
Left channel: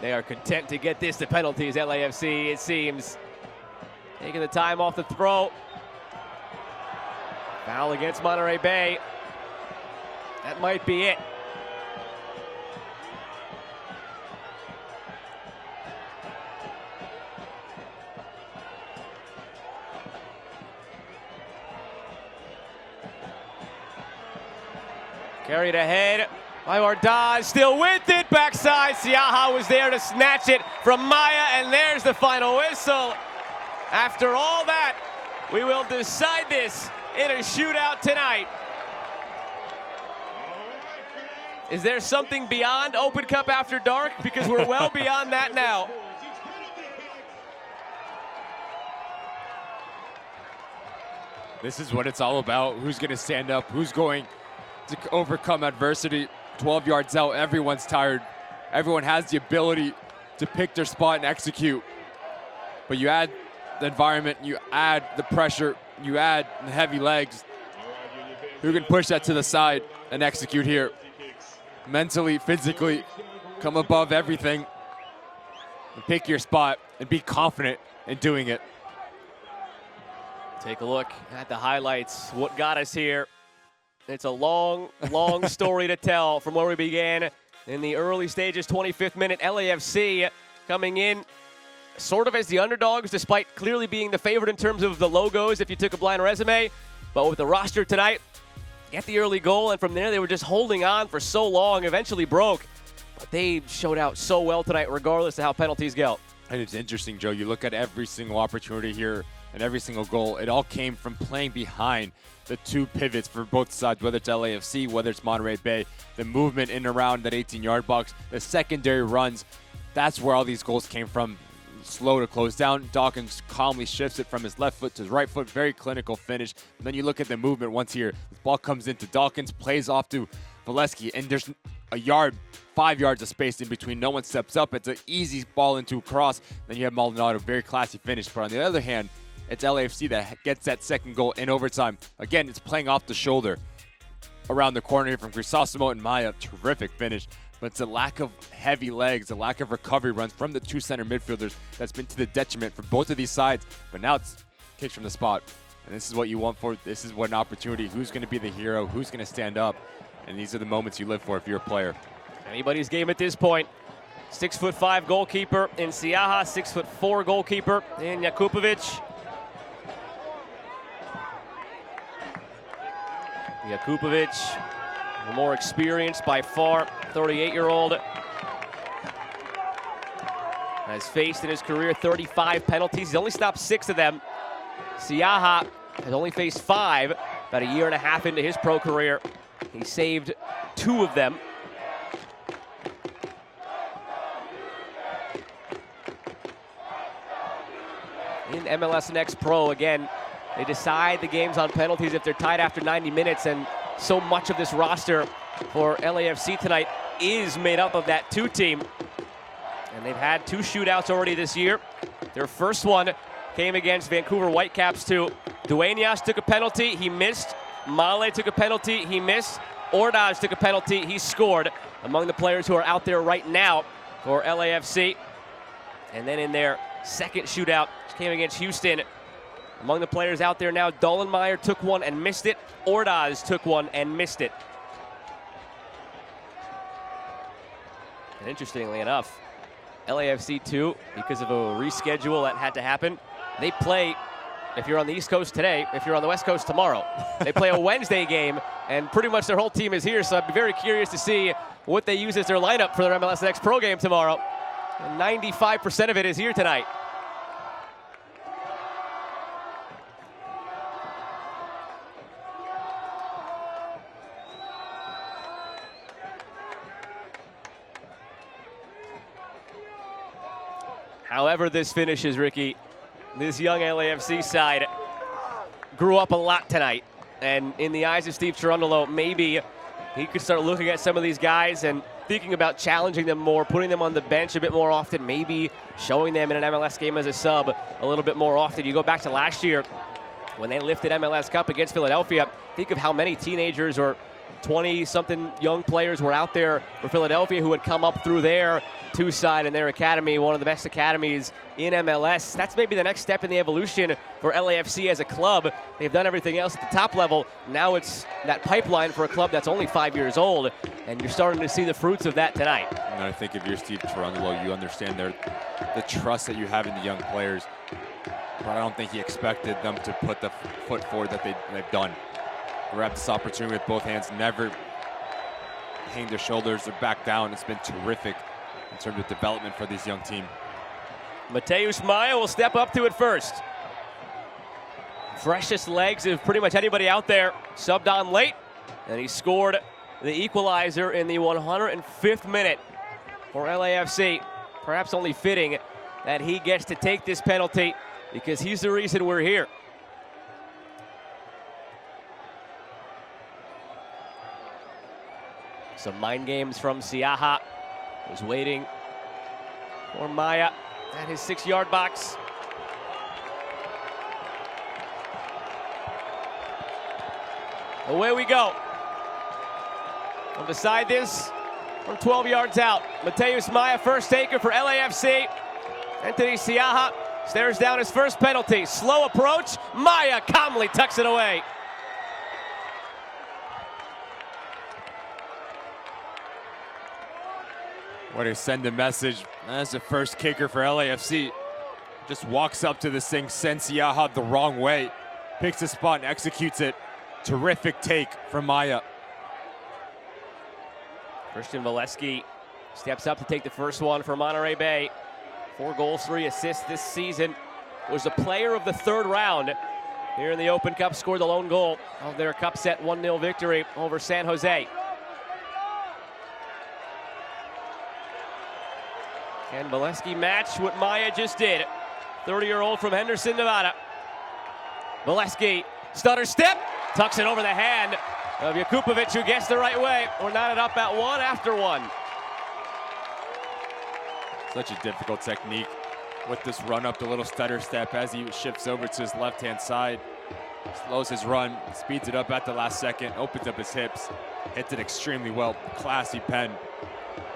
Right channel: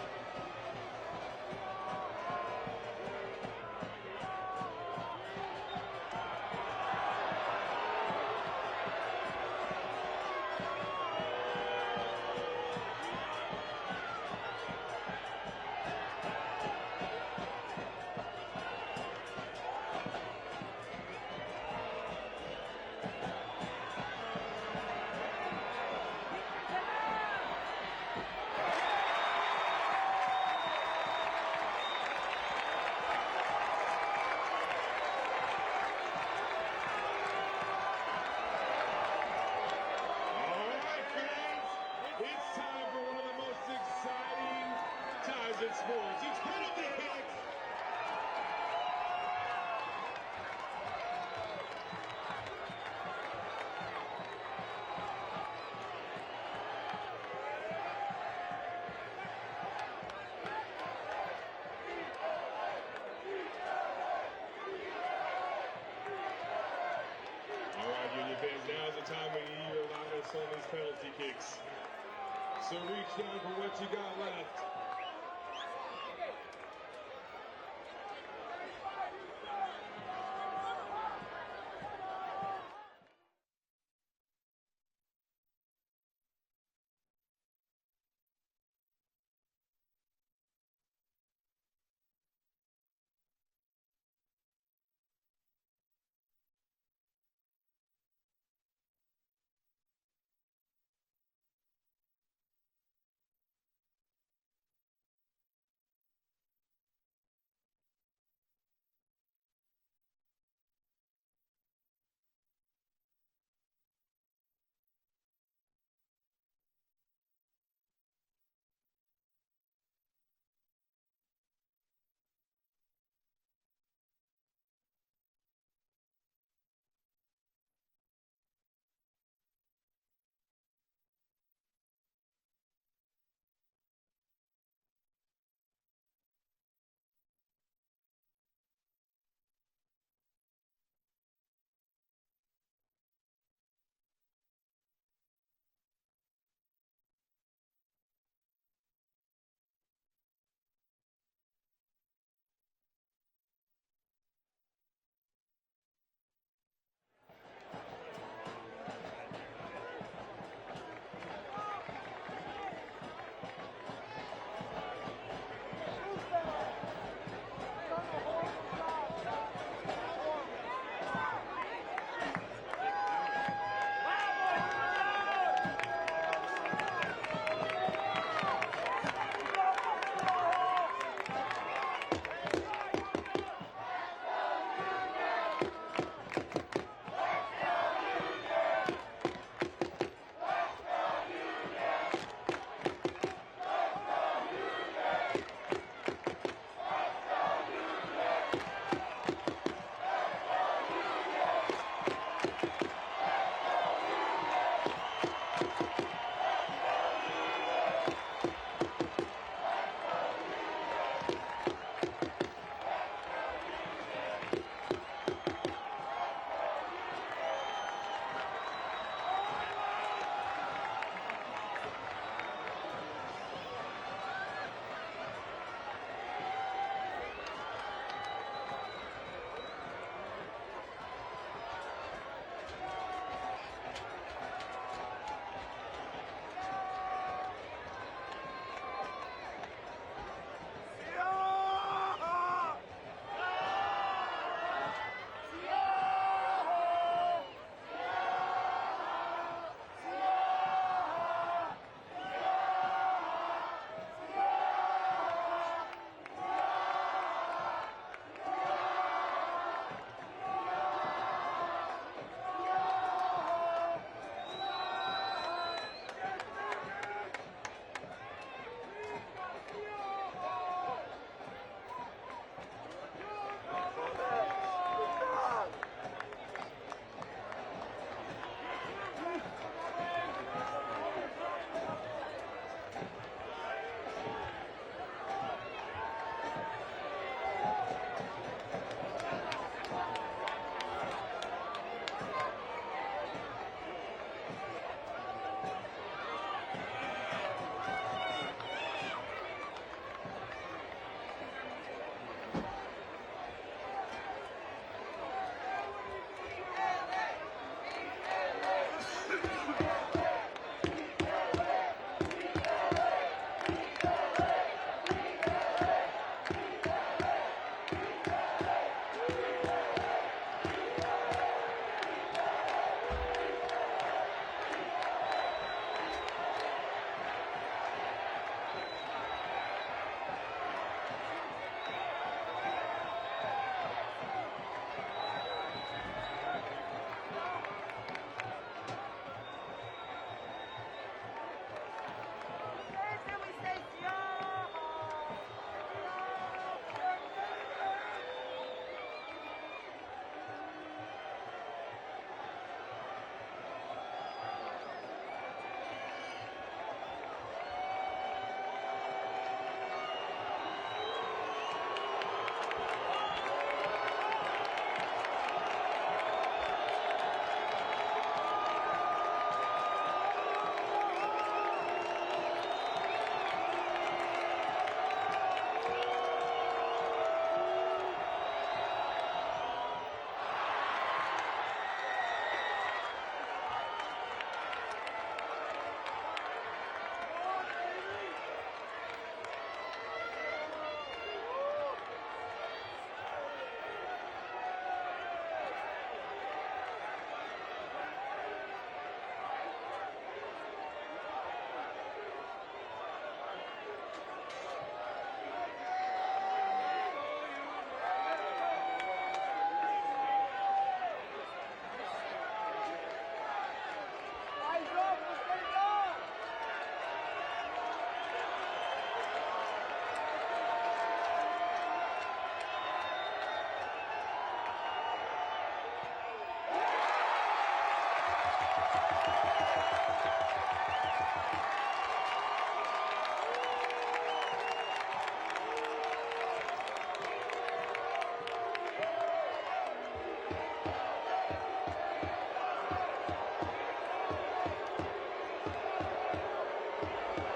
They are content to get this to penalties, LAFC, it seems. Taking the time off the throw. Foul against Monterey Bay. That might be it. Carried ahead by Ordaz, still with it, backside. Siaha was there to snatch it from Maya, and there's the final whistle. After all that, we will decide this in a shootout tonight. Is there something beyond Open Cup After Dark? Because we're well beyond that now. This is what it's all about. Who's going to stand up? Who's going to overcome adversity? 12 yards out, everyone's tired. Everyone has the ability to pick their spot and execute. But you add the environment, you add the pressure, you add the heavy legs. Who can push that to the side and execute here? Mentally, physically, come above everything. And pick your spot and be confident in doing it. Take a look at the highlights. What got us here? It's a long, long story to tell from where we began in the early stages. 25th minute, LAFC coming in sort of as the underdogs, despite clearly being the favorite in terms of the logos if you took a blind resume. But with the roster tonight, get the early goal, and from there they were just holding on for so long, eventually broke. But they showed out so well tonight, regardless of how penalties go. And it's interesting, Joe. You look at every single opportunity here and every single goal. It all came from playing behind the two pivots for both sides, whether it's LAFC, whether it's Monterey Bay. The movement in and around that 18-yard box, the secondary runs, that's where all these goals came from. Slow to close down. Dawkins calmly shifts it from his left foot to his right foot. Very clinical finish. And then you look at the movement once here. The ball comes into Dawkins, plays off to Valesky, and there's a yard, 5 yards of space in between. No one steps up. It's an easy ball into a cross. Then you have Maldonado, very classy finish. But on the other hand, it's LAFC that gets that second goal in overtime. Again, it's playing off the shoulder around the corner here from Crisosimo and Maya. Terrific finish. But it's a lack of heavy legs, a lack of recovery runs from the two center midfielders that's been to the detriment for both of these sides. But now it's kicked from the spot. And this is what you want for. This is what an opportunity. Who's going to be the hero? Who's going to stand up? And these are the moments you live for if you're a player. Anybody's game at this point. 6'5" goalkeeper in Siaha, 6'4" goalkeeper in Jakupovic. Jakupovic, the more experienced by far, 38-year-old. Has faced in his career 35 penalties. He's only stopped 6 of them. Siaha has only faced 5, about a year and a half into his pro career. He saved 2 of them. In MLS Next Pro, again, they decide the games on penalties if they're tied after 90 minutes, and so much of this roster for LAFC tonight is made up of that 2 team. And they've had 2 shootouts already this year. Their first one came against Vancouver Whitecaps 2. Dueñas took a penalty, he missed. Male took a penalty, he missed. Ordaz took a penalty, he scored. Among the players who are out there right now for LAFC. And then in their second shootout, came against Houston. Among the players out there now, Dollenmeyer took one and missed it. Ordaz took one and missed it. And interestingly enough, LAFC 2, because of a reschedule that had to happen, they play, if you're on the East Coast today, if you're on the West Coast tomorrow, they play a Wednesday game, and pretty much their whole team is here, so I'd be very curious to see what they use as their lineup for their MLS Next Pro game tomorrow. And 95% of it is here tonight. However this finishes, Ricky, this young LAFC side grew up a lot tonight. And in the eyes of Steve Cherundolo, maybe he could start looking at some of these guys and thinking about challenging them more, putting them on the bench a bit more often, maybe showing them in an MLS game as a sub a little bit more often. You go back to last year when they lifted MLS Cup against Philadelphia, think of how many teenagers or 20-something young players were out there for Philadelphia who had come up through their 2 side in their academy, one of the best academies in MLS. That's maybe the next step in the evolution for LAFC as a club. They've done everything else at the top level. Now it's that pipeline for a club that's only 5 years old, and you're starting to see the fruits of that tonight. And I think if you're Steve Cherundolo, you understand the trust that you have in the young players. But I don't think he expected them to put the foot forward that they've done. Grab this opportunity with both hands, never hang their shoulders or back down. It's been terrific in terms of development for this young team. Mateus Maya will step up to it first. Freshest legs of pretty much anybody out there. Subbed on late, and he scored the equalizer in the 105th minute for LAFC. Perhaps only fitting that he gets to take this penalty because he's the reason we're here. Some mind games from Siaha. He's waiting for Maya at his 6-yard box. Away we go. And beside this, from 12 yards out, Mateus Maya, first taker for LAFC. Anthony Siaha stares down his first penalty. Slow approach. Maya calmly tucks it away. What a send a message. That's the first kicker for LAFC. Just walks up to this thing, sends Siaha the wrong way. Picks a spot and executes it. Terrific take from Maya. Christian Valesky steps up to take the first one for Monterey Bay. 4 goals, 3 assists this season. Was a player of the 3rd round here in the Open Cup, scored the lone goal of their cup set 1-0 victory over San Jose. And Valesky matched what Maya just did. 30-year-old from Henderson, Nevada. Valesky, stutter step, tucks it over the hand of Jakupovic, who gets the right way. We're knotted up at 1 after 1. Such a difficult technique with this run up, the little stutter step as he shifts over to his left-hand side. Slows his run, speeds it up at the last second, opens up his hips, hits it extremely well. Classy pen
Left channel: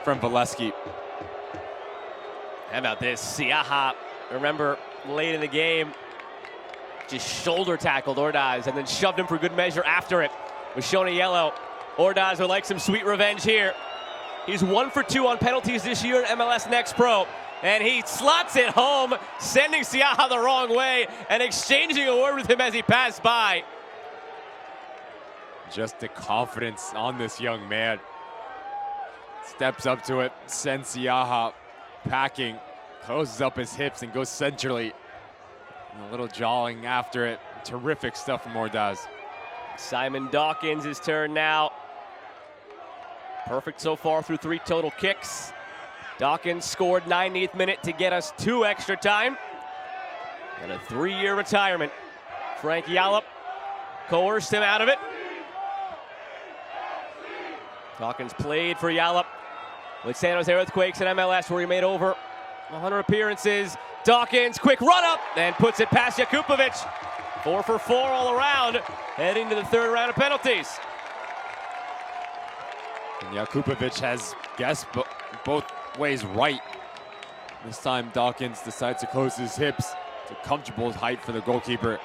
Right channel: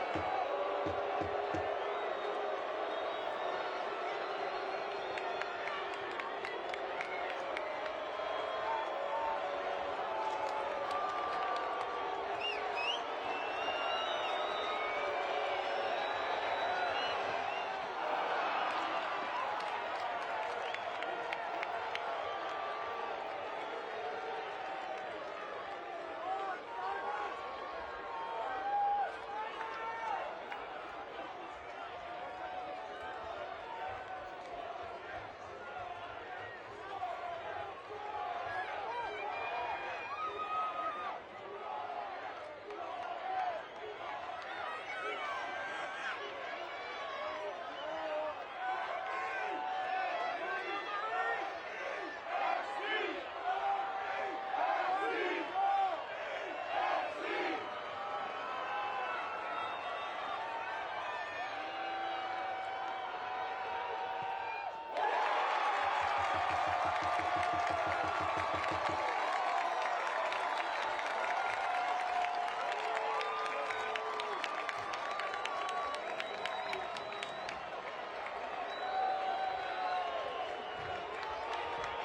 from Valesky. How about this? Siaha, remember, late in the game, just shoulder tackled Ordaz and then shoved him for good measure after it. Was shown a yellow. Ordaz would like some sweet revenge here. He's 1 for 2 on penalties this year in MLS Next Pro. And he slots it home, sending Siaha the wrong way and exchanging a word with him as he passed by. Just the confidence on this young man. Steps up to it, sends Siaha packing, closes up his hips and goes centrally. And a little jawing after it. Terrific stuff from Ordaz. Simon Dawkins' his turn now. Perfect so far through 3 total kicks. Dawkins scored 90th minute to get us 2 extra time. And a 3-year retirement. Frank Yallop coerced him out of it. Dawkins played for Yallop with San Jose Earthquakes in MLS, where he made over 100 appearances. Dawkins, quick run up, and puts it past Jakupovic. 4 for 4 all around, heading to the 3rd round of penalties. And Jakupovic has guessed both ways right. This time Dawkins decides to close his hips to comfortable height for the goalkeeper.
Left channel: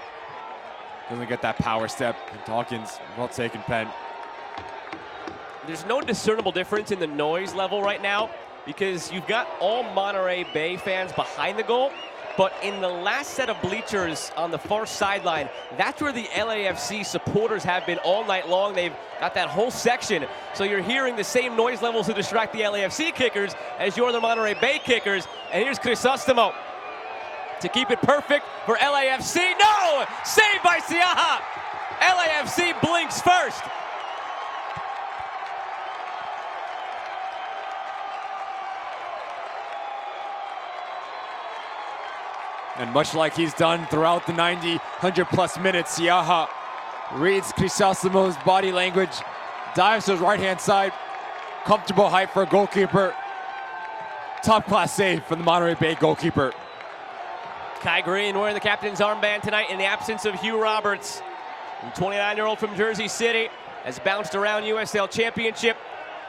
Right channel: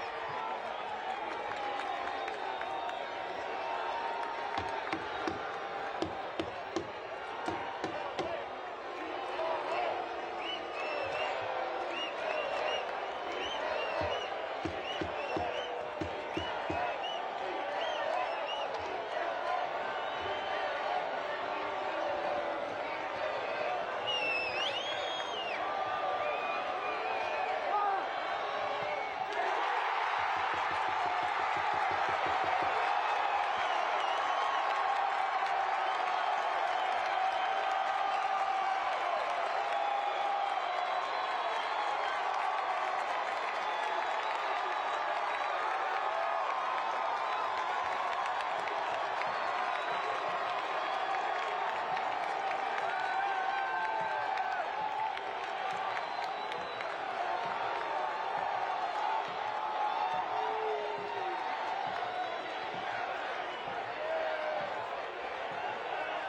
Doesn't get that power step. And Dawkins, well taken pen. There's no discernible difference in the noise level right now because you've got all Monterey Bay fans behind the goal, but in the last set of bleachers on the far sideline, that's where the LAFC supporters have been all night long. They've got that whole section, so you're hearing the same noise levels to distract the LAFC kickers as you're the Monterey Bay kickers. And here's Crisostomo to keep it perfect for LAFC. No! Saved by Siaha! LAFC blinks first. And much like he's done throughout the 90, 100+ minutes, Siaha reads Crisostomo's body language, dives to his right-hand side, comfortable height for a goalkeeper. Top-class save for the Monterey Bay goalkeeper. Kai Green wearing the captain's armband tonight in the absence of Hugh Roberts. The 29-year-old from Jersey City has bounced around USL Championship,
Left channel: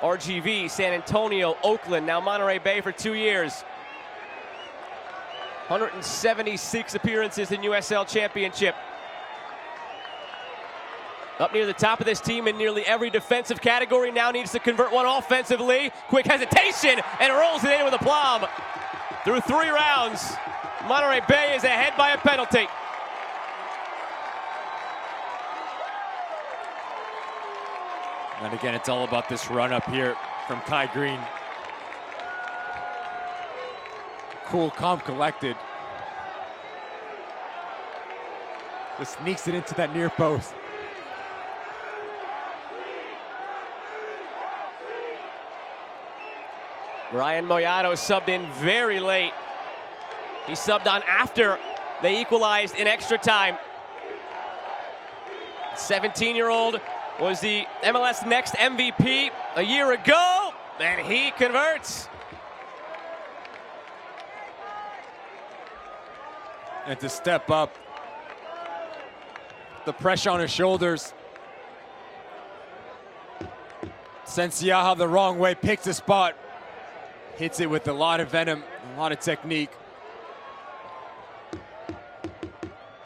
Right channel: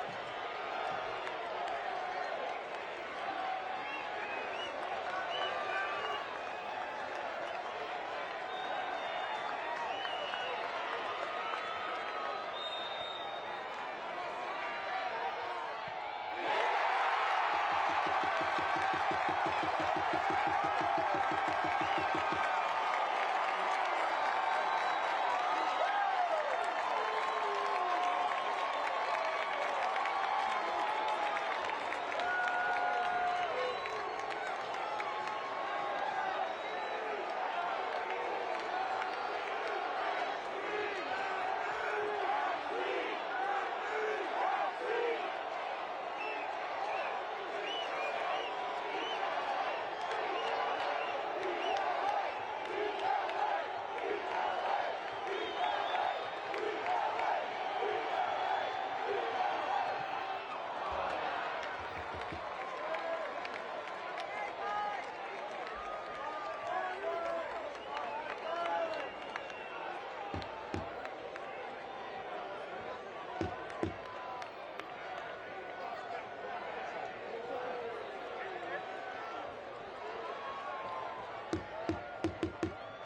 RGV, San Antonio, Oakland, now Monterey Bay for 2 years. 176 appearances in USL Championship. Up near the top of this team in nearly every defensive category, now needs to convert one offensively. Quick hesitation, and rolls it in with aplomb. Through 3 rounds, Monterey Bay is ahead by a penalty. And again, it's all about this run up here from Kai Green. Cool, calm, collected. Just sneaks it into that near post. Ryan Moyano subbed in very late. He subbed on after they equalized in extra time. 17-year-old was the MLS Next MVP a year ago, and he converts. And to step up, the pressure on his shoulders. Sends Siaha the wrong way, picks a spot, hits it with a lot of venom, a lot of technique.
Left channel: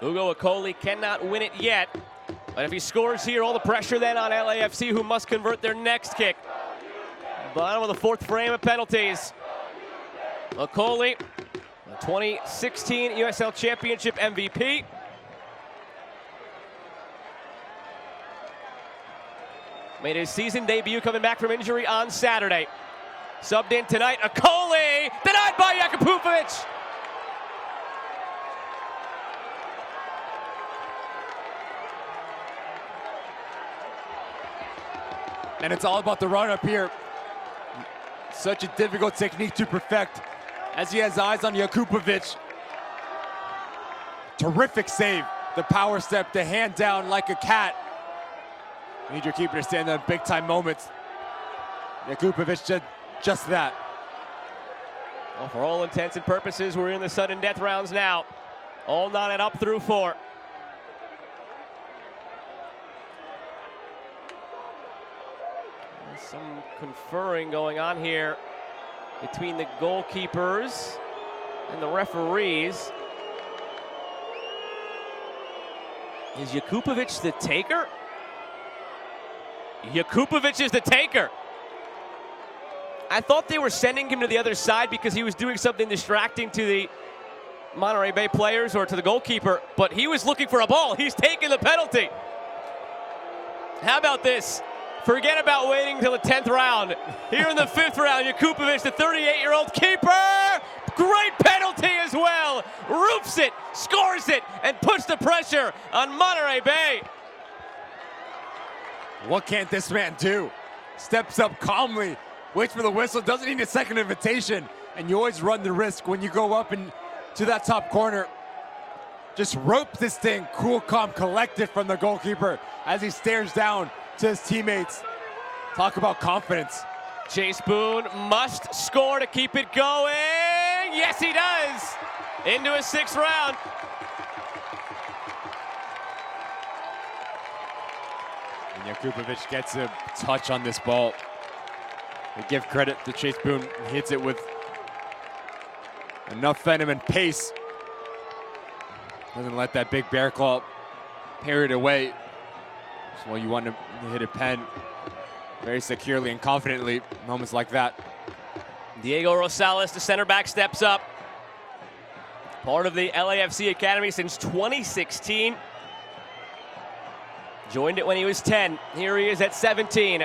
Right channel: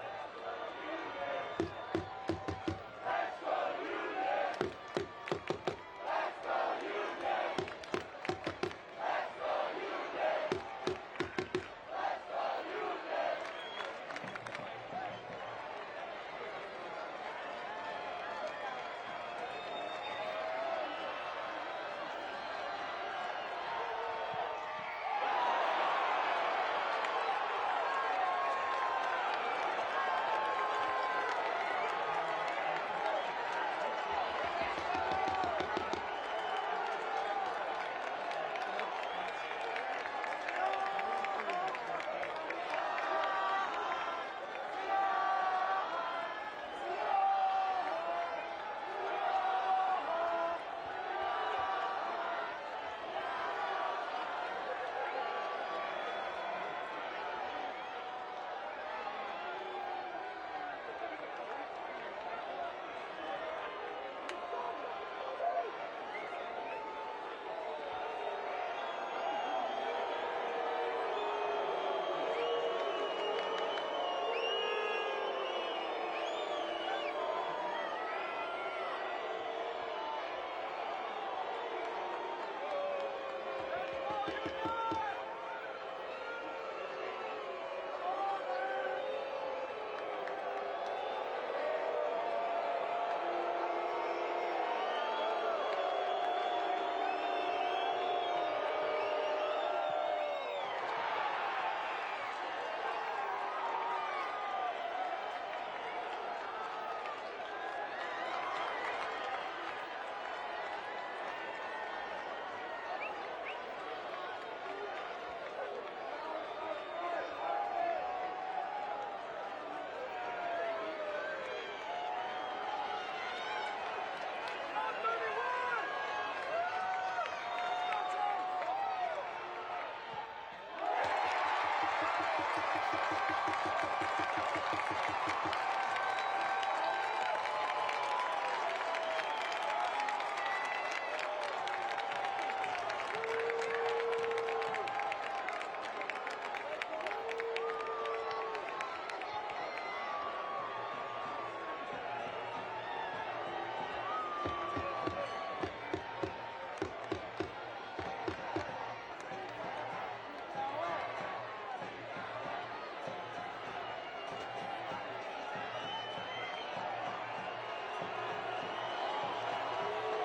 Ugo Akoli cannot win it yet, but if he scores here, all the pressure then on LAFC, who must convert their next kick. Bottom of the fourth frame of penalties. Akoli, 2016 USL Championship MVP. Made his season debut coming back from injury on Saturday. Subbed in tonight, Akoli, denied by Jakupovic. And it's all about the run up here. Such a difficult technique to perfect as he has eyes on Jakupovic. Terrific save. The power step, the hand down like a cat. Need your keeper to stand in big time moments. Jakupovic did just that. Well, for all intents and purposes, we're in the sudden death rounds now. All knotted up through 4. Some conferring going on here between the goalkeepers and the referees. Is Jakupovic the taker? Jakupovic is the taker. I thought they were sending him to the other side because he was doing something distracting to the Monterey Bay players or to the goalkeeper, but he was looking for a ball. He's taking the penalty. How about this? Forget about waiting until the 10th round. Here in the 5th round, Jakupovic, the 38-year-old keeper. Great penalty as well. Roofs it, scores it, and puts the pressure on Monterey Bay. What can't this man do? Steps up calmly, waits for the whistle, doesn't need a second invitation, and you always run the risk when you go up and to that top corner. Just ropes this thing, cool, calm, collected from the goalkeeper as he stares down to his teammates. Talk about confidence. Chase Boone must score to keep it going. Yes, he does. Into his 6th round. Jakupovic gets a touch on this ball. We give credit to Chase Boone. He hits it with enough venom and pace. Doesn't let that big bear claw parry it away. So you want to hit a pen very securely and confidently. Moments like that. Diego Rosales, the center back, steps up. Part of the LAFC Academy since 2016. Joined it when he was 10. Here he is at 17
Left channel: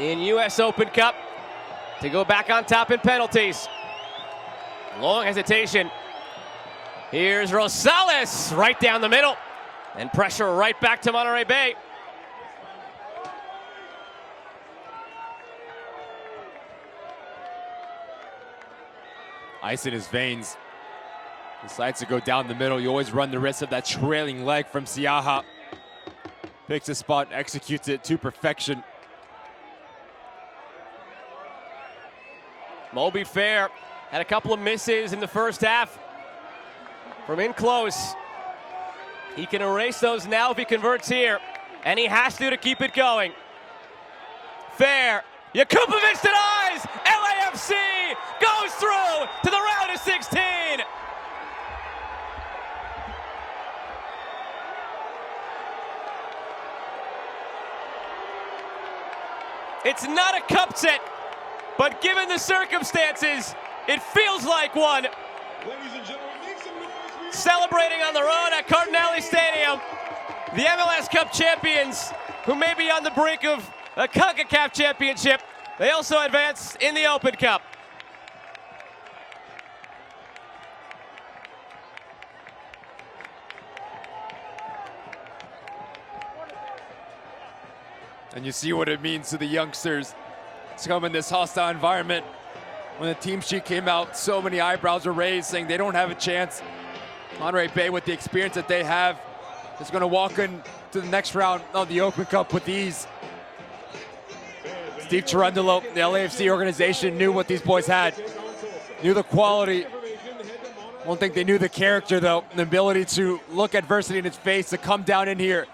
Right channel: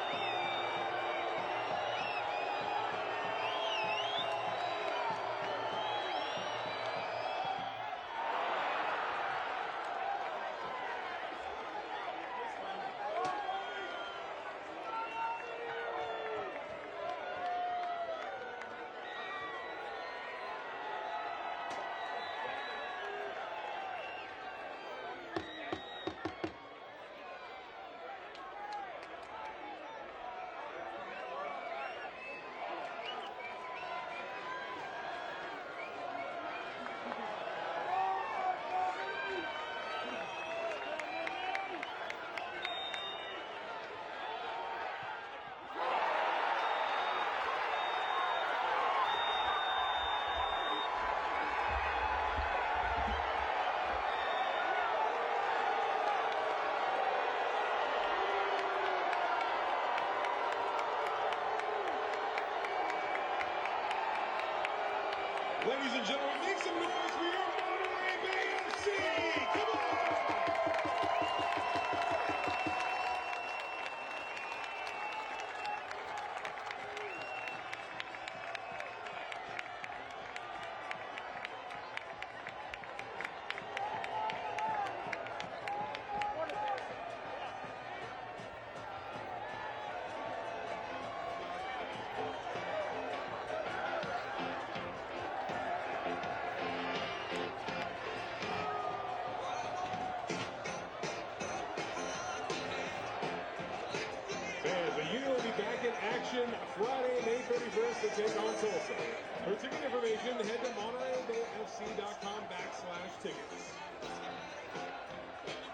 in U.S. Open Cup to go back on top in penalties. Long hesitation. Here's Rosales right down the middle, and pressure right back to Monterey Bay. Ice in his veins. Decides to go down the middle. You always run the risk of that trailing leg from Siaha. Picks a spot, executes it to perfection. Moby Fair had a couple of misses in the first half from in close. He can erase those now if he converts here, and he has to keep it going. Fair, Jakupovic denies, LAFC goes through to the round of 16. It's not a cup set, but given the circumstances, it feels like one. Ladies and gentlemen, make some noise. Celebrating on the road at Cardinale Stadium. the MLS Cup champions, who may be on the brink of a CONCACAF championship, they also advance in the Open Cup. And you see what it means to the youngsters to come in this hostile environment. When the team sheet came out, so many eyebrows were raised saying they don't have a chance. Monterey Bay, with the experience that they have, is going to walk into the next round of the Open Cup with ease. Steve Cherundolo, the LAFC organization, knew what these boys had, knew the quality. I don't think they knew the character, though, the ability to look adversity in its face, to come down in here,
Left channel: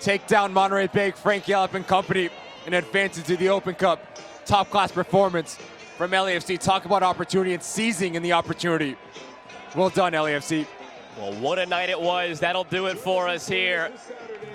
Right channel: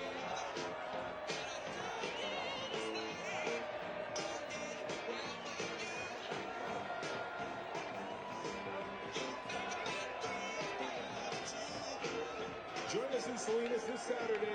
take down Monterey Bay, Frank Yallop and company, and advance into the Open Cup. Top-class performance from LAFC. Talk about opportunity and seizing in the opportunity. Well done, LAFC. Well, what a night it was. That'll do it for us here.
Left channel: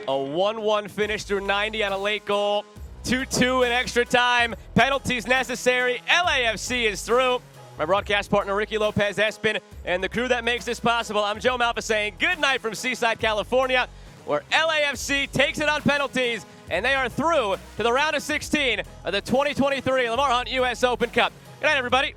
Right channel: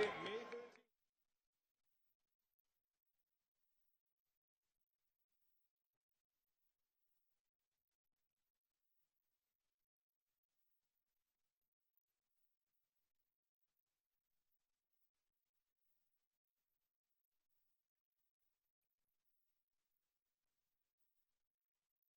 A 1-1 finish through 90 on a late goal. 2-2 in extra time. Penalties necessary. LAFC is through. My broadcast partner, Ricky Lopez-Espin, and the crew that makes this possible. I'm Joe Malfa saying good night from Seaside, California, where LAFC takes it on penalties, and they are through to the round of 16 of the 2023 Lamar Hunt U.S. Open Cup. Good night, everybody.